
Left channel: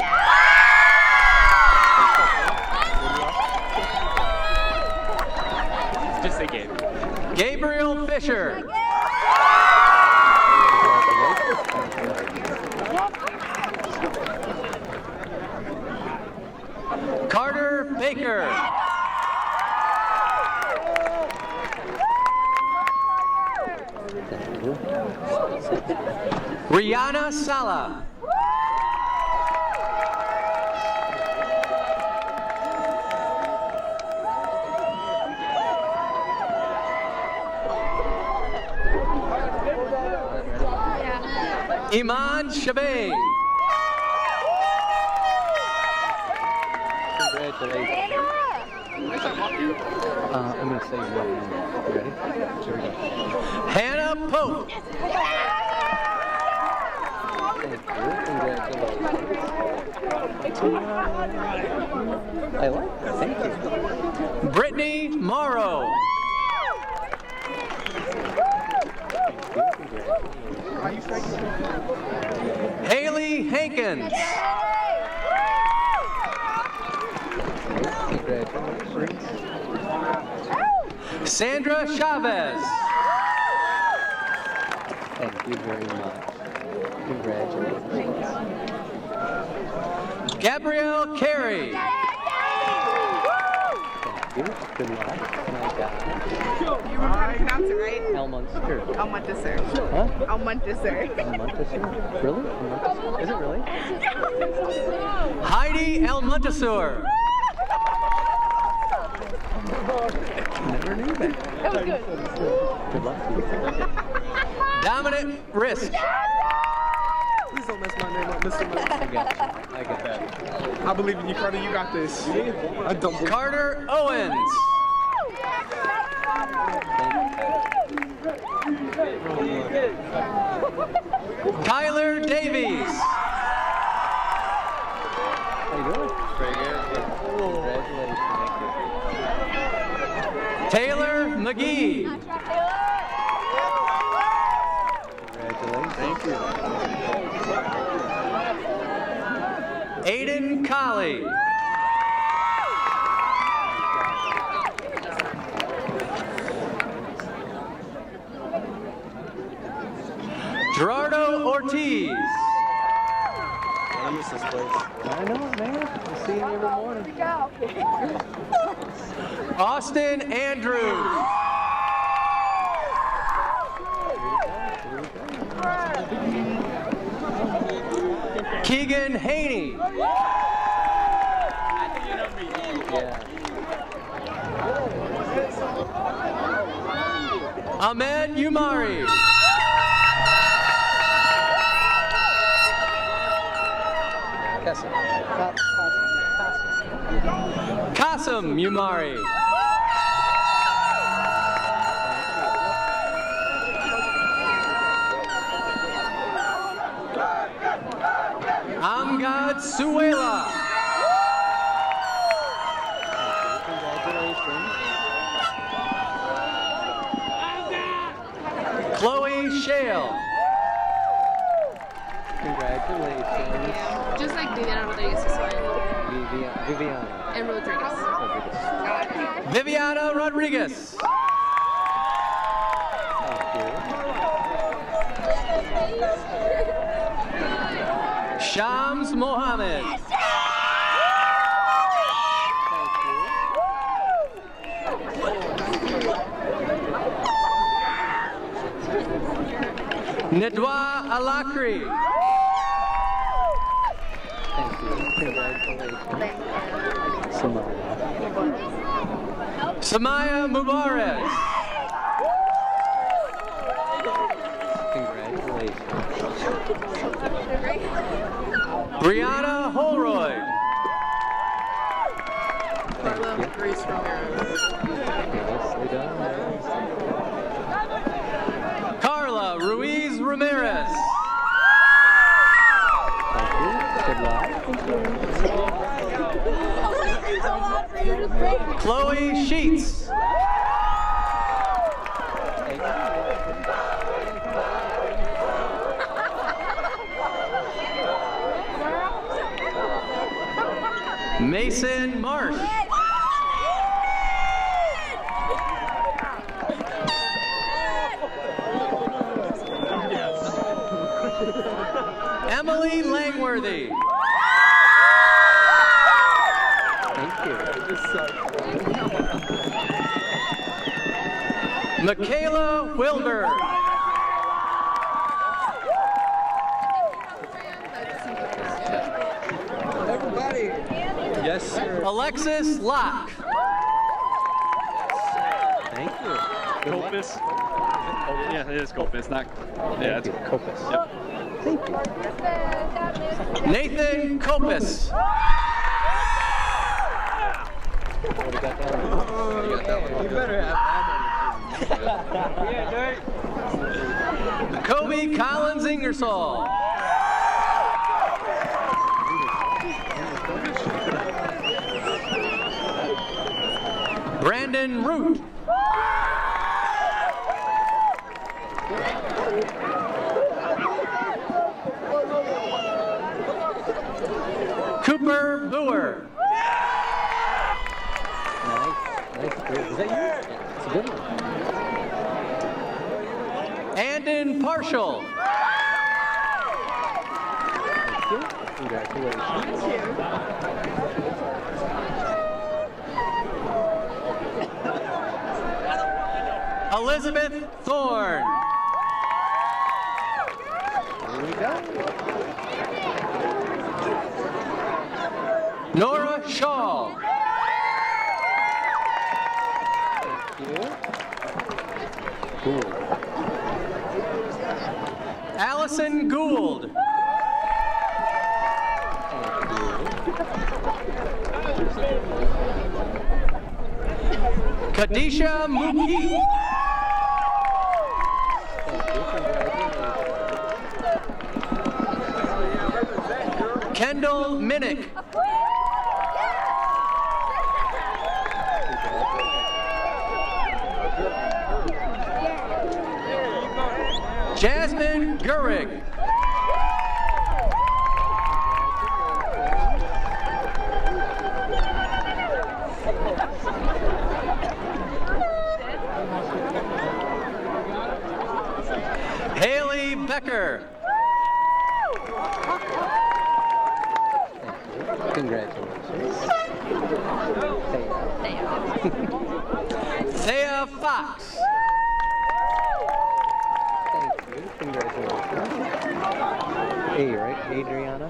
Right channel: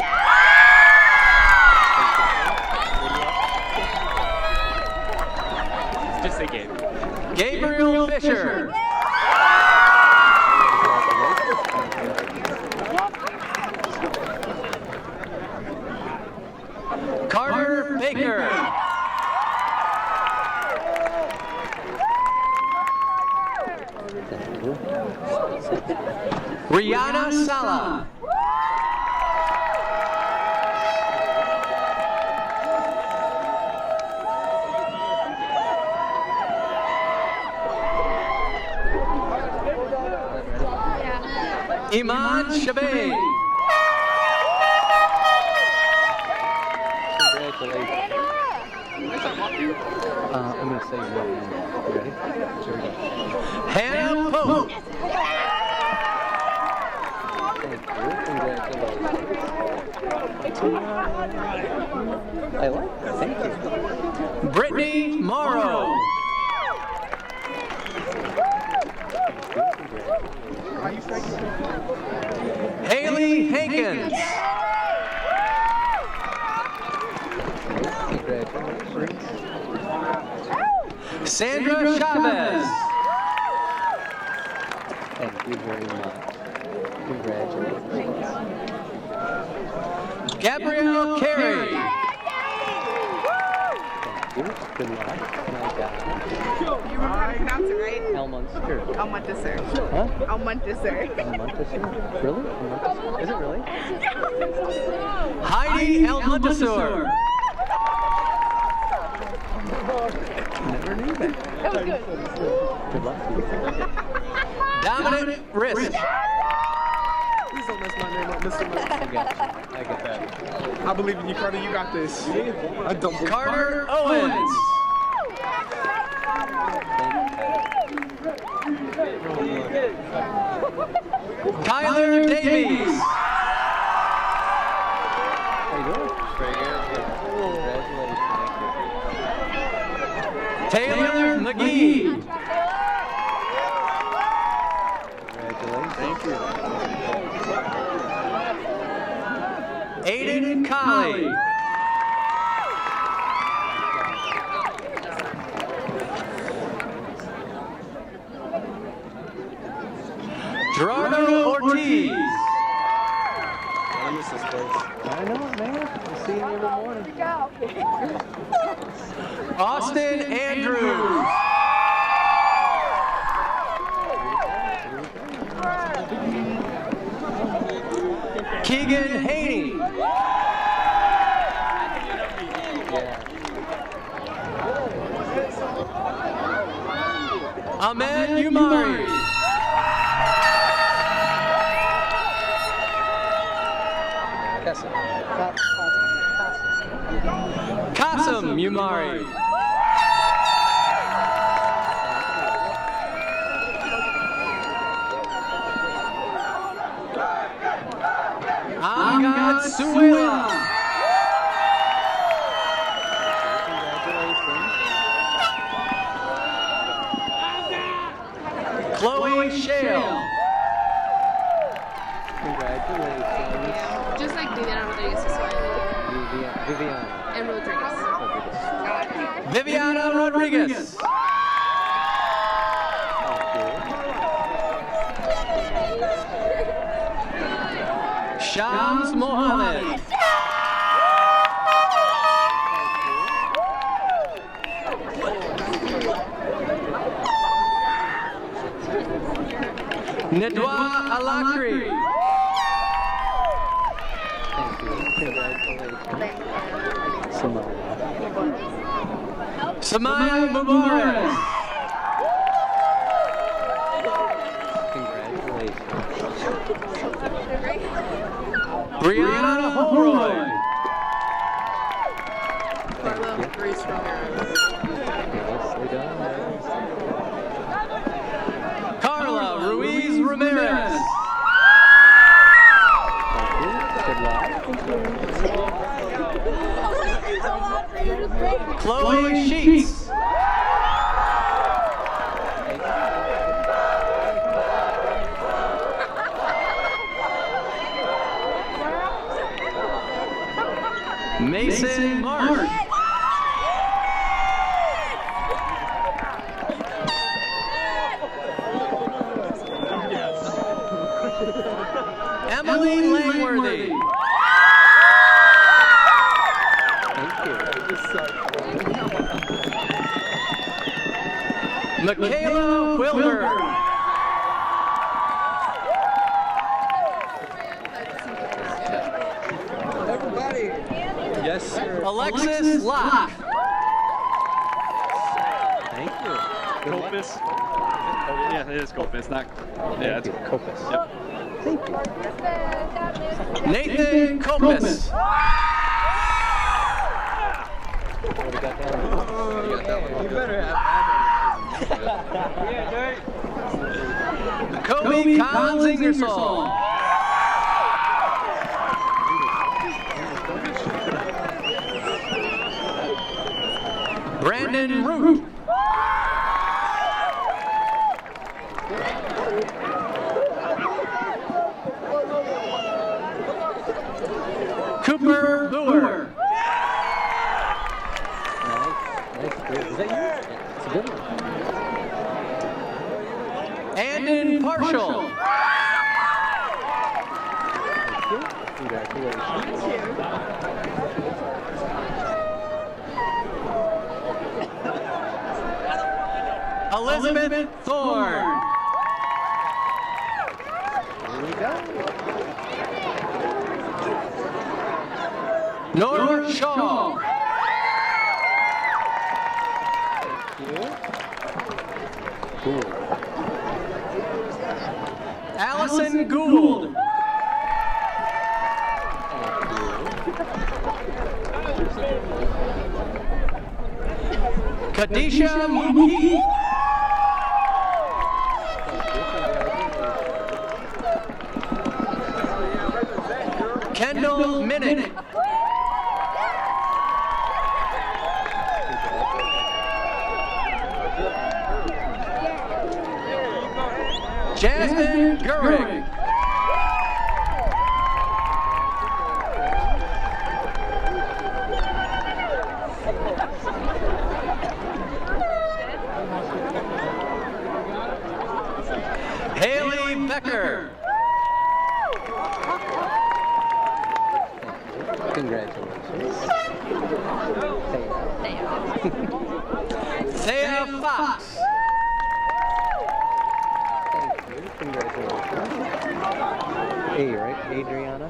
Just a game. Gabriel Fisher. Carter Baker. Rihanna Sala. Iman Shabay. Congratulations. I'm going to say your name. You ready? Here we go. Hannah Pope. I like that. Thank you. Brittany Morrow. Haley Hankins. Sandra Chavez. Thank you very much. Congratulations. Gabrielle Carey. Thank you. Good luck. My God. You remember how to pronounce it, right? Elmunster. Elmunster. Huh? Elmunster. Elmunster? Really? Elmunster? Is it really? Heidi El Montesour. Never knew that. That was good. Good luck to you. Dominic Risk. Please don't mess my name up, Mr. Murphy. I got you. I got that. I believe in you, Carter. You got this. I don't. Carter Owens. Kyler Davies. How you doing? Very good. Congratulations. Thank you. Taylor McGee. Congratulations. Thank you. Aiden Colley. Gerardo Ortiz. I miss this place. I know, man. I see you every morning. Austin Andrews. Keegan Haney. Ahmed Umari. Qasim Umari. Amgad Suela. Chloe Shale. Congratulations. Just like Viviana Rodriguez is fine. Viviana. And Rodriguez. Viviana Rodriguez. Shams Mohammed. Nedwa Alakri. Thank you. Congratulations. Samaya Mubarak. Congratulations. Brianna Holroyd. Carla Ruiz Ramirez. Good luck. Chloe Sheets. Mason Marsh. Emily Langworthy. Michaela Wilbur. Everybody. Yes, sir. Alexis Locke. Thank you. Copus. Yeah, it is Copus. Not. Yeah, it's Copus. Yep. Thank you. Nathan Copus. You better have Kobe Collins Ingersoll. Brandon Root. Cooper Boer. Nice. Is that you? It's a good one. Andon Partial. Thank you. Congratulations. Elizabeth Thorne. Here we go. Nora Shaw. Thank you. Cool. Allison Gould. Kadisha Muki. Kendall Minnick. Jasmine Gehrig. Haley Becker. Congratulations. Thea Fox. Thank you. Congratulations. A, right? Adriana?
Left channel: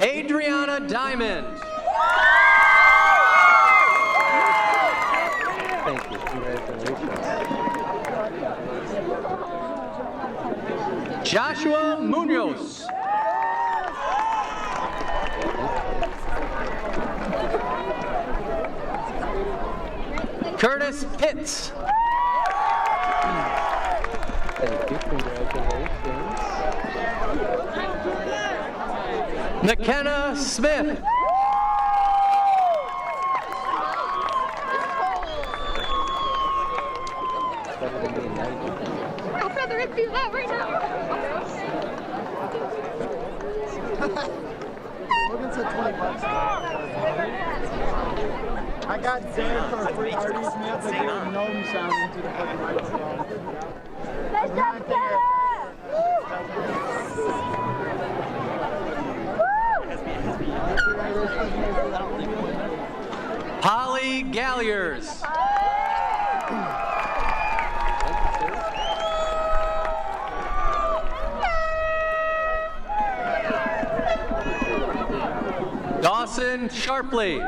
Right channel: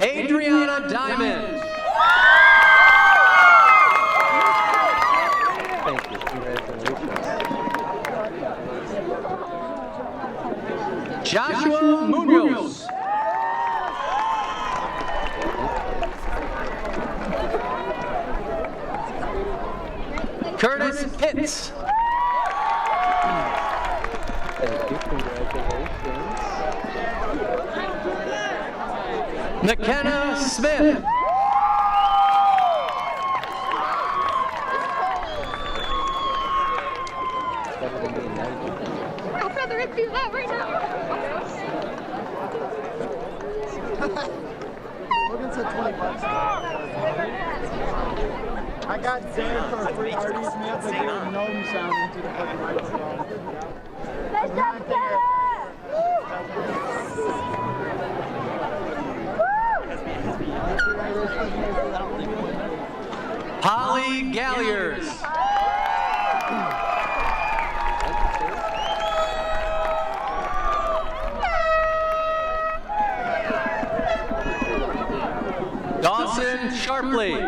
Adriana Diamond. Thank you. Congratulations. Joshua Munoz. Curtis Pitts. Thank you. Congratulations. McKenna Smith. I'd rather it be that right now. Logan said $20. I got Zan for a free artist, and you have to do a gnome sound into the fucking microphone. Let's go together! Holly Galliers. Dawson Sharpley.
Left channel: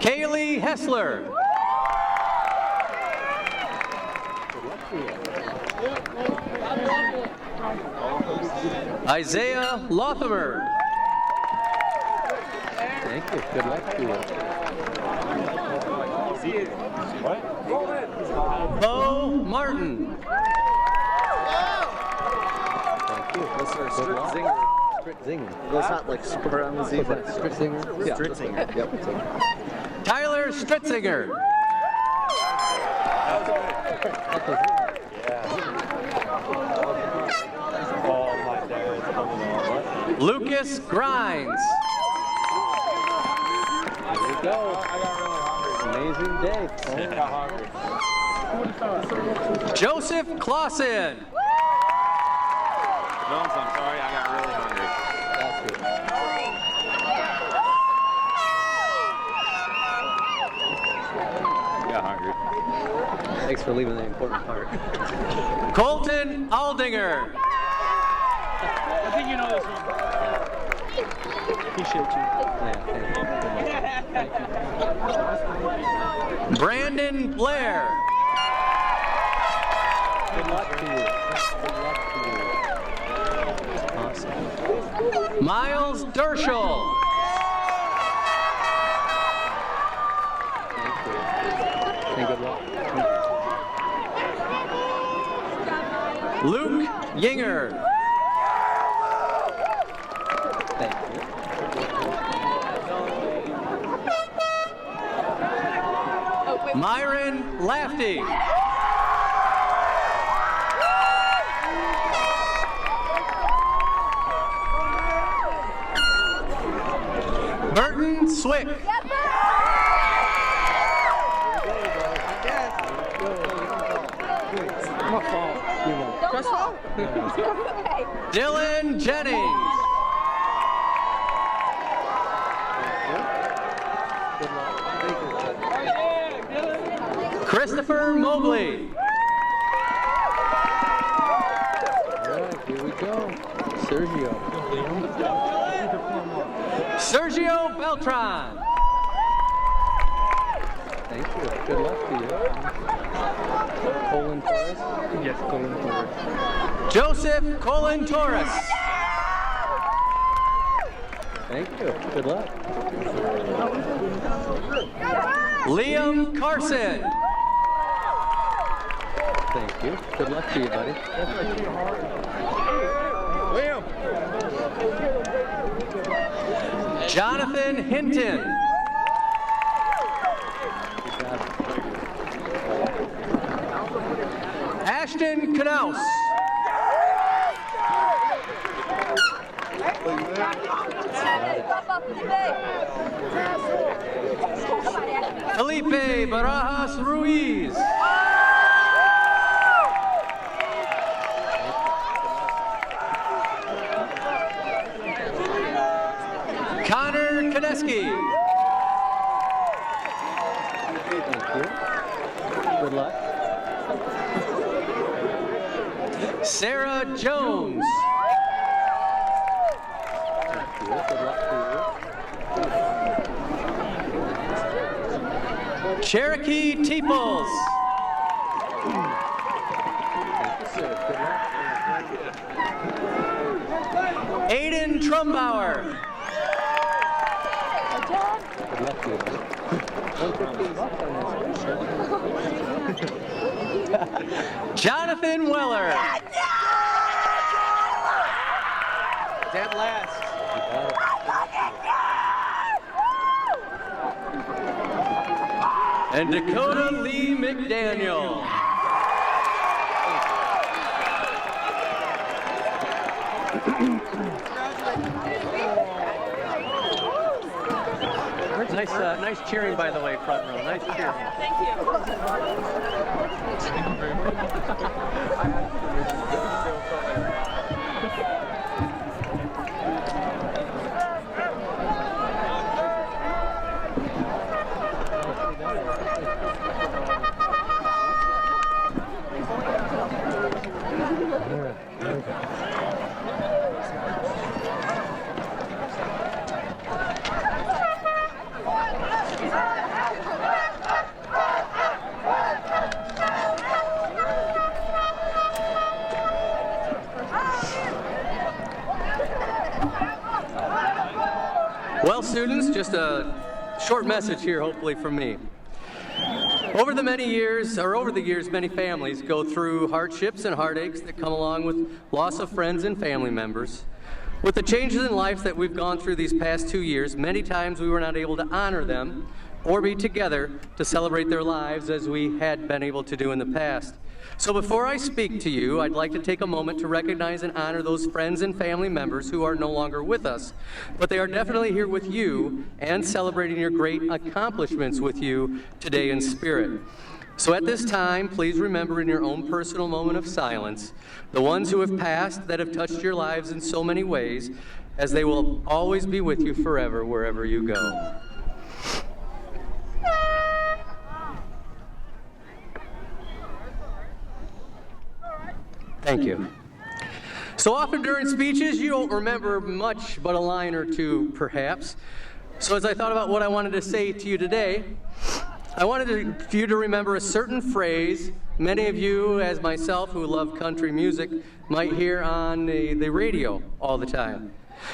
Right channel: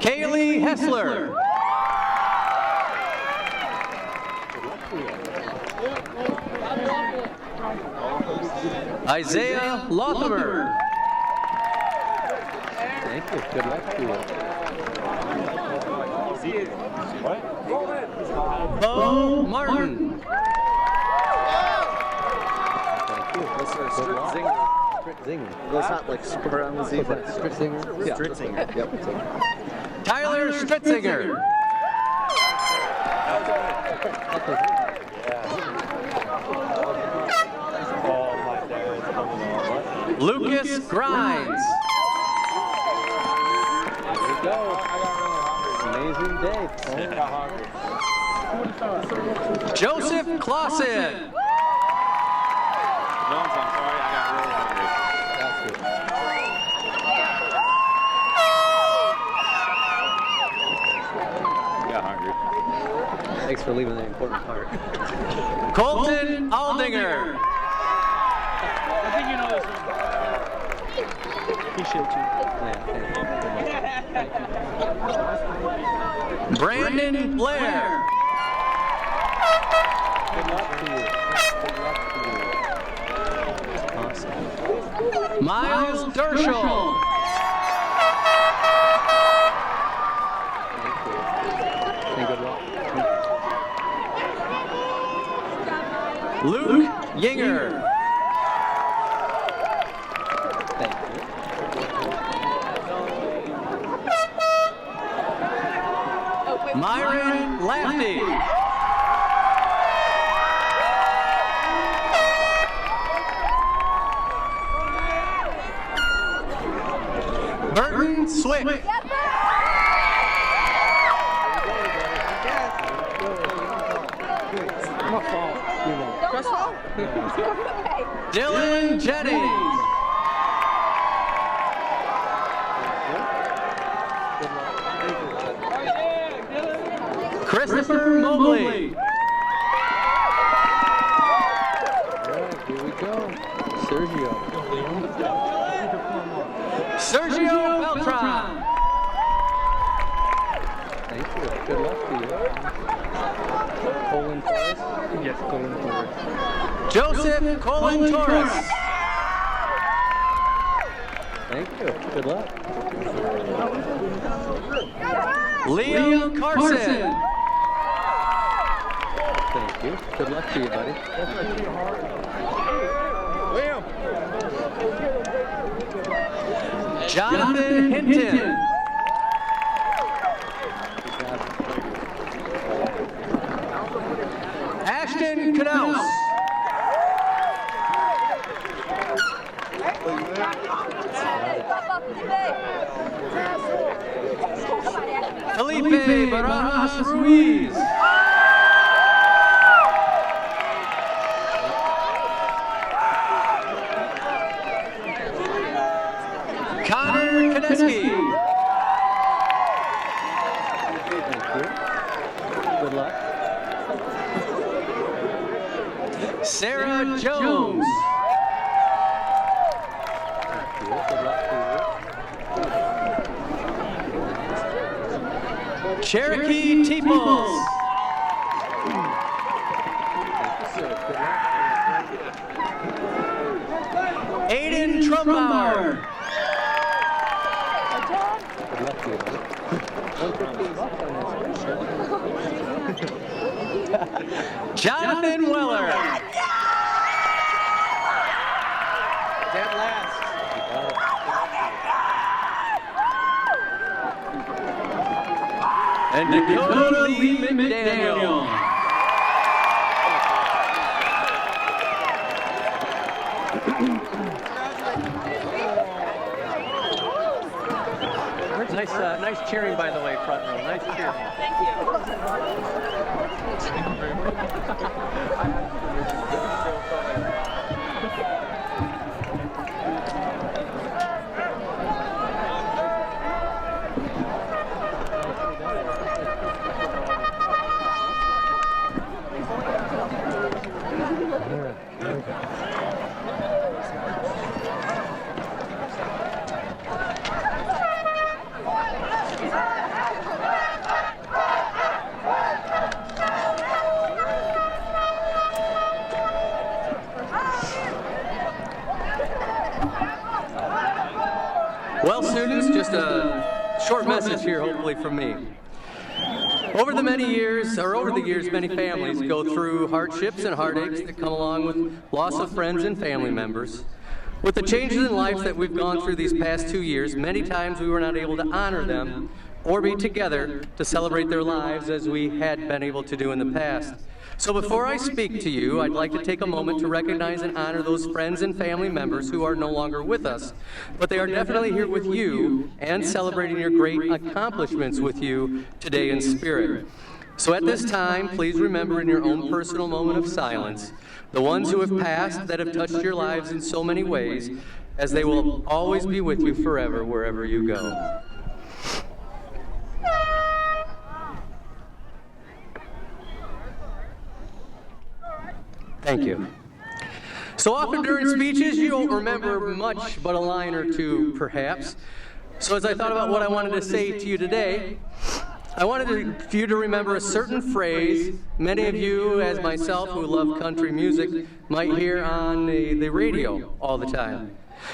Kaylee Hessler. Good luck to you. Isaiah Lothamer. Thank you. Good luck to you. Bo Martin. Thank you. That's our strict zinger. Strict zinger. That's not like spur on the zebra. Strict zinger? Yeah. Strict zinger. Yep. Tyler Stritzinger. Lucas Grimes. Here we go. Amazing day. Joseph Clausen. Jones, I'm sorry, I got really hungry. Got hungry. Thanks for leaving the important part. Colton Aldinger. I think you know this one. Appreciate you. Yeah, thank you. Brandon Blair. Good luck to you. Good luck to you. Awesome. Miles Derschel. Thank you. And good luck. Luke Yinger. Thank you. Myron Lafty. Burton Swick. Dylan Jennings. Christopher Mobley. All right, here we go. Sergio. Sergio Beltran. Thank you. Good luck to you. Colin Torres? Yes, Colin Torres. Joseph Colin Torres. Thank you. Good luck. Liam Carson. Thank you. Good luck to you, buddy. Liam. Jonathan Hinton. Ashton Knaus. Felipe Barajas Ruiz. Connor Kaneski. Thank you. Good luck. Sarah Jones. Thank you. Good luck to you. Cherokee Teeples. Thank you, sir. Good luck. Aiden Trumbauer. Good luck to you, buddy. 115 bucks on this. Jonathan Weller. Dead last. You got it. And Dakota Lee McDaniel. Nice cheering, by the way, front row. Nice cheering. Thank you. Well, students, just a short message here, hopefully, from me. Over the years, many families go through hardships and heartaches that come along with loss of friends and family members. With the changes in life that we've gone through these past 2 years, many times we were not able to honor them or be together to celebrate their lives as we had been able to do in the past. So before I speak to you, I'd like to take a moment to recognize and honor those friends and family members who are no longer with us, but they are definitely here with you and celebrating your great accomplishments with you today in spirit. So at this time, please remember in your own personal moment of silence, the ones who have passed that have touched your lives in so many ways, as they will always be with you forever wherever you go. Thank you. So often during speeches, you don't remember much but a line or two, perhaps. So as I thought about what I wanted to say to you today, I wanted you to remember a certain phrase many of you, as myself, who love country music, might hear on the radio all the time.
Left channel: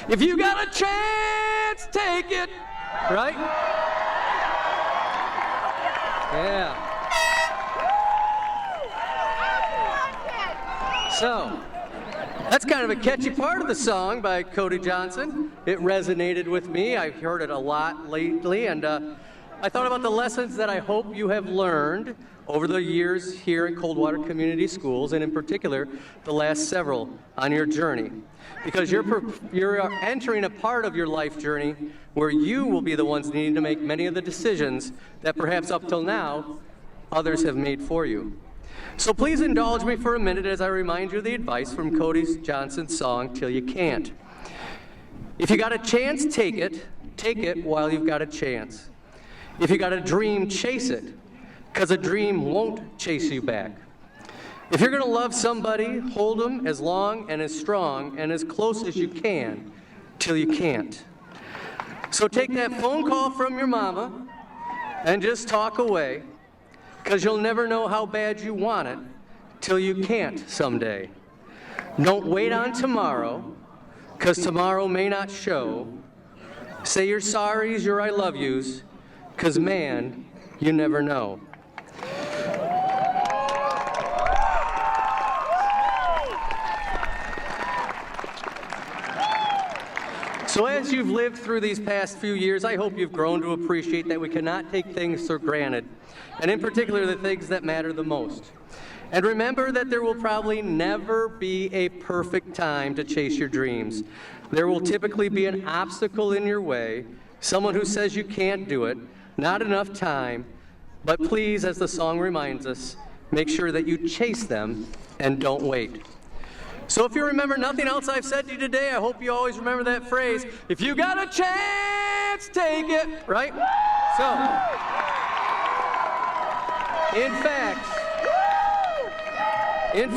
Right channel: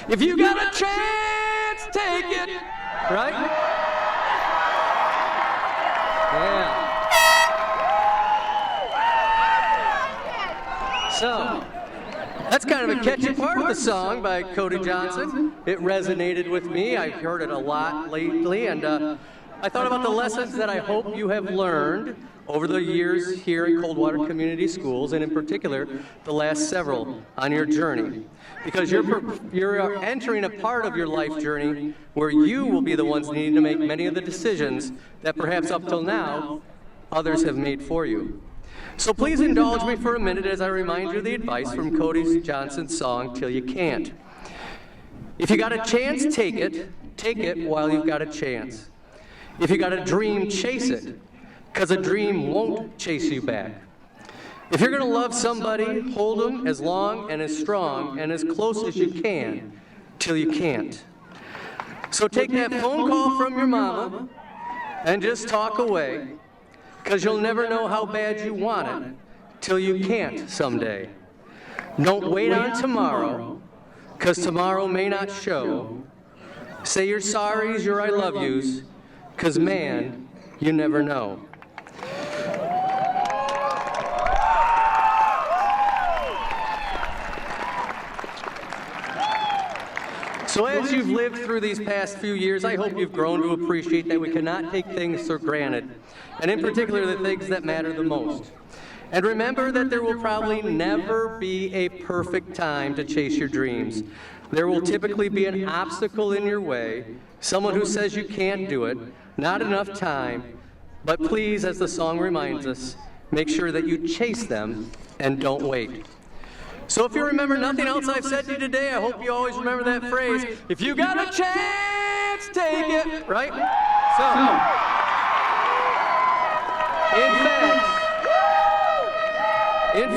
If you got a chance, take it, right? Yeah. So, that's kind of a catchy part of the song by Cody Johnson. It resonated with me. I've heard it a lot lately, and I thought about the lessons that I hope you have learned over the years here at Coldwater Community Schools, and in particular, the last several on your journey. Because you're entering a part of your life journey where you will be the ones needing to make many of the decisions that perhaps up till now, others have made for you. So please indulge me for a minute as I remind you of the advice from Cody Johnson's song, Till You Can't. If you got a chance, take it while you've got a chance. If you got a dream, chase it, because a dream won't chase you back. If you're going to love somebody, hold them as long and as strong and as close as you can, till you can't. So take that phone call from your mama and just talk away, because you'll never know how bad you want it till you can't someday. Don't wait on tomorrow, because tomorrow may not show. Say your sorries, your I love yous, because man, you never know. So as you've lived through these past few years, I hope you've grown to appreciate that we cannot take things for granted, and in particular the things that matter the most. And remember that there will probably never be a perfect time to chase your dreams. There will typically be an obstacle in your way, someone who says you can't do it, not enough time, but please, as the song reminds us, make sure that you chase them and don't wait. So if you remember nothing else I've said to you today, I hope you always remember that phrase, if you got a chance, take it, right? So, in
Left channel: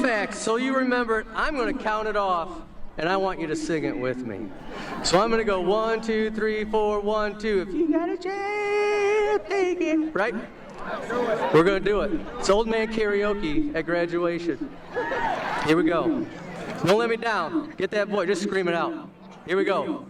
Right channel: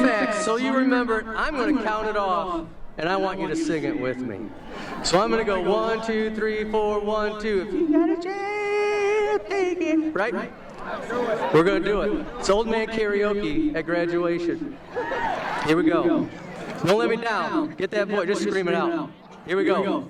fact, so you remember it, I'm going to count it off, and I want you to sing it with me. So I'm going to go 1, 2, 3, 4, 1, 2. If you got a chance, take it, right? We're going to do it. It's old man karaoke at graduation. Here we go. Don't let me down. Get that boy. Just scream it out. Here we go.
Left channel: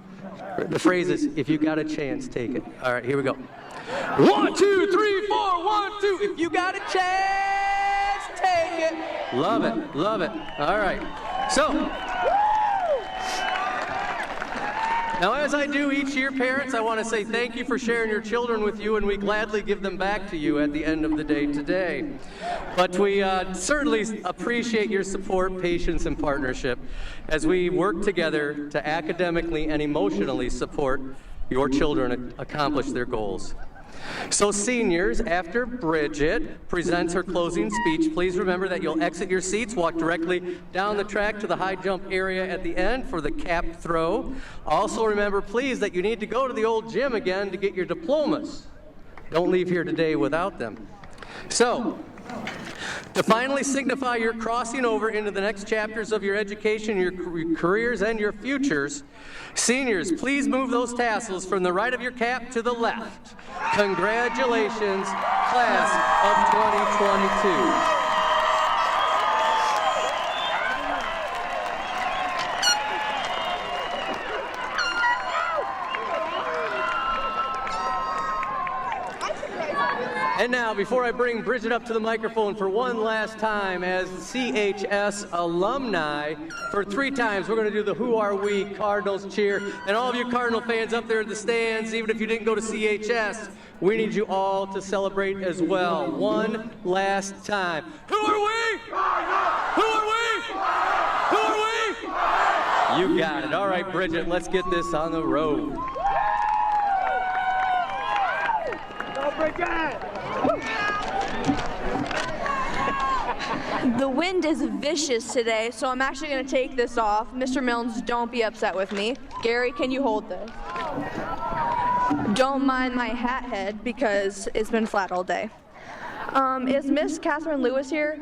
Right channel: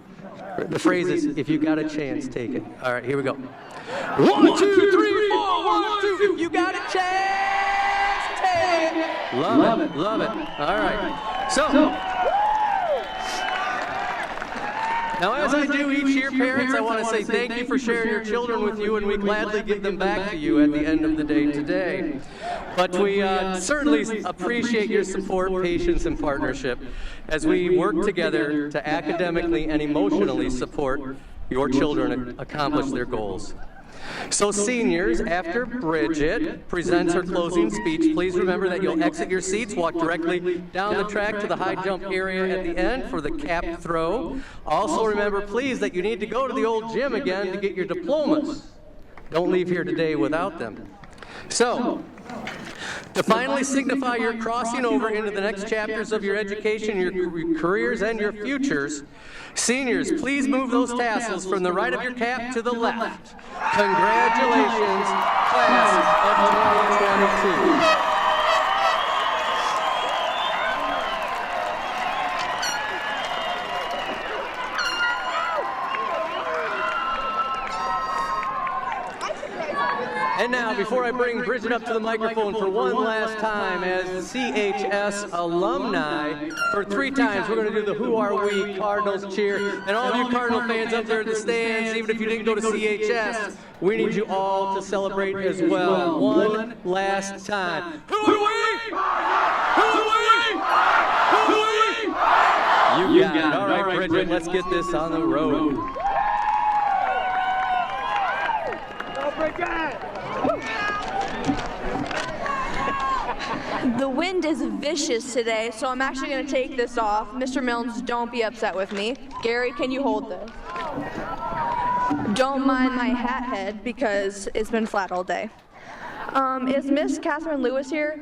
The phrase is, if you got a chance, take it. All right, here we go. 1, 2, 3, 4, 1, 2. If you got a chance, take it. Love it. Love it. All right. So, now as I do each year, parents, I want to say thank you for sharing your children with you, and we gladly give them back to you at the end of the day today. But we certainly appreciate your support, patience, and partnership as we work together to academically and emotionally support your children accomplish their goals. So seniors, after Bridget presents her closing speech, please remember that you'll exit your seats, walk directly down the track to the high jump area at the end for the cap throw. Also remember, please, that you need to go to the old gym again to get your diplomas. Don't leave here today without them. So, to finally signify your crossing over into the next chapters of your education, your careers, and your futures, seniors, please move those tassels from the right of your cap to the left. Congratulations, class of 2022. And now, before I bring Bridget up to the microphone for one last time as CHS alumni, for 3 times we're going to do the Who Are We Cardinals cheer. And all of you Cardinal fans up there in the stands, even if you didn't go to CHS, we need you all to celebrate as well. One last time. Who are we? Who are we? Who are we? You got it. All right, Bridget, let's get this on the road. The wind is vicious today, so I'm actually going to take this off. Mr. Milnes, don't be upset with me. Gary, can you hold this? Don't mind my hat head because it's been flat all day. Is Miss Catherine Lewis here?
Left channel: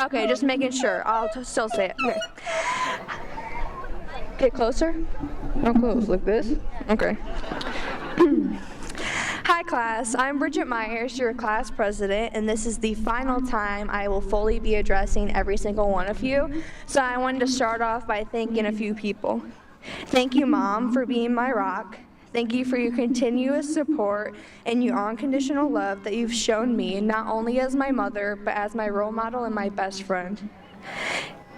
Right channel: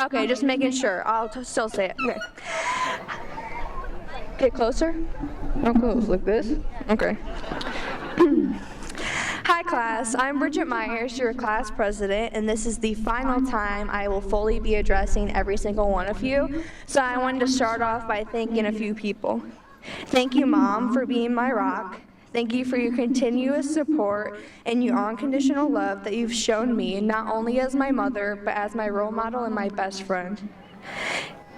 Okay, just making sure. I'll still say it. Okay. Get closer. How close? Like this? Okay. Hi class, I'm Bridget Myers, your class president, and this is the final time I will fully be addressing every single one of you. So I wanted to start off by thanking a few people. Thank you, Mom, for being my rock. Thank you for your continuous support and your unconditional love that you've shown me, not only as my mother, but as my role model and my best friend.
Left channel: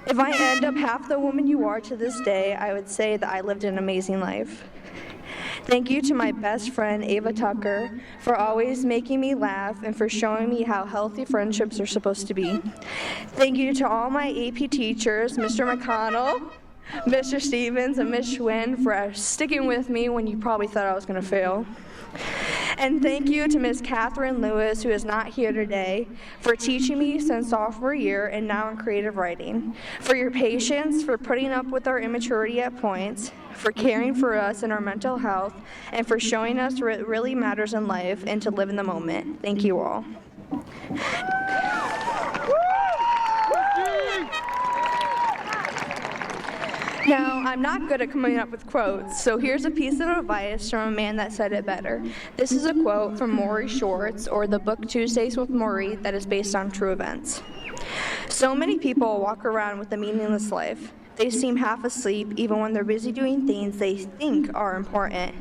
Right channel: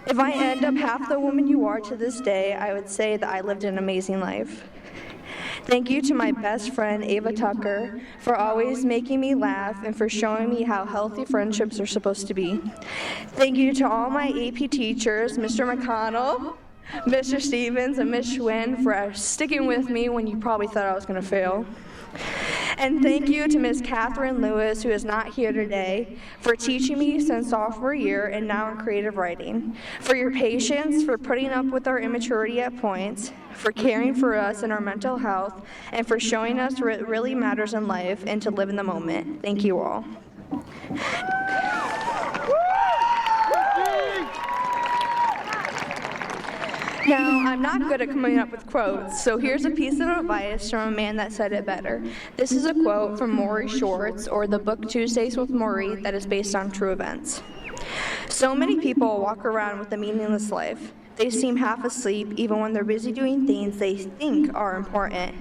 If I end up half the woman you are to this day, I would say that I lived an amazing life. Thank you to my best friend, Ava Tucker, for always making me laugh and for showing me how healthy friendships are supposed to be. Thank you to all my AP teachers, Mr. McConnell, Mr. Stevens, and Ms. Schwinn for sticking with me when you probably thought I was going to fail. And thank you to Ms. Catherine Lewis, who is not here today, for teaching me since sophomore year and now in creative writing, for your patience, for putting up with our immaturity at points, for caring for us and our mental health, and for showing us what really matters in life and to live in the moment. Thank you all. Now, I'm not good at coming up with quotes, so here's a piece of advice from a man that said it better. This is a quote from Maury Schwartz, or the book Tuesdays with Maury, that is based on true events. So many people walk around with a meaningless life. They seem half asleep even when they're busy doing things they think are important.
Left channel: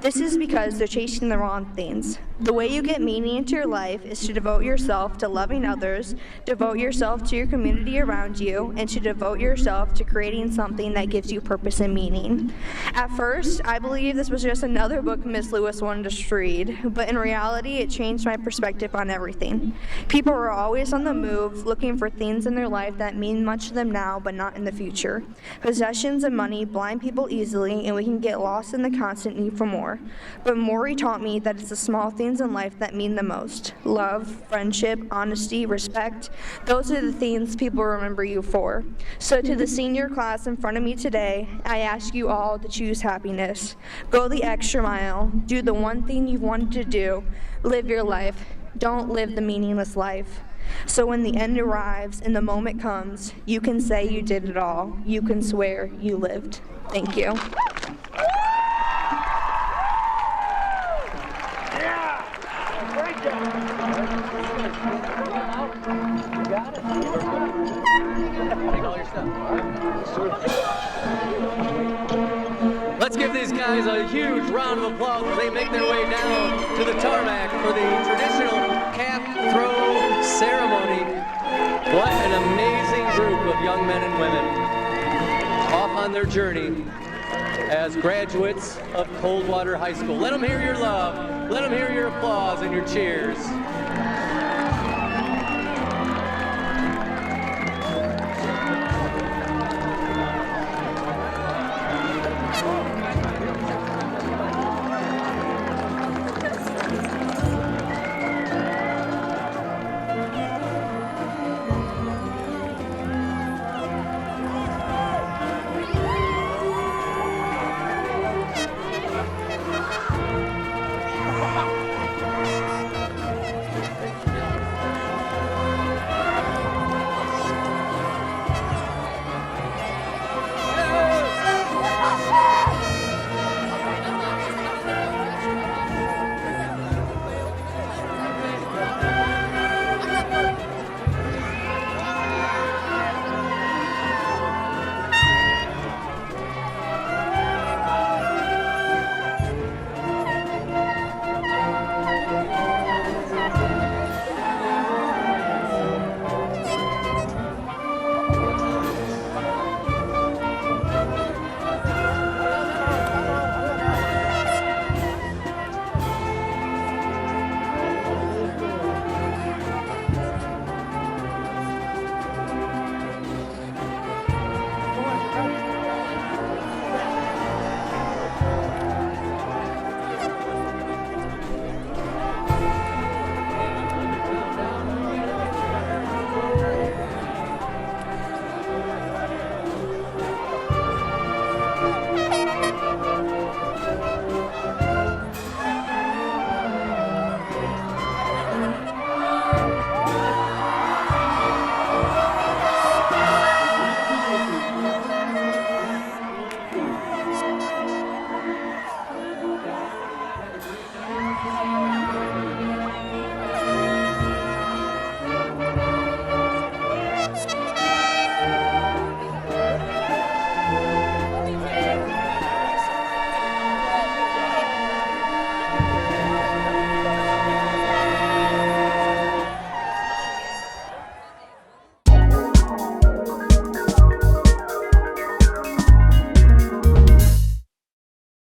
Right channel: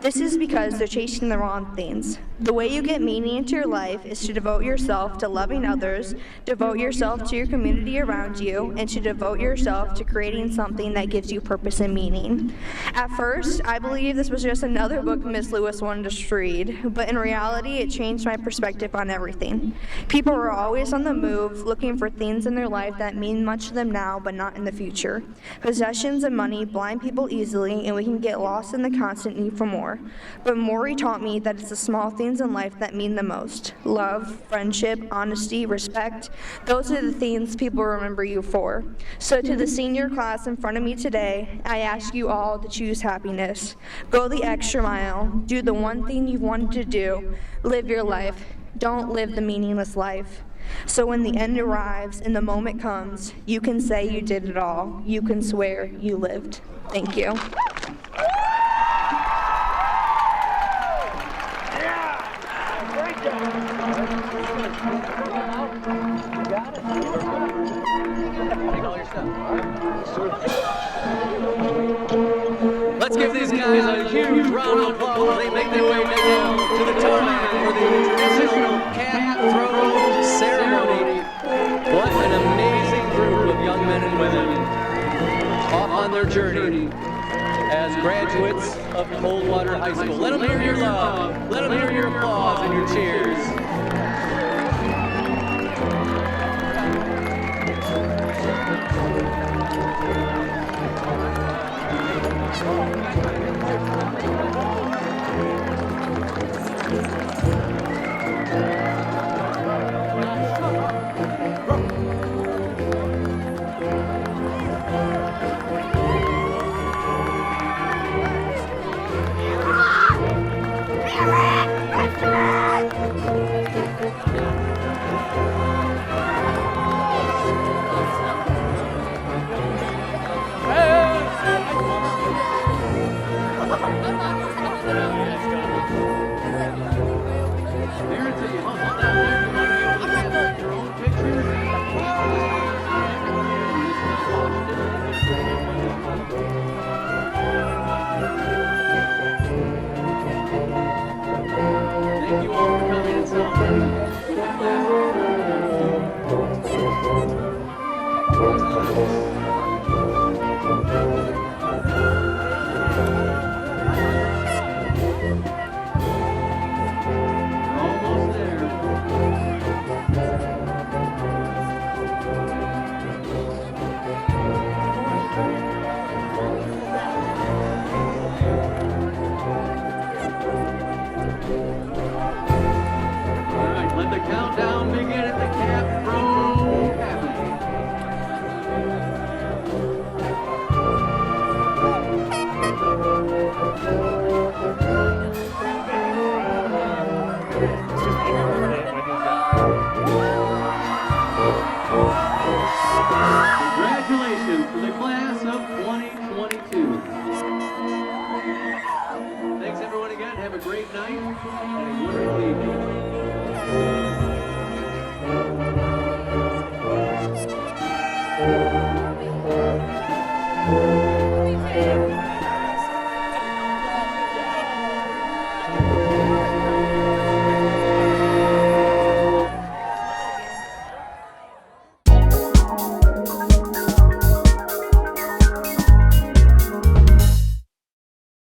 This is because they're chasing the wrong things. The way you get meaning into your life is to devote yourself to loving others, devote yourself to your community around you, and to devote yourself to creating something that gives you purpose and meaning. At first, I believed this was just another book Miss Lewis wanted us to read, but in reality, it changed my perspective on everything. People are always on the move, looking for things in their life that mean much to them now, but not in the future. Possessions and money blind people easily, and we can get lost in the constant need for more. But Maury taught me that it's the small things in life that mean the most. Love, friendship, honesty, respect. Those are the things people remember you for. So to the senior class in front of me today, I ask you all to choose happiness. Go the extra mile. Do the one thing you've wanted to do. Live your life. Don't live the meaningless life. So when the end arrives and the moment comes, you can say you did it all. You can swear you lived. Thank you. Let's give these guys a huge round of applause as they make their way down to the tarmac for the traditional cap throw ceremony. What an amazing group of young men and women off on their journey as graduates of Coldwater High School. Let them hear your love. Let them hear your applause and your cheers. Thank you.